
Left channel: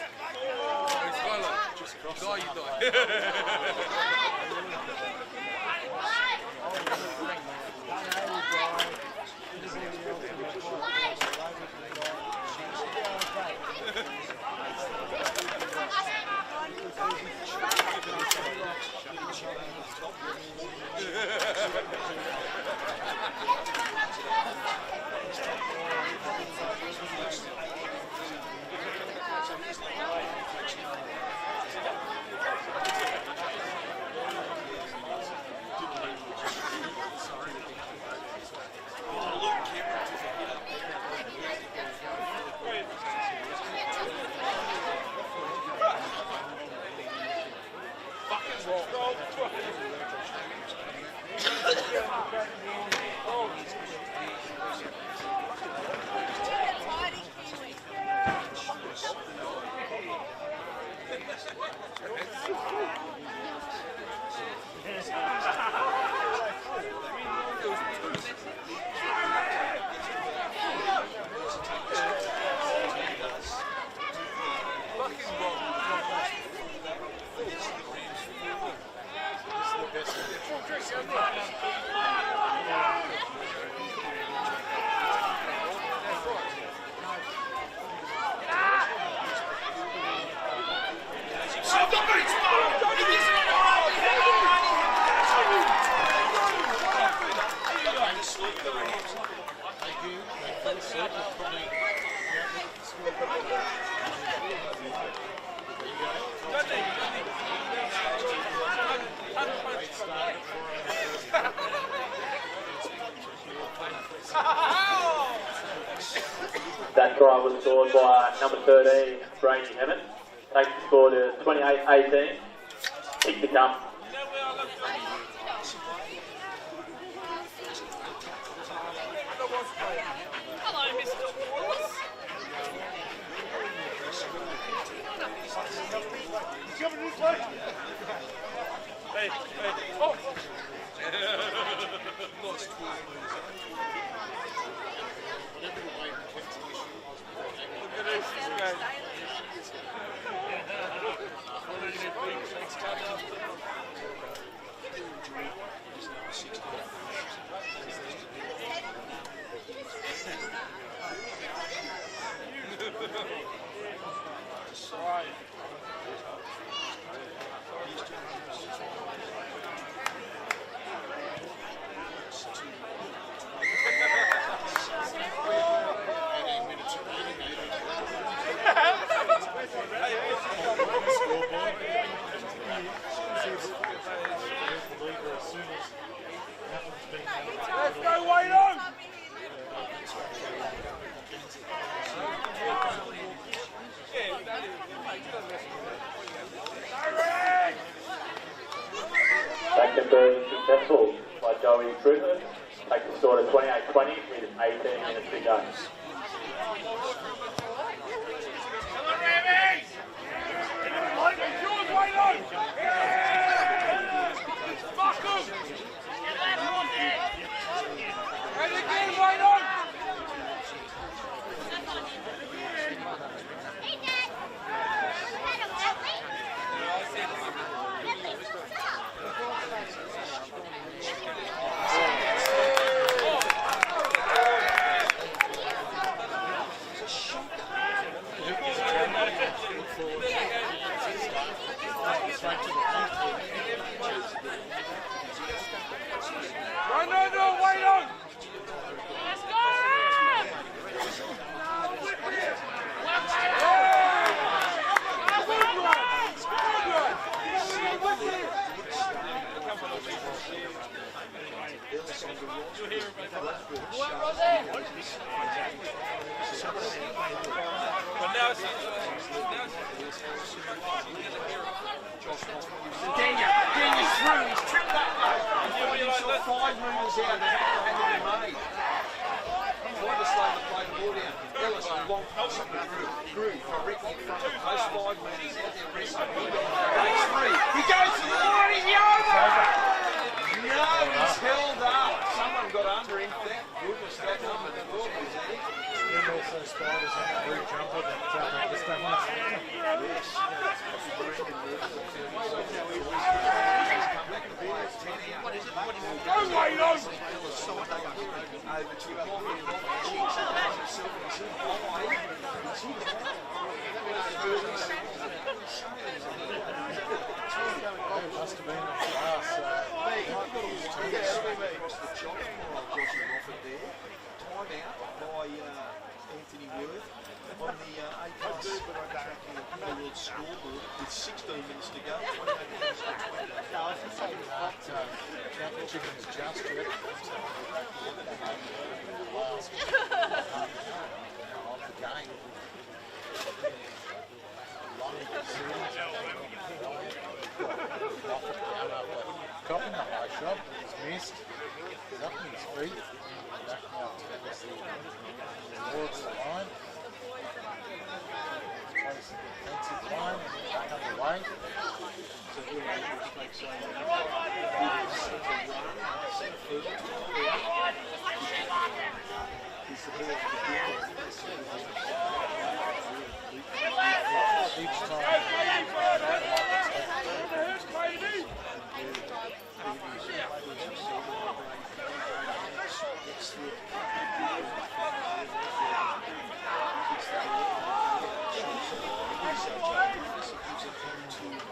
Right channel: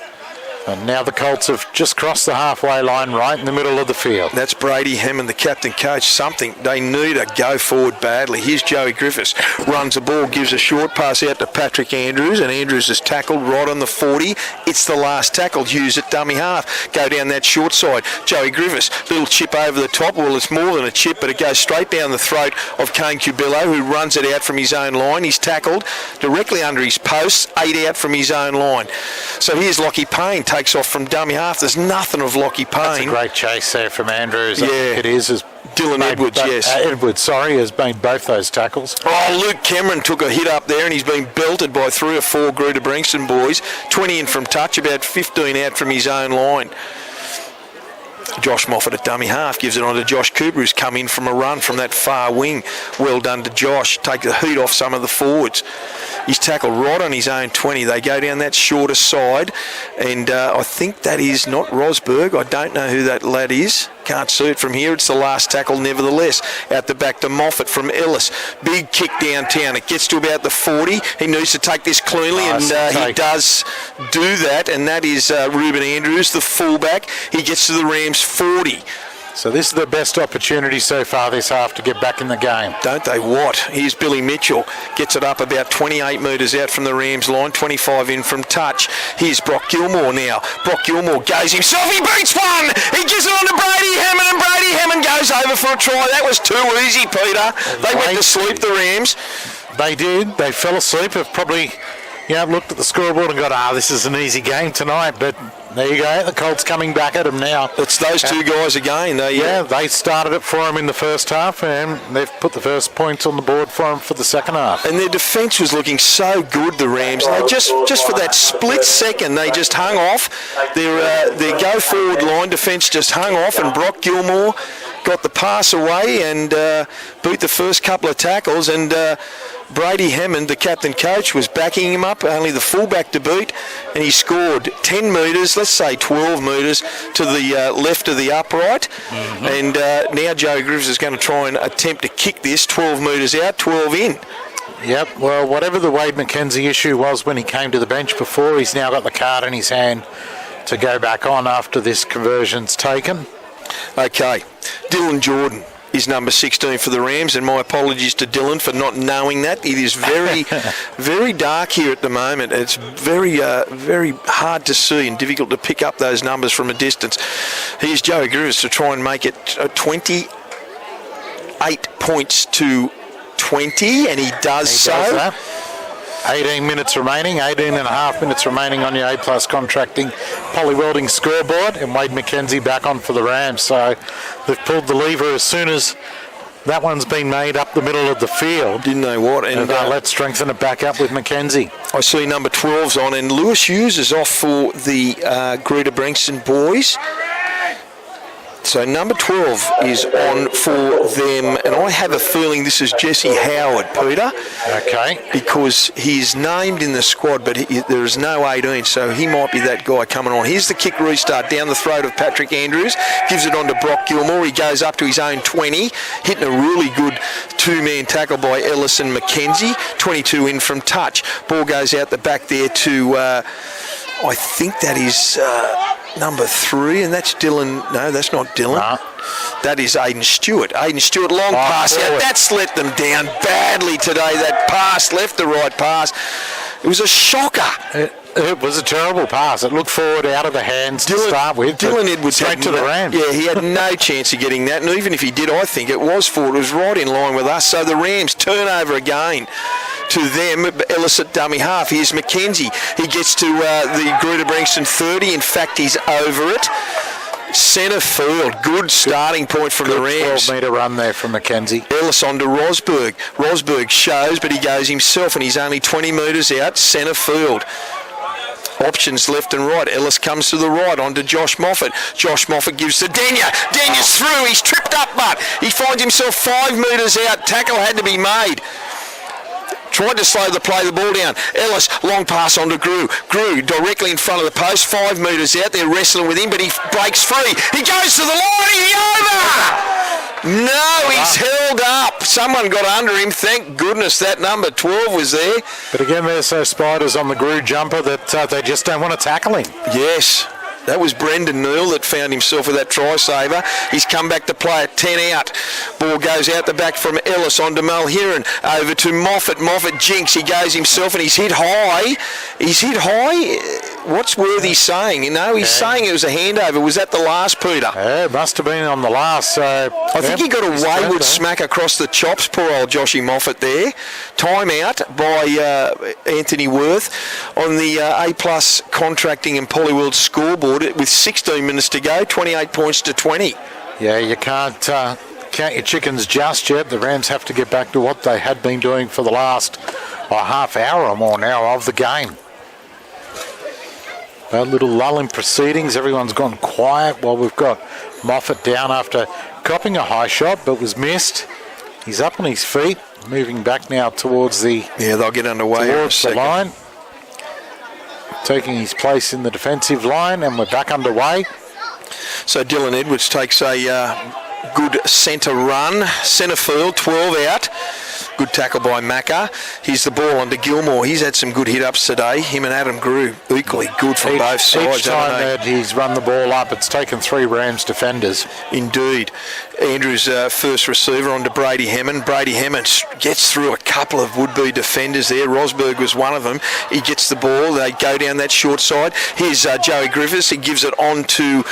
And now the Colts have just crossed the halfway line right in the middle of the field. That's Brady Hammond, the captain coach. Something they need a go forward badly. Here's Joey Griffiths. Runs the ball, gives a short pass out to Patrick Andrews, and Andrews is tackled right on the 40. It's the last tackle. Hughes at dummy half. Go down that short side. Joey Griffiths, little chip over the top. Well, it's more than a chip, but it goes straight down the throat of Kane Cubillo, who runs it out from his own line. He's tackled directly under his posts, 8 out from his own line. So here's Lockie Payne, takes off from dummy half. There's nothing of Lockie Payne. That's a great chase there from Andrews. Yeah. It is. Dylan Edwards, yes. Edwards, has made both those tackles. Oh, Luke Cameron took a hit up there and he's been belted by 3 or 4 Greta-Branxton boys. 20 in from touch, about 15 out from his own line. Josh Moffat at dummy half gives it on to Josh Cooper, who's come in from a run from that far wing. Well done to Josh. Take the heat off some of the forwards. He's tackled right on his own 20. They go down that shorter side, and I think that is not Rosberg. I don't know who that lad is. Can't see it from here. It's the last tackle nevertheless. Out the back to Moffat from Ellis. Big kick downtown. It gets to about the 40. He needs to take this cleanly, and he does do that, and that is Ruben Andrews, the fullback. He gets to the Rams 40. So this is the best opportunity so far this half to get back in the game. Don't they what? Here's Billy Mitchell. Gets it up about 28 metres out from the Rams line, 25 in from touch. Here's Brock Gilmore now. Brock Gilmore goes himself. He beats one. He gives it on to Brady Hammond, and Brady Hammond goes over for a try. That was too easy, Peter. They went to sleep, the Rams. They did. They fell asleep. Have probably looked at the scoreboard and got, this is an easy game tonight, but there you go. The Colts coming back at them now. It's those two guys again. They started it for them in the first half, and they've put the first points on the board for them for the second half. And their defence was looking so good, the Rams. They just for that split second, they just hung off. Their go-forward line defence just hung off, and Brock Gilmore got the pass away and beat the first couple of tackles, and Brady Hammond, the captain coach, was backing him up, only the fullback to beat, and he scored 10 metres, let's say 12 metres, to the left of the upright. Mm-hmm. And now Joey Griffiths is going to try and attempt to kick this 12 metres out, 12 in. Yep, well, whatever the Wade McKenzie issue was when he came to the bench before, he's now got the card in his hand to go back on after this conversion's taken. Okay, Dylan Jordan is number 16 for the Rams, and my apologies to Dylan for not knowing that. It is very, very dark here at the moment. It's very, very hard to see and difficult to pick up those numbers from a distance. Here's Joey Griffiths to try and make it 28 points to 20, and he does so. 18 minutes remaining, 18 and a half minutes remaining on your A+ Contracting Poly Welding scoreboard, and Wade McKenzie back on for the Rams. So they've pulled the lever as soon as that one's been made up the middle of the field. Didn't know what. And let's strengthen it back up with McKenzie. I see number 12's on, and Lewis Hughes is off for the Greta-Branxton boys. So number 12 is on for them, and I have a feeling this is Jesse Howard, Peter. Okay. Because he's named in the squad, but there is no 18, so he might be that guy coming on. Here's the kick restart down the throat of Patrick Andrews. Gives it on to Brock Gilmore. He goes up to his own 20, hitting a really good two-man tackle by Ellis and McKenzie. 22 in from touch. Ball goes out the back there to, I think that is... number 3, and that's Dylan. No, that's not Dylan. No. That is Aiden Stewart. Aiden Stewart, long pass out. That's let them down badly today. That pass, left to right pass. It was a shocker. It was a terrible pass. It looked forward out of the hands to start with. Dylan Edwards straight to the Rams. Yeah, he had no chance of getting that. And even if he did, I think it was forward. It was right in line with us. So the Rams turn over again. To them, Ellis at dummy half. Here's McKenzie. He gets to the Greta-Branxton 30. In fact, he's over it. Centre field. Good starting point from the Rams. 12-metre run there from McKenzie. Ellis on to Rosberg. Rosberg shows, but he goes himself, and he's only 20 metres out. Centre field. Options left and right. Ellis comes to the right onto Josh Moffat. Josh Moffat gives to Denya. Denya's through. He's tripped up, but he finds himself 5 metres out. Tackle had to be made. Tried to slow the play, the ball down. Ellis, long pass on to Grew. Grew directly in front of the post, 5 metres out. They're wrestling with him, but he breaks free. He goes to the line. He over. No, he's held up. Someone got under him. Thank goodness that number 12 was there. But again, there's those spiders on the Grew jumper that they just don't want to tackle him. Yes. That was Brendan Neal that found himself with that try saver. He's come back to play at 10 out. Ball goes out the back from Ellis on to Mulheron. Over to Moffat. Moffat jinks. He goes himself and he's hit high. He's hit high. What's Worthy saying? You know, he's saying it was a handover. Was that the last, Peter? Yeah, it must have been on the last. So I think he got a wayward smack across the chops. Poor old Joshy Moffat there. Time out by Anthony Worth on the A+ Contracting and Polyworld scoreboard with 16 minutes to go, 28 points to 20. Yeah, you can't count your chickens just yet. The Rams have to get back to what they had been doing for the last half hour or more now of the game. A little lull in proceedings. Everyone's gone quiet while we've got Moffat down after copping a high shot, but was missed. He's up on his feet, moving back now towards the... Yeah, they'll get underway towards the line. Taking his place in the defensive line, and we're back underway. So Dylan Edwards takes a good centre run. Centre field, 12 out. Good tackle by Macca. Here's the ball onto Gilmore. He's had some good hit-ups today. Him and Adam Grew equally good from both sides. Each time that he's run the ball up, it's taken 3 Rams defenders. Indeed. Andrews first receiver onto Brady Hammond. Brady Hammond gets through a couple of would-be defenders there. Rosberg was one of them. He gets the ball. They go down that short side. Here's Joey Griffiths. He gives it on to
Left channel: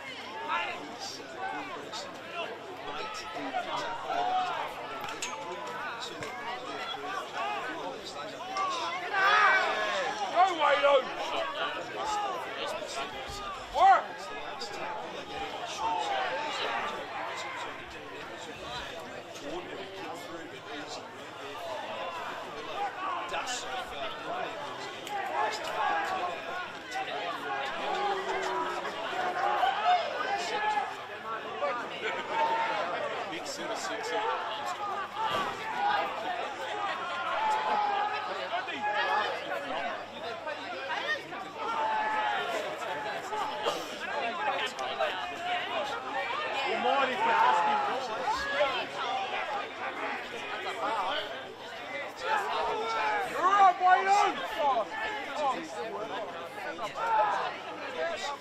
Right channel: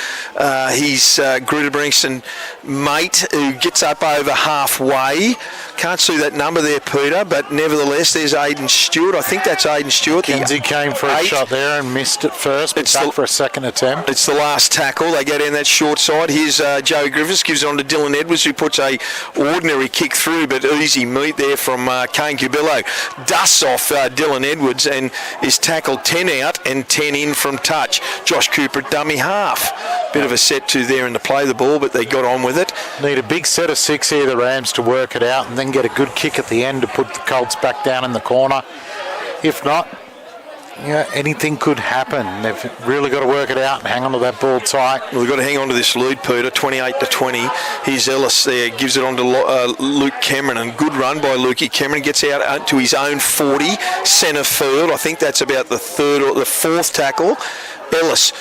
his Greta-Branxton mate, who gets up over halfway. Can't see that number there, Peter, but nevertheless, there's Aiden Stewart. I think that's Aiden Stewart. Kenzie came for a shot there and missed it first, but back for a second attempt. It's the last tackle. They go down that short side. Here's Joey Griffiths, gives it on to Dylan Edwards, who puts a ordinary kick through, but easy meat there from Kane Cubillo. Dusts off Dylan Edwards and is tackled 10 out and 10 in from touch. Josh Cooper at dummy half. Bit of a set to there and to play the ball, but they got on with it. Need a big set of 6 here, the Rams, to work it out and then get a good kick at the end to put the Colts back down in the corner. If not, yeah, anything could happen. They've really got to work it out and hang on to that ball tight. Well, they've got to hang on to this lead, Peter, 28 to 20. Here's Ellis there, gives it on to Luke Cameron, and good run by Lukey. Cameron gets out to his own 40, centre field. I think that's about the 3rd or the 4th tackle. Ellis.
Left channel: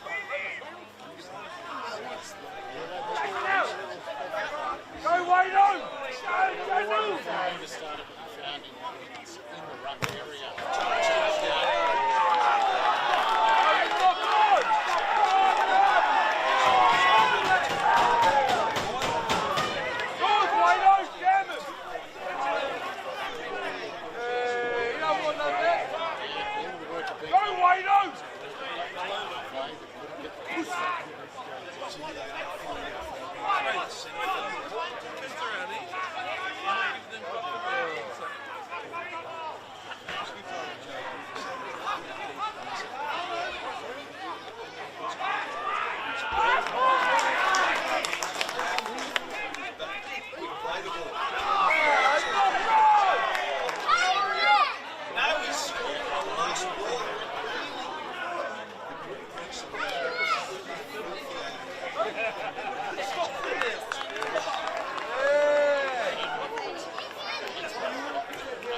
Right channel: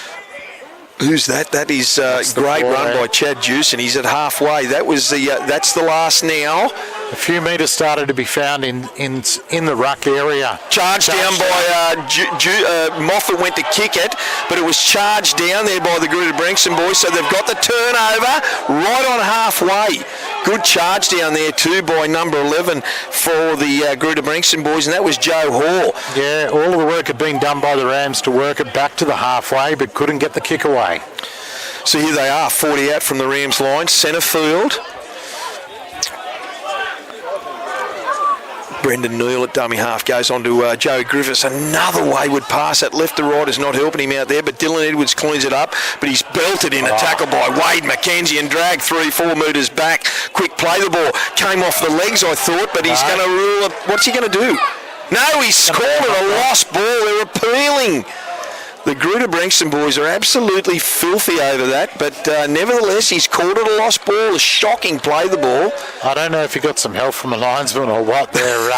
Who's that? That is great run by Chad Juice, and he's at halfway. That was the that's the last now. A few metres started to be found in the ruck area. Charged down by Moffat, went to kick it, but it was charged down there by the Greta-Branxton boys, so they've got the turnover right on halfway. Good charge down there too by number 11 for the Greta-Branxton boys, and that was Joe Hall. Yeah, all of the work had been done by the Rams to work it back to the halfway, but couldn't get the kick away. So here they are, 40 out from the Rams line, centre field. Brendan Neal at dummy half goes on to Joey Griffiths. Another wayward pass. That left to right is not helping him out there, but Dylan Edwards cleans it up. But he's belted in a tackle by Wade McKenzie and dragged 3-4 metres back. Quick play the ball. Came off the legs, I thought, but he's going to rule it. What's he going to do? No, he's called it a lost ball. They're appealing. The Greta-Branxton boys are absolutely filthy over that, but nevertheless, he's called it a lost ball, a shocking play the ball. I don't know if he got some help from a linesman or what there,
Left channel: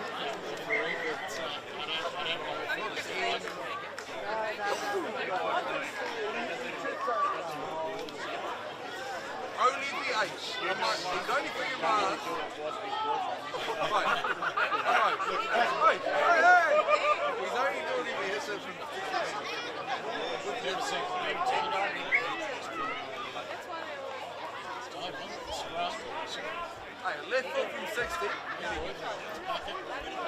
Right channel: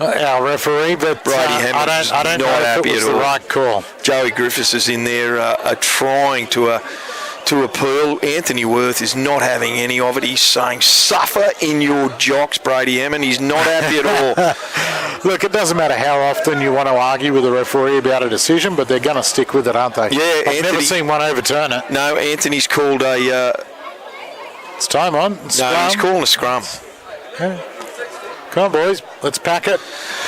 our referee, but I don't know if it was the right call. Joey Griffiths is in there trying to appeal. Anthony Worth is not having any of it. He's saying, suffer in your jocks, Brady Hammond. He's not happy at all. Look, it doesn't matter how often you want to argue with a referee about a decision, but they're going to stick with it, aren't they? Yeah, I've never seen one overturn it. No, Anthony's called a... it's time on. Scrum. No, he's calling a scrum. Yeah. Come on, boys. Let's pack it.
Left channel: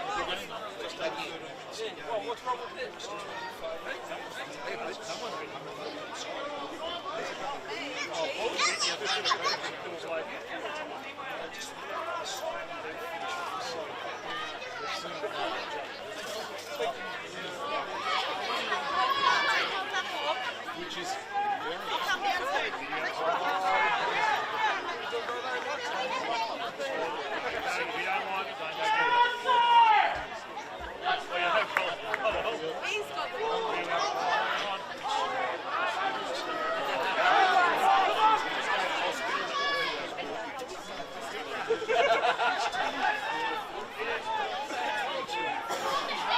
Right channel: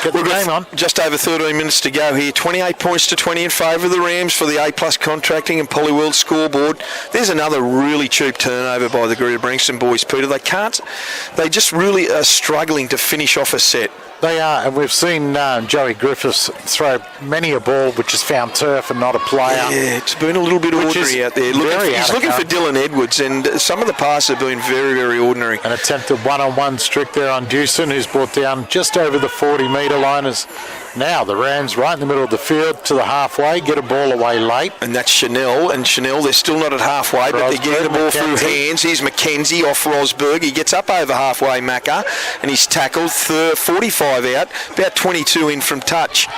Get the game on. Just over 13 minutes to go here. 28 points to 20 in favour of the Rams for the A+ contracting and Polyworld scoreboard. There's another really cheap turnover by the Greta-Branxton boys, Peter. They just really are struggling to finish off a set. They are, and we've seen Joey Griffiths throw many a ball which has found turf and not a player. Yeah, it's been a little bit ordinary out there. He's looking for Dylan Edwards, and some of the passes have been very, very ordinary. An attempted one-on-one strict there on Dewson, who's brought down just over the 40-metre line. As now the Rams right in the middle of the field to the halfway, get a ball away late. And that's Chanel, they're still not at halfway, but they're getting the ball through hands. Here's McKenzie off Rosberg. He gets up over halfway, Macca, and he's tackled 45 out, about 22 in from touch.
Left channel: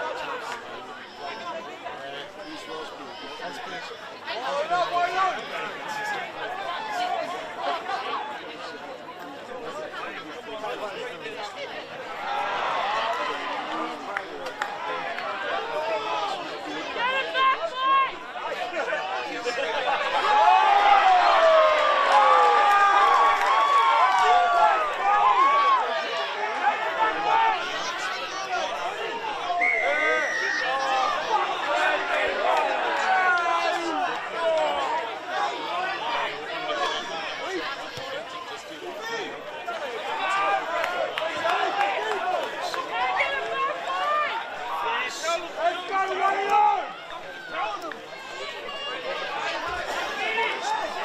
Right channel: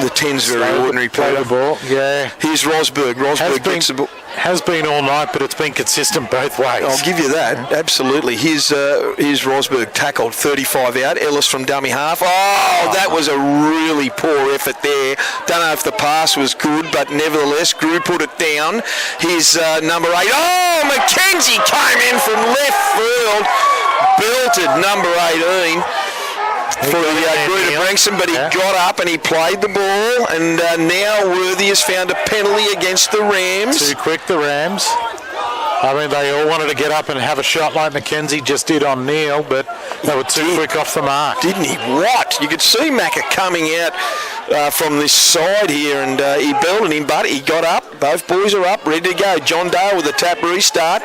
The 10's very ordinary play. The ball, yeah. Here's Rosberg. Has been all night, but it's been consistent both ways. I'll give you that, absolutely. Here's Rosberg tackled 35 out. Ellis from dummy half. That was a really poor effort there. Don't know if the pass was good, but nevertheless, Grew put it down. Here's number 8. McKenzie came in from left field. Belted number 18. For Greta-Branxton, but he got up and he played the ball, and now Worthy has found a penalty against the Rams. Too quick, the Rams. I mean, they all wanted to get up and have a shot like McKenzie just did on Neal, but they were too quick off the mark. Didn't he? What? You could see Macca coming out from this side here, and he belted him, but he got up. Both boys are up, ready to go. John Dale with a tap restart.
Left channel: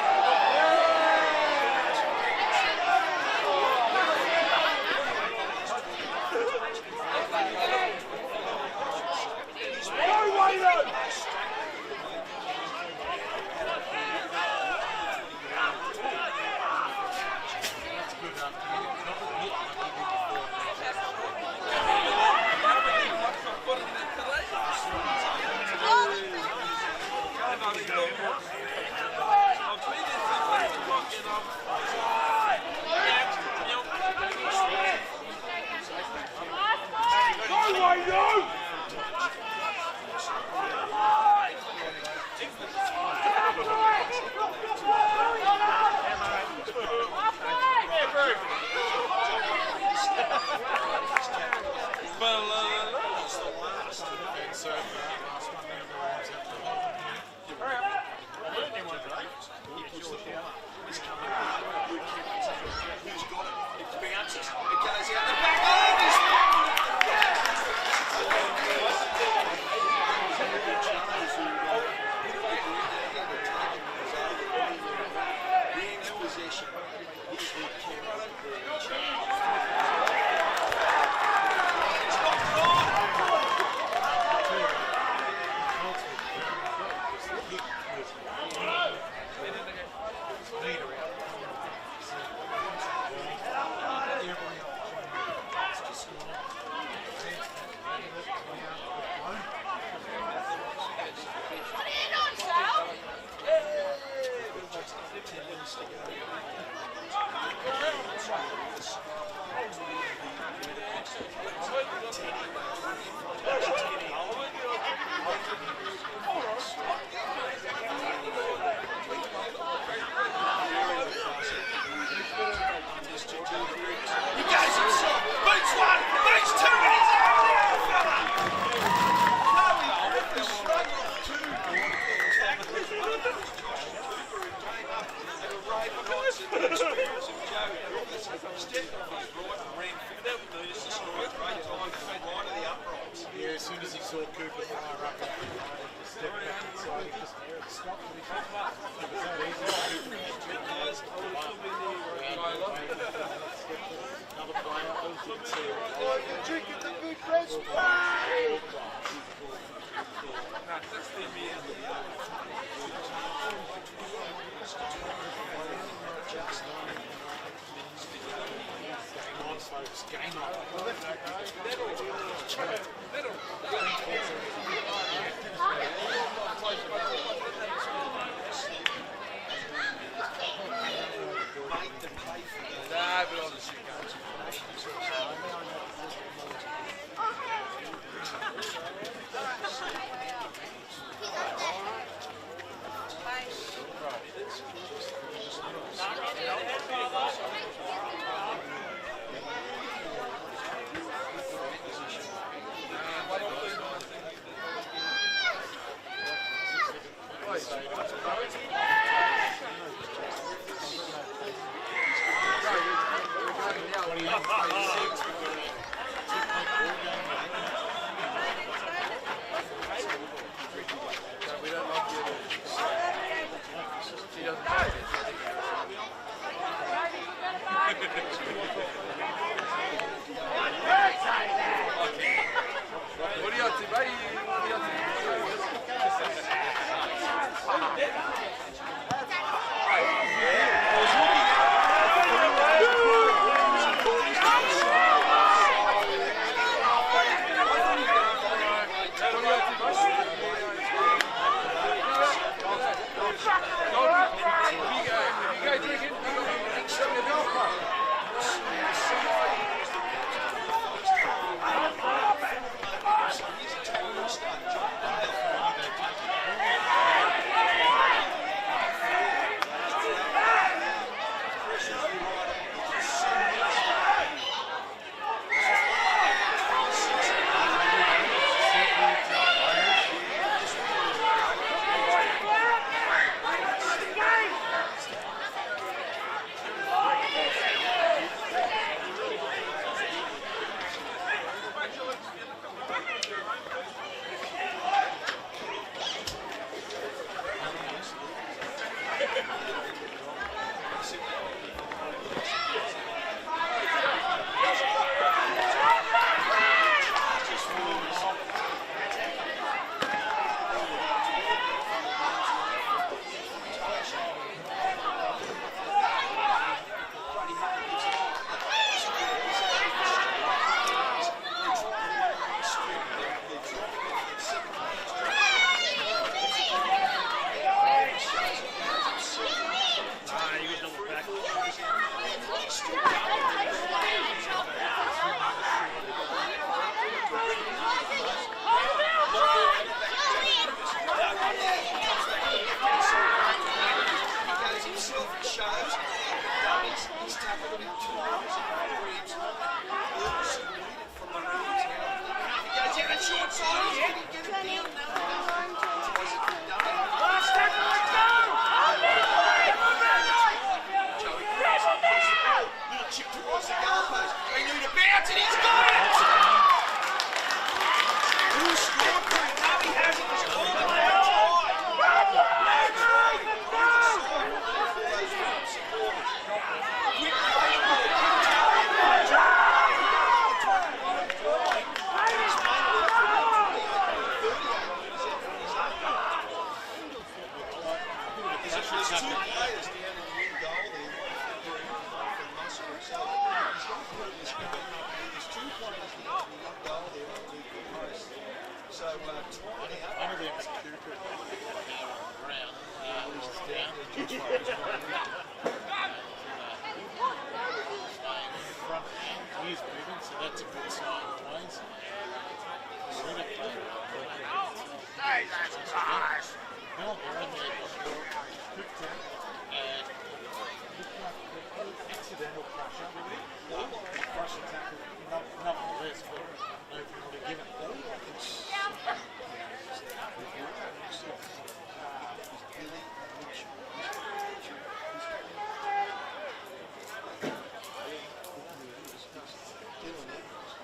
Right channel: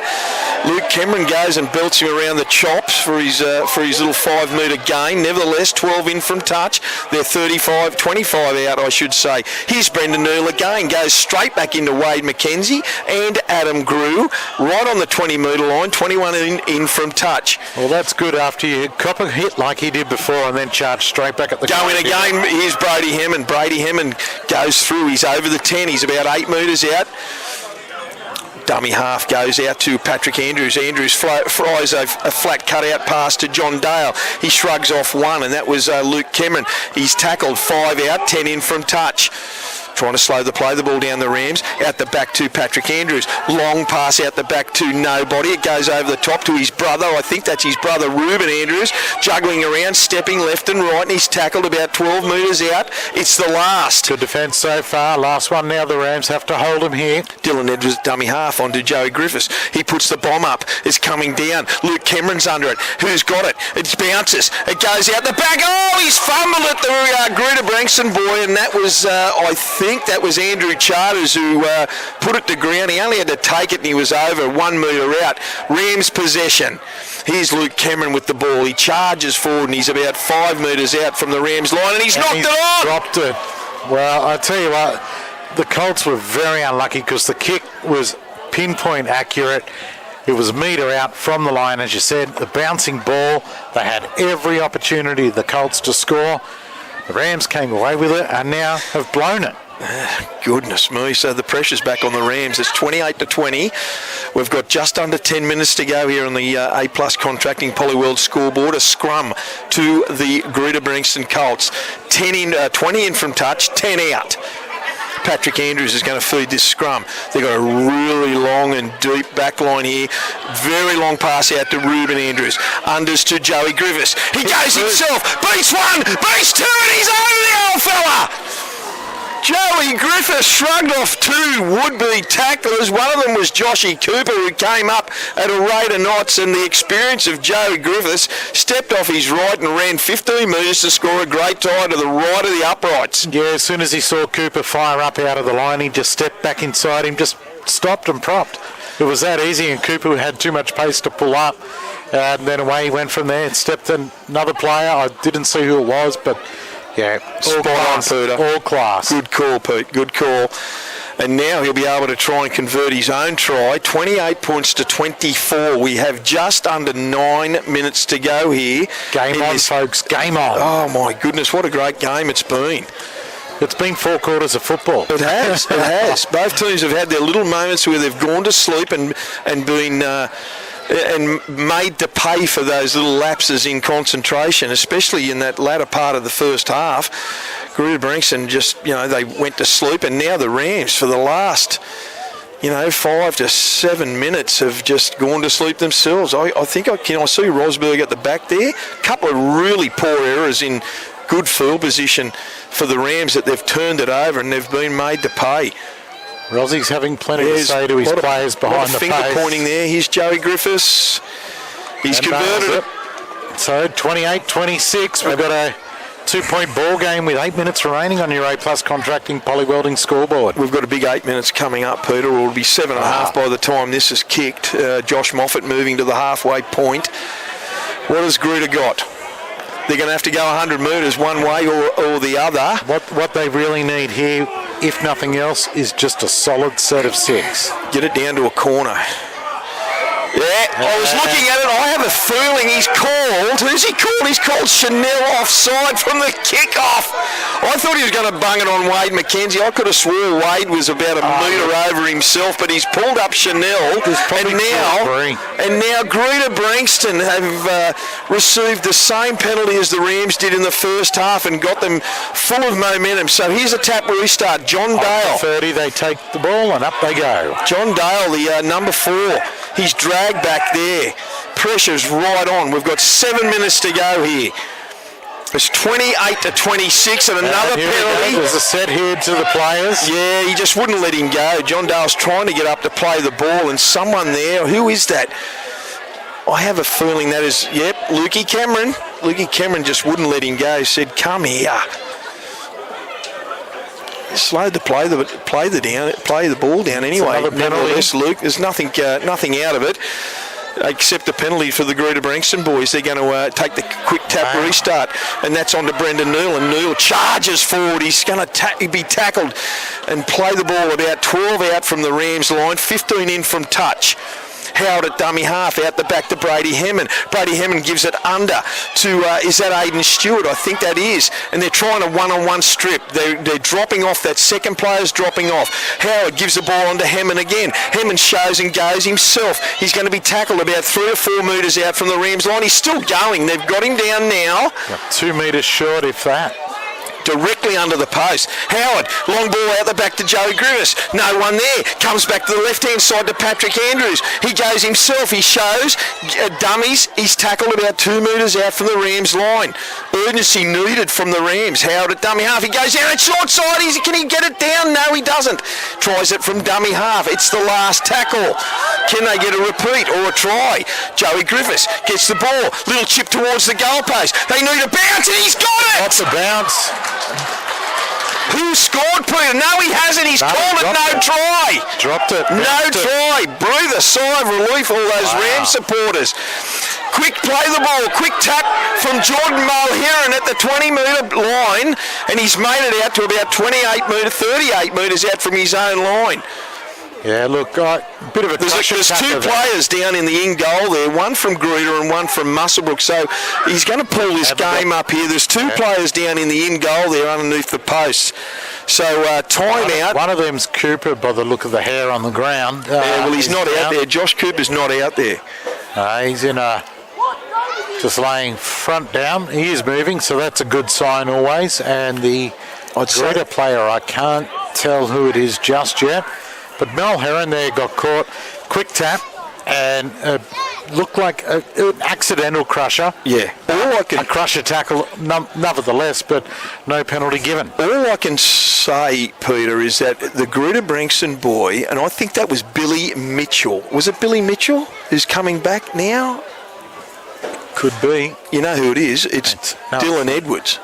Luke Cameron goes and belts him around the chops for his little 5-metre gain. Nevertheless, 12 in from touch. They're 25 out, I should say. Here's Brendan Neal again. Goes straight back into Wade McKenzie and Adam Grew. Right on the 20-metre line, 21 in from touch. Well, that's good after you cop a hit like he did before and then charge straight back at the Go in again. Here's Brady Hammond. Brady Hammond goes through. He's over the 10. He's about 8 metres out. Dummy half goes out to Patrick Andrews. Andrews fries a flat cut-out pass to John Dale. He shrugs off one, and that was Luke Cameron. He's tackled 5 out, 10 in from touch. Trying to slow the play, the ball down the Rams. Out the back to Patrick Andrews. Long pass out the back to nobody. It goes over the top to his brother. I think that's his brother, Ruben Andrews. Juggling around, stepping left and right, and he's tackled about 12 metres out. It's the last. Good defence so far. Last one now. The Rams have to hold him here. Dylan Edwards dummy half onto Joey Griffiths. He puts the bomb up. It's coming down. Luke Cameron's under it. Who's got it? It bounces. It goes out the back. He's fumbled it, the Greta-Branxton boy, and that was, I think that was Andrew Charters who put it to ground. He only had to take it and he was over 1 metre out. Rams possession. Here's Luke Cameron with the ball. He charges forward and he's about 5 metres out from the Rams line, and he's knocked it on. Dropped it. Well, I tell you what, the Colts were very unlucky because the kick was pinpoint accurate. It was a metre out from the line, as you said. The bouncing ball, they had every opportunity, the Colts, to score. The Rams came away with it and now have blown it. Goodness me. So the pressure's back on the Rams. It's 28-20. We've got just under 10 minutes to go here on the A+ contracting Polyworld scoreboard. A scrum to the Greta-Branxton Colts. 20 in from touch, 10 out. Patrick Andrews is going to feed this scrum. They've got a really long and deep back line here. Very long pass out to Ruben Andrews. Unders to Joey Griffiths. He goes himself. Beats one, beats two, and he's over the old fella. Joey Griffiths shrugged off two would-be tacklers. One of them was Joshy Cooper, who came up at a rate of knots, and the experience of Joey Griffiths stepped off his right and ran 15 metres to score a great tie to the right of the uprights. Yeah, as soon as he saw Cooper fire up out of the line, he just stepped back inside him, just stopped and propped. It was that easy, and Cooper had too much pace to pull up. And then away he went from there and stepped in another player. I didn't see who it was, but yeah, all class, all class. Good call, Pete, good call. And now he'll be able to try and convert his own try. 28 points to 24. We have just under 9 minutes to go here. Game on, folks, game on. Oh, my goodness, what a great game it's been. It's been 4 quarters of football. It has, it has. Both teams have had their little moments where they've gone to sleep and been... and made to pay for those little lapses in concentration, especially in that latter part of the first half. Greta-Branxton just, they went to sleep, and now the Rams for the last, 5 to 7 minutes have just gone to sleep themselves. I think I see Rosberg at the back there. A couple of really poor errors in good field position for the Rams that they've turned it over and they've been made to pay. Rossie's having plenty to say to his players behind the finger pointing there. Here's Joey Griffiths. He's converted it. So 28-26. We've got a 2-point ball game with 8 minutes remaining on your A+ Contracting Poly Welding scoreboard. We've got a big 8 minutes coming up, Peter. It'll be 7.5 by the time this is kicked. Josh Moffat moving to the halfway point. What has Greta got? They're going to have to go 100 metres one way or the other. What they really need here, if nothing else, is just a solid set of 6. Get it down to a corner. Yeah, I was looking at it. I have a feeling he's called. Who's he called? He's called Chanel offside from the kickoff. I thought he was going to bung it on Wade McKenzie. I could have swore Wade was about a metre over himself, but he's pulled up Chanel. And now Greta-Branxton have received the same penalty as the Rams did in the first half and got them full of momentum. So here's a tap restart. John Dale. 30, they take the ball and up they go. John Dale, the number 4. He's dragged back there. Pressure's right on. We've got 7 minutes to go here. It's 28-26 and another penalty. There's a set here to the players. Yeah, he just wouldn't let him go. John Dale's trying to get up to play the ball, and someone there, who is that? I have a feeling that is, Lukey Cameron. Lukey Cameron just wouldn't let him go. He said, come here. Slowed to play the ball down anyway. Nevertheless, Luke, there's nothing out of it except the penalty for the Greta-Branxton boys. They're going to take the quick tap restart, and that's on to Brendan Neal, and Neal charges forward. He's going to be tackled and play the ball about 12 out from the Rams line, 15 in from touch. Howard at dummy half, out the back to Brady Hammond. Brady Hammond gives it under to, is that Aidan Stewart? I think that is. And they're trying a one-on-one strip. They're dropping off. That second player's dropping off. Howard gives the ball on to Hammond again. Hammond shows and goes himself. He's going to be tackled about 3 or 4 metres out from the Rams line. He's still going. They've got him down now. 2 metres short, if that. Directly under the post. Howard, long ball out the back to Joey Griffiths. No one there. Comes back to the left-hand side to Patrick Andrews. He goes himself. He shows dummies. He's tackled about 2 metres out from the Rams line. Urgency needed from the Rams. Howard at dummy half. He goes down at short side. Can he get it down? No, he doesn't. Tries it from dummy half. It's the last tackle. Can they get a repeat or a try? Joey Griffiths gets the ball. Little chip towards the goalpost. They need a bounce, and he's got it! That's a bounce. Who scored, Peter? No, he hasn't. He's called it no try. Dropped it. No try. Breathe a sigh of relief, all those Rams supporters. Quick play the ball. Quick tap from Jordan Mulheron at the 20-metre line, and he's made it out to about 38 metres out from his own line. Yeah, look, bit of a There's 2 players down in the in goal there, one from Greta and one from Muswellbrook, so he's going to pull this game up here. There's 2 players down in the in goal there underneath the posts. So time out. One of them's Cooper by the look of the hair on the ground. He's not out there. Josh Cooper's not out there. He's in just laying front down. He is moving, so that's a good sign always. And the Greta player, I can't tell who it is just yet. But Mel Heron there got caught. Quick tap and looked like an accidental crusher. Yeah. A crusher tackle, nevertheless, but no penalty given. All I can say, Peter, is that the Greta-Branxton boy, and I think that was Billy Mitchell. Was it Billy Mitchell who's coming back now? Could be. You know who it is? It's Dylan Edwards.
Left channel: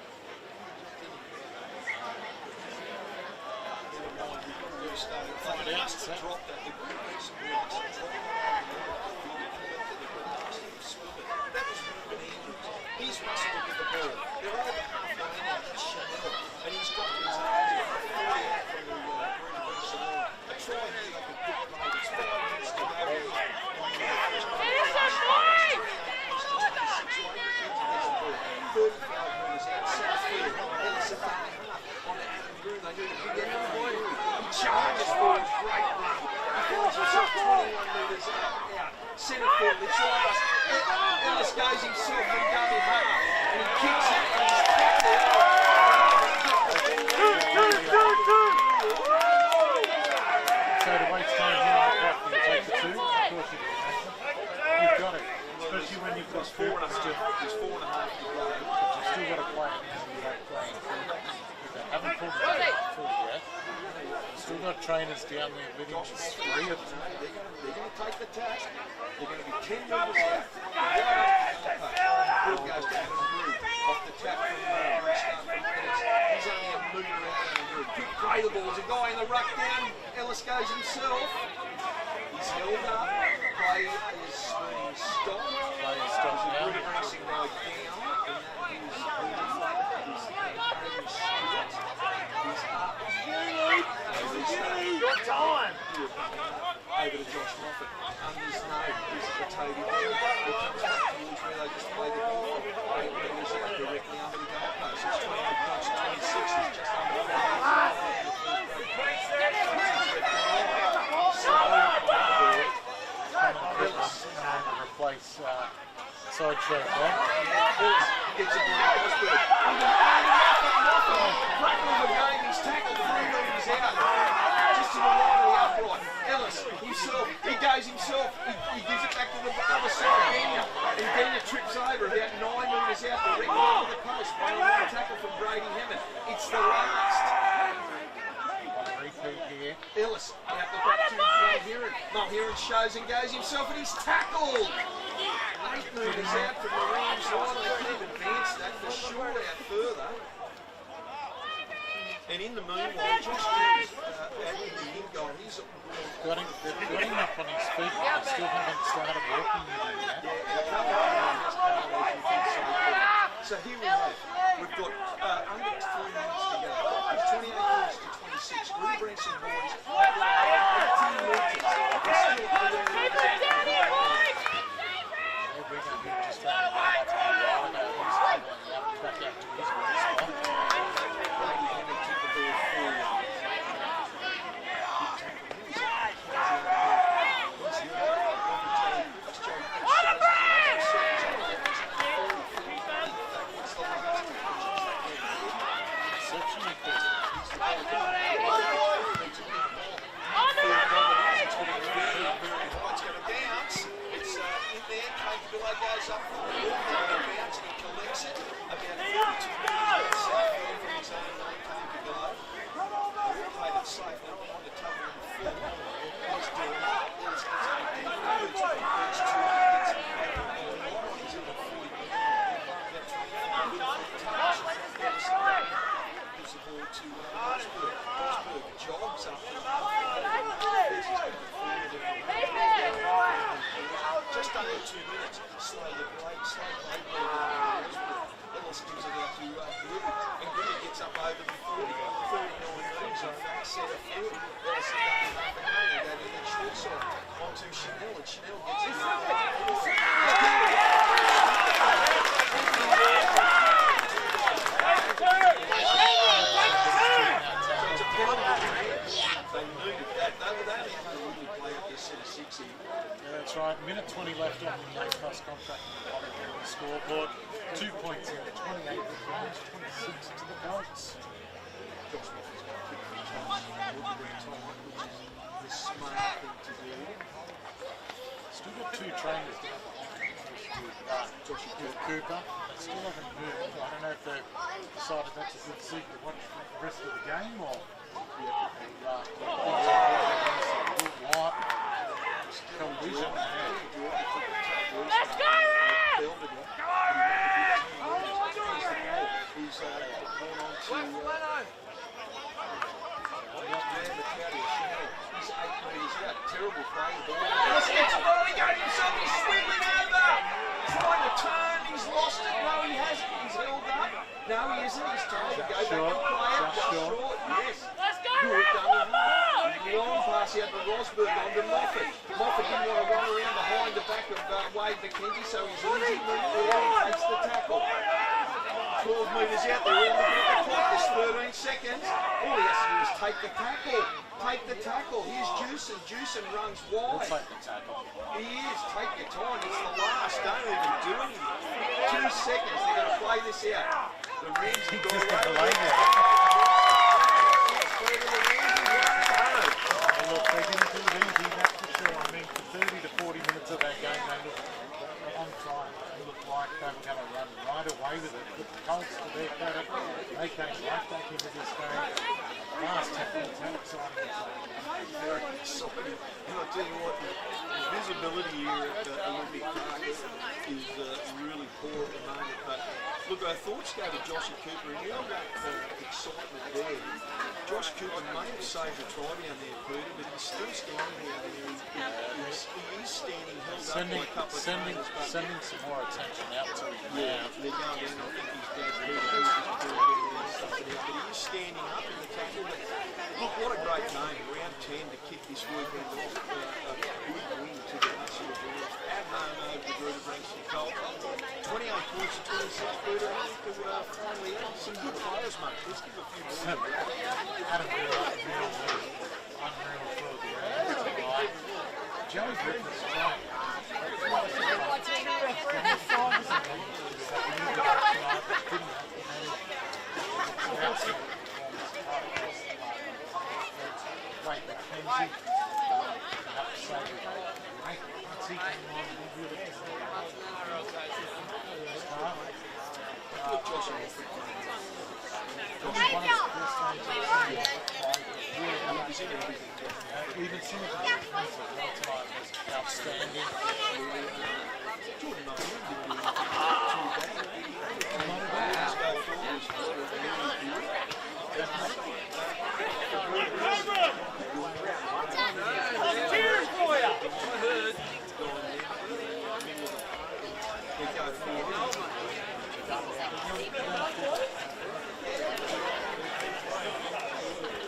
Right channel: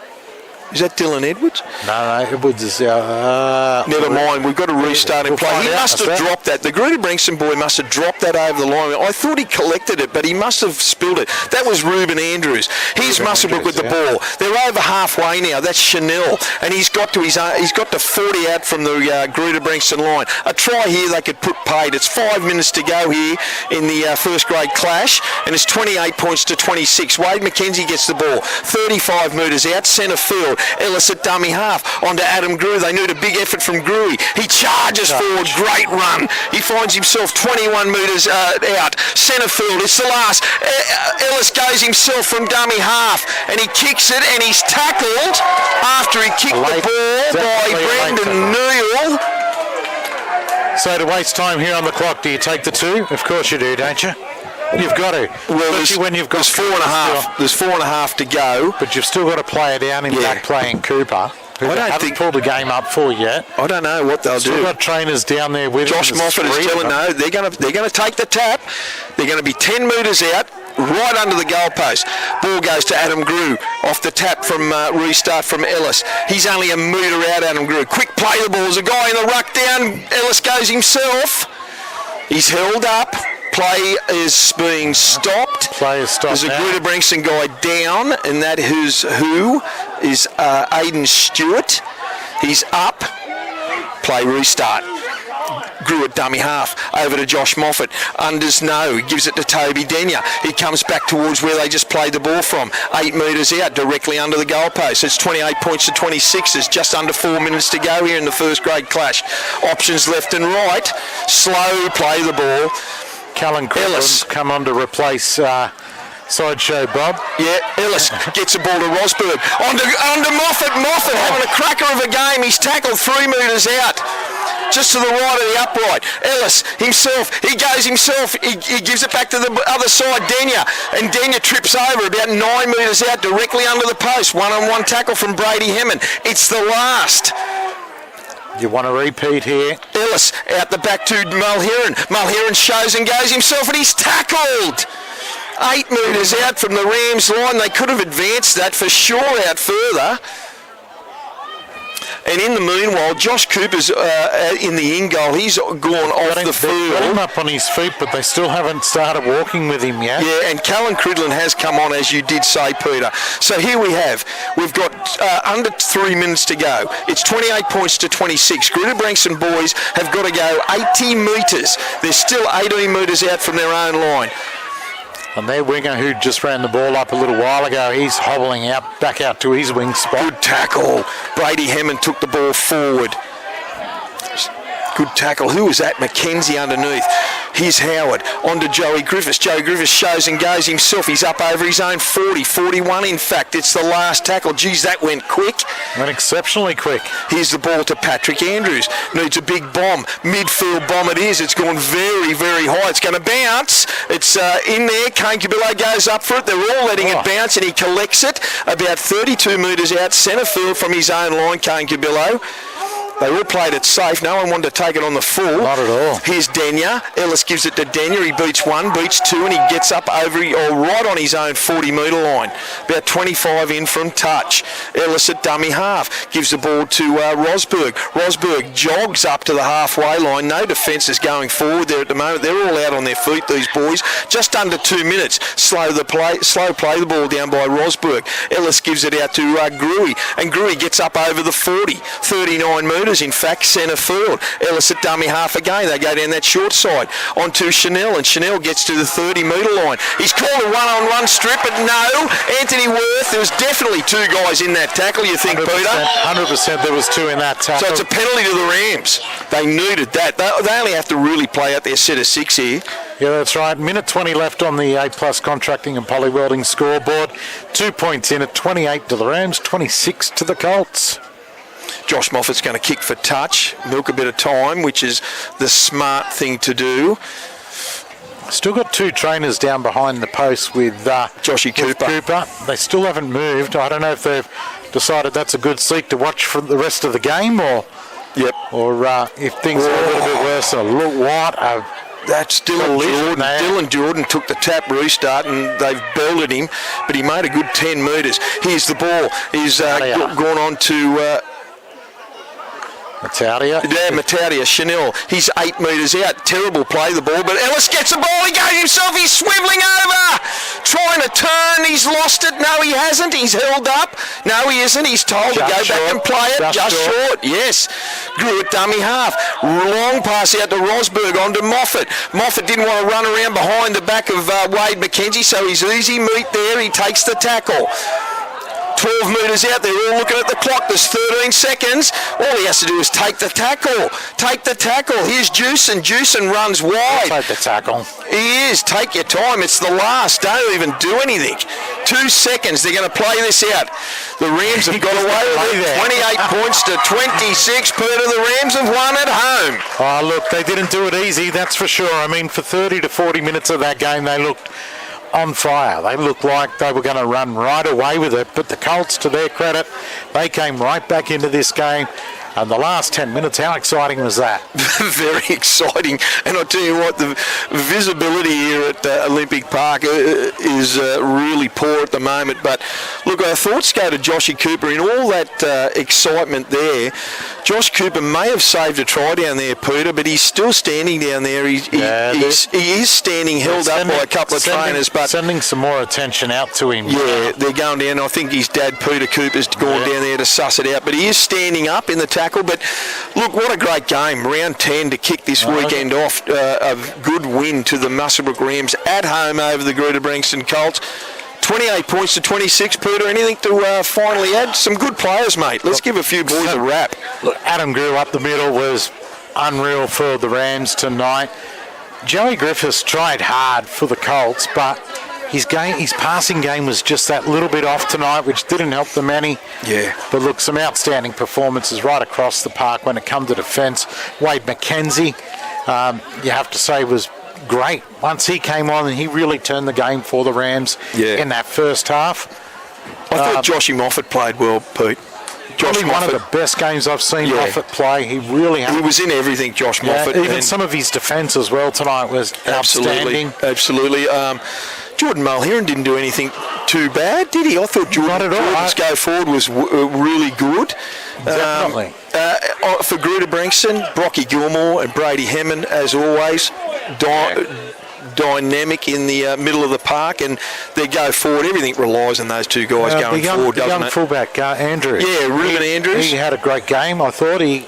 Is that Dylan Edwards? No, Edwards is... Never mind, we've got to restart and play. He must have dropped that. The Greta-Branxton boy must have dropped that over the line. I thought he collected it, but he must have spilled it. That was Ruben Andrews. Here's Muswellbrook with the ball. They're over halfway now. That's Chanel, and he's got to 40 out from the Greta-Branxton line. A try here they could put paid. It's 5 minutes to go here in the first grade clash, and it's 28 points to 26. Wade McKenzie gets the ball. 35 metres out, centre field. Ellis at dummy half, onto Adam Grew. They need a big effort from Grewy. He charges forward, great run. He finds himself 21 metres out. Centre field, it's the last. Ellis goes himself from dummy half, and he kicks it, and he's tackled after he kicked the ball by Brendan Neal. So to waste time here on the clock, do you take the 2? Of course you do, don't you? You've got to. Well, especially when you've got... There's 4.5. There's 4.5 to go. But you've still got to play it down in back playing Cooper, who haven't pulled the game up for yet. I don't know what they'll do. Still got trainers down there with Josh Moffat is telling no. They're going to take the tap. They're going to be 10 metres out, right under the goalpost. Ball goes to Adam Grew off the tap from restart from Ellis. He's only a metre out, Adam Grew. Quick play the ball. There's a guy in the ruck down. Ellis goes himself. He's held up. Play is being stopped. Play is stopped. There's a Greta-Branxton guy down, and that who is Aidan Stewart. He's up. Play restart. Grew at dummy half. Over to Josh Moffat. Unders no. He gives it to Toby Denyer. He comes back towards where they just played the ball from. 8 metres out, directly under the goalpost. It's 28 points to 26. There's just under 4 minutes to go here in the first grade clash. Options left and right. Slow play the ball. Callan Ellis come on to replace Sideshow Bob. Yeah, Ellis gets the ball to Rosberg. Onto Moffat. Moffat having a cracker of a game. He's tackled 3 metres out. Just to the right of the upright. Ellis himself, he goes himself. He gives it back to the other side, Denyer. And Denyer trips over about 9 metres out, directly under the post. One-on-one tackle from Brady Hemmond. It's the last. You want to repeat here? Ellis out the back to Mulheron. Mulheron shows and goes himself, and he's tackled. 8 metres out from the Rams line. They could have advanced that for sure out further. And in the meanwhile, Josh Cooper's in the in goal. He's gone off the field. Got him up on his feet, but they still haven't started walking with him yet. Yeah, and Callan Cridlin has come on, as you did say, Peter. So here we've got under 3 minutes to go. It's 28 points to 26. Greta-Branxton boys have got to go 80 metres. They're still 18 metres out from their own line. And their winger, who just ran the ball up a little while ago, he's hobbling back out to his wing spot. Good tackle. Brady Hemmond took the ball forward. Good tackle. Who was that? McKenzie underneath. Here's Howard. On to Joey Griffiths. Joey Griffiths shows and goes himself. He's up over his own 41 in fact. It's the last tackle. Geez, that went quick. Went exceptionally quick. Here's the ball to Patrick Andrews. Needs a big bomb. Midfield bomb it is. It's gone very, very high. It's going to bounce. It's in there. Kane Cabillo goes up for it. They're all letting it bounce, and he collects it about 32 metres out centre field from his own line, Kane Cabillo. They all played it safe. No one wanted to take it on the full. Not at all. Here's Denyer. Ellis gives it to Denyer. He beats 1, beats 2, and he gets up over right on his own 40-metre line. About 25 in from touch. Ellis at dummy half. Gives the ball to Rosberg. Rosberg jogs up to the halfway line. No defence is going forward there at the moment. They're all out on their feet, these boys. Just under 2 minutes. Slow play the ball down by Rosberg. Ellis gives it out to Gruey. And Gruey gets up over the 40. 39 metres. In fact, centre field. Ellis at dummy half again. They go down that short side onto Chanel, and Chanel gets to the 30-metre line. He's called a one-on-one strip, but no. Anthony Worth, there was definitely 2 guys in that tackle, you think, 100%, Peter? 100% there was 2 in that tackle. So it's a penalty to the Rams. They needed that. They only have to really play out their set of 6 here. Yeah, that's right. Minute 20 left on the A+ Contracting and Poly Welding scoreboard. 2 points in at 28 to the Rams, 26 to the Colts. Josh Moffat's going to kick for touch, milk a bit of time, which is the smart thing to do. Still got two trainers down behind the post with Joshy Cooper. They still haven't moved. I don't know if they've decided that's a good seat to watch for the rest of the game, or if things are a little bit worse. Look what a That's Dylan Jordan. Dylan Jordan took the tap restart and they've belted him, but he made a good 10 metres. Here's the ball. He's gone on to Mataudia. Yeah, Mataudia, Chanel. He's 8 metres out. Terrible play, the ball, but Ellis gets the ball. He goes himself. He's swivelling over. Trying to turn. He's lost it. No, he hasn't. He's held up. No, he isn't. He's told to go back and play it. Just short. Yes. Grew it dummy half. Long pass out to Rosberg onto Moffat. Moffat didn't want to run around behind the back of Wade McKenzie, so he's easy meat there. He takes the tackle. 12 metres out, they're all looking at the clock. There's 13 seconds. All he has to do is take the tackle. Take the tackle. Here's Juicin. Juicin runs wide. Take the tackle. He is. Take your time. It's the last. Don't even do anything. 2 seconds. They're going to play this out. The Rams have got away with it. 28 points to 26. Peter, the Rams have won at home. Oh, look, they didn't do it easy, that's for sure. I mean, for 30 to 40 minutes of that game, they looked on fire. They looked like they were going to run right away with it, but the Colts, to their credit, they came right back into this game. And the last 10 minutes, how exciting was that? Very exciting. And I'll tell you what, the visibility here at Olympic Park is really poor at the moment. But look, our thoughts go to Joshy Cooper. In all that excitement there, Josh Cooper may have saved a try down there, Peter, but he's still standing down there. He is standing held up by a couple of trainers. But sending some more attention out to him. Yeah, they're going down. I think his dad, Peter Cooper's gone down there to suss it out. But he is standing up in the tackle. But look, what a great game. Round 10 to kick this weekend off. A good win to the Muswellbrook Rams at home over the Greta-Branxton Colts. 28 points to 26, Peter. Anything to finally add? Some good players, mate. Let's give a few boys a rap. Look, Adam Grew up the middle was unreal for the Rams tonight. Joey Griffiths tried hard for the Colts, but his passing game was just that little bit off tonight, which didn't help them any. Yeah. But look, some outstanding performances right across the park when it comes to defence. Wade McKenzie, you have to say, was great. Once he came on, and he really turned the game for the Rams in that first half. I thought Joshy Moffat played well, Pete. Probably one of the best games I've seen Moffat play. He really He was in everything, Josh Moffat. Even some of his defence as well tonight was outstanding. Absolutely. Jordan Mulheron didn't do anything too bad, did he? I thought Jordan's go forward was really good. Definitely. For Greta-Branxton, Brocky Gilmore and Brady Hemmond, as always, dynamic in the middle of the park, and they go forward. Everything relies on those two guys going forward, doesn't it? The young fullback, Andrews. Yeah, Ruben Andrews. He had a great game. I thought he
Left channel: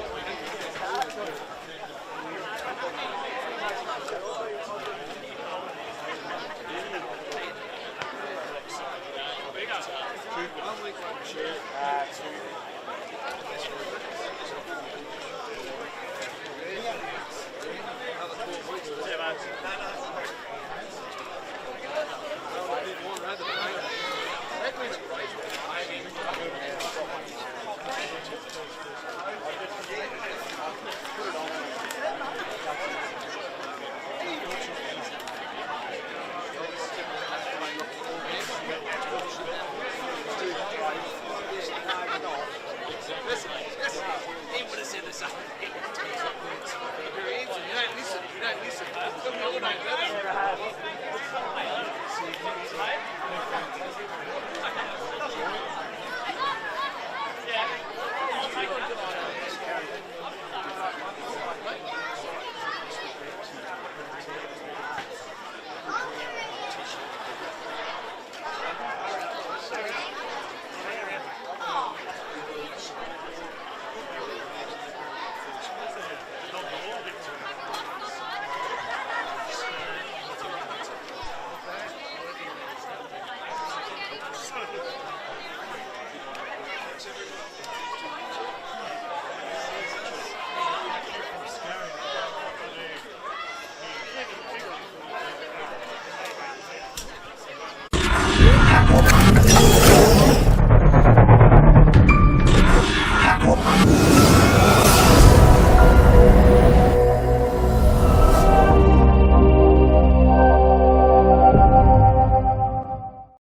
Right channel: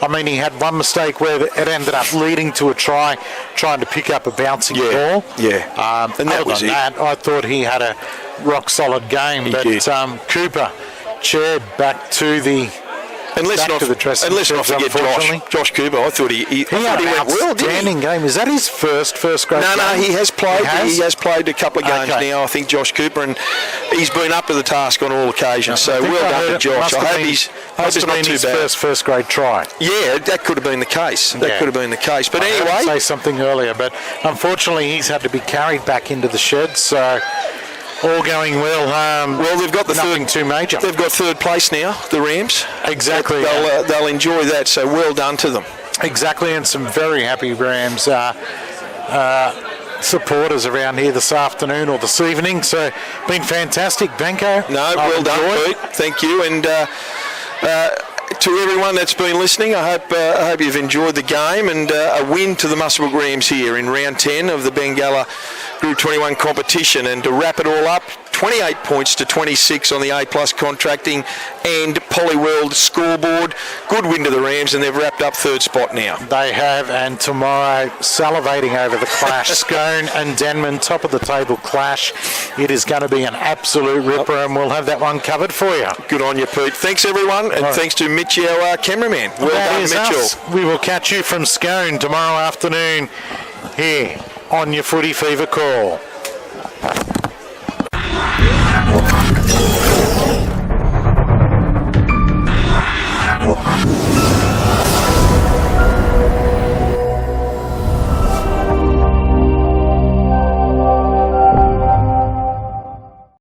had one mistake where it ended up leading to a try, trying to pick up a bouncing ball. Yeah. And that was it. I thought he had a rock-solid game. He did. Cooper chaired back to the... And let's not forget Josh Cooper. I thought he had an outstanding game. Is that his first grade game? No, he has played. He has played a couple of games now, I think, Josh Cooper, and he's been up to the task on all occasions. So well done to Josh. I hope he's not too bad. His first grade try. Yeah, that could have been the case. But anyway, I say something earlier, but unfortunately he's had to be carried back into the shed. So. All going well. They've got nothing too major. They've got third place now, the Rams. Exactly. They'll enjoy that, so well done to them. Exactly, and some very happy Rams supporters around here this afternoon or this evening. So, been fantastic, Benko. No, well done, Pete. Thank you. And to everyone that's been listening, I hope you've enjoyed the game, and a win to the Muswellbrook Rams here in round 10 of the Bengala Group 21 competition. And to wrap it all up, 28 points to 26 on the A+ contracting and Polyworld scoreboard. Good win to the Rams, and they've wrapped up third spot now. They have, and tomorrow, salivating over the clash. Scone and Denman, top of the table clash. It is going to be an absolute ripper, and we'll have that one covered for you. Good on you, Pete. Thanks, everyone, and thanks to Mitchie, our cameraman. Well done, Mitchell. We will catch you from Scone tomorrow afternoon here on your Footy Fever call.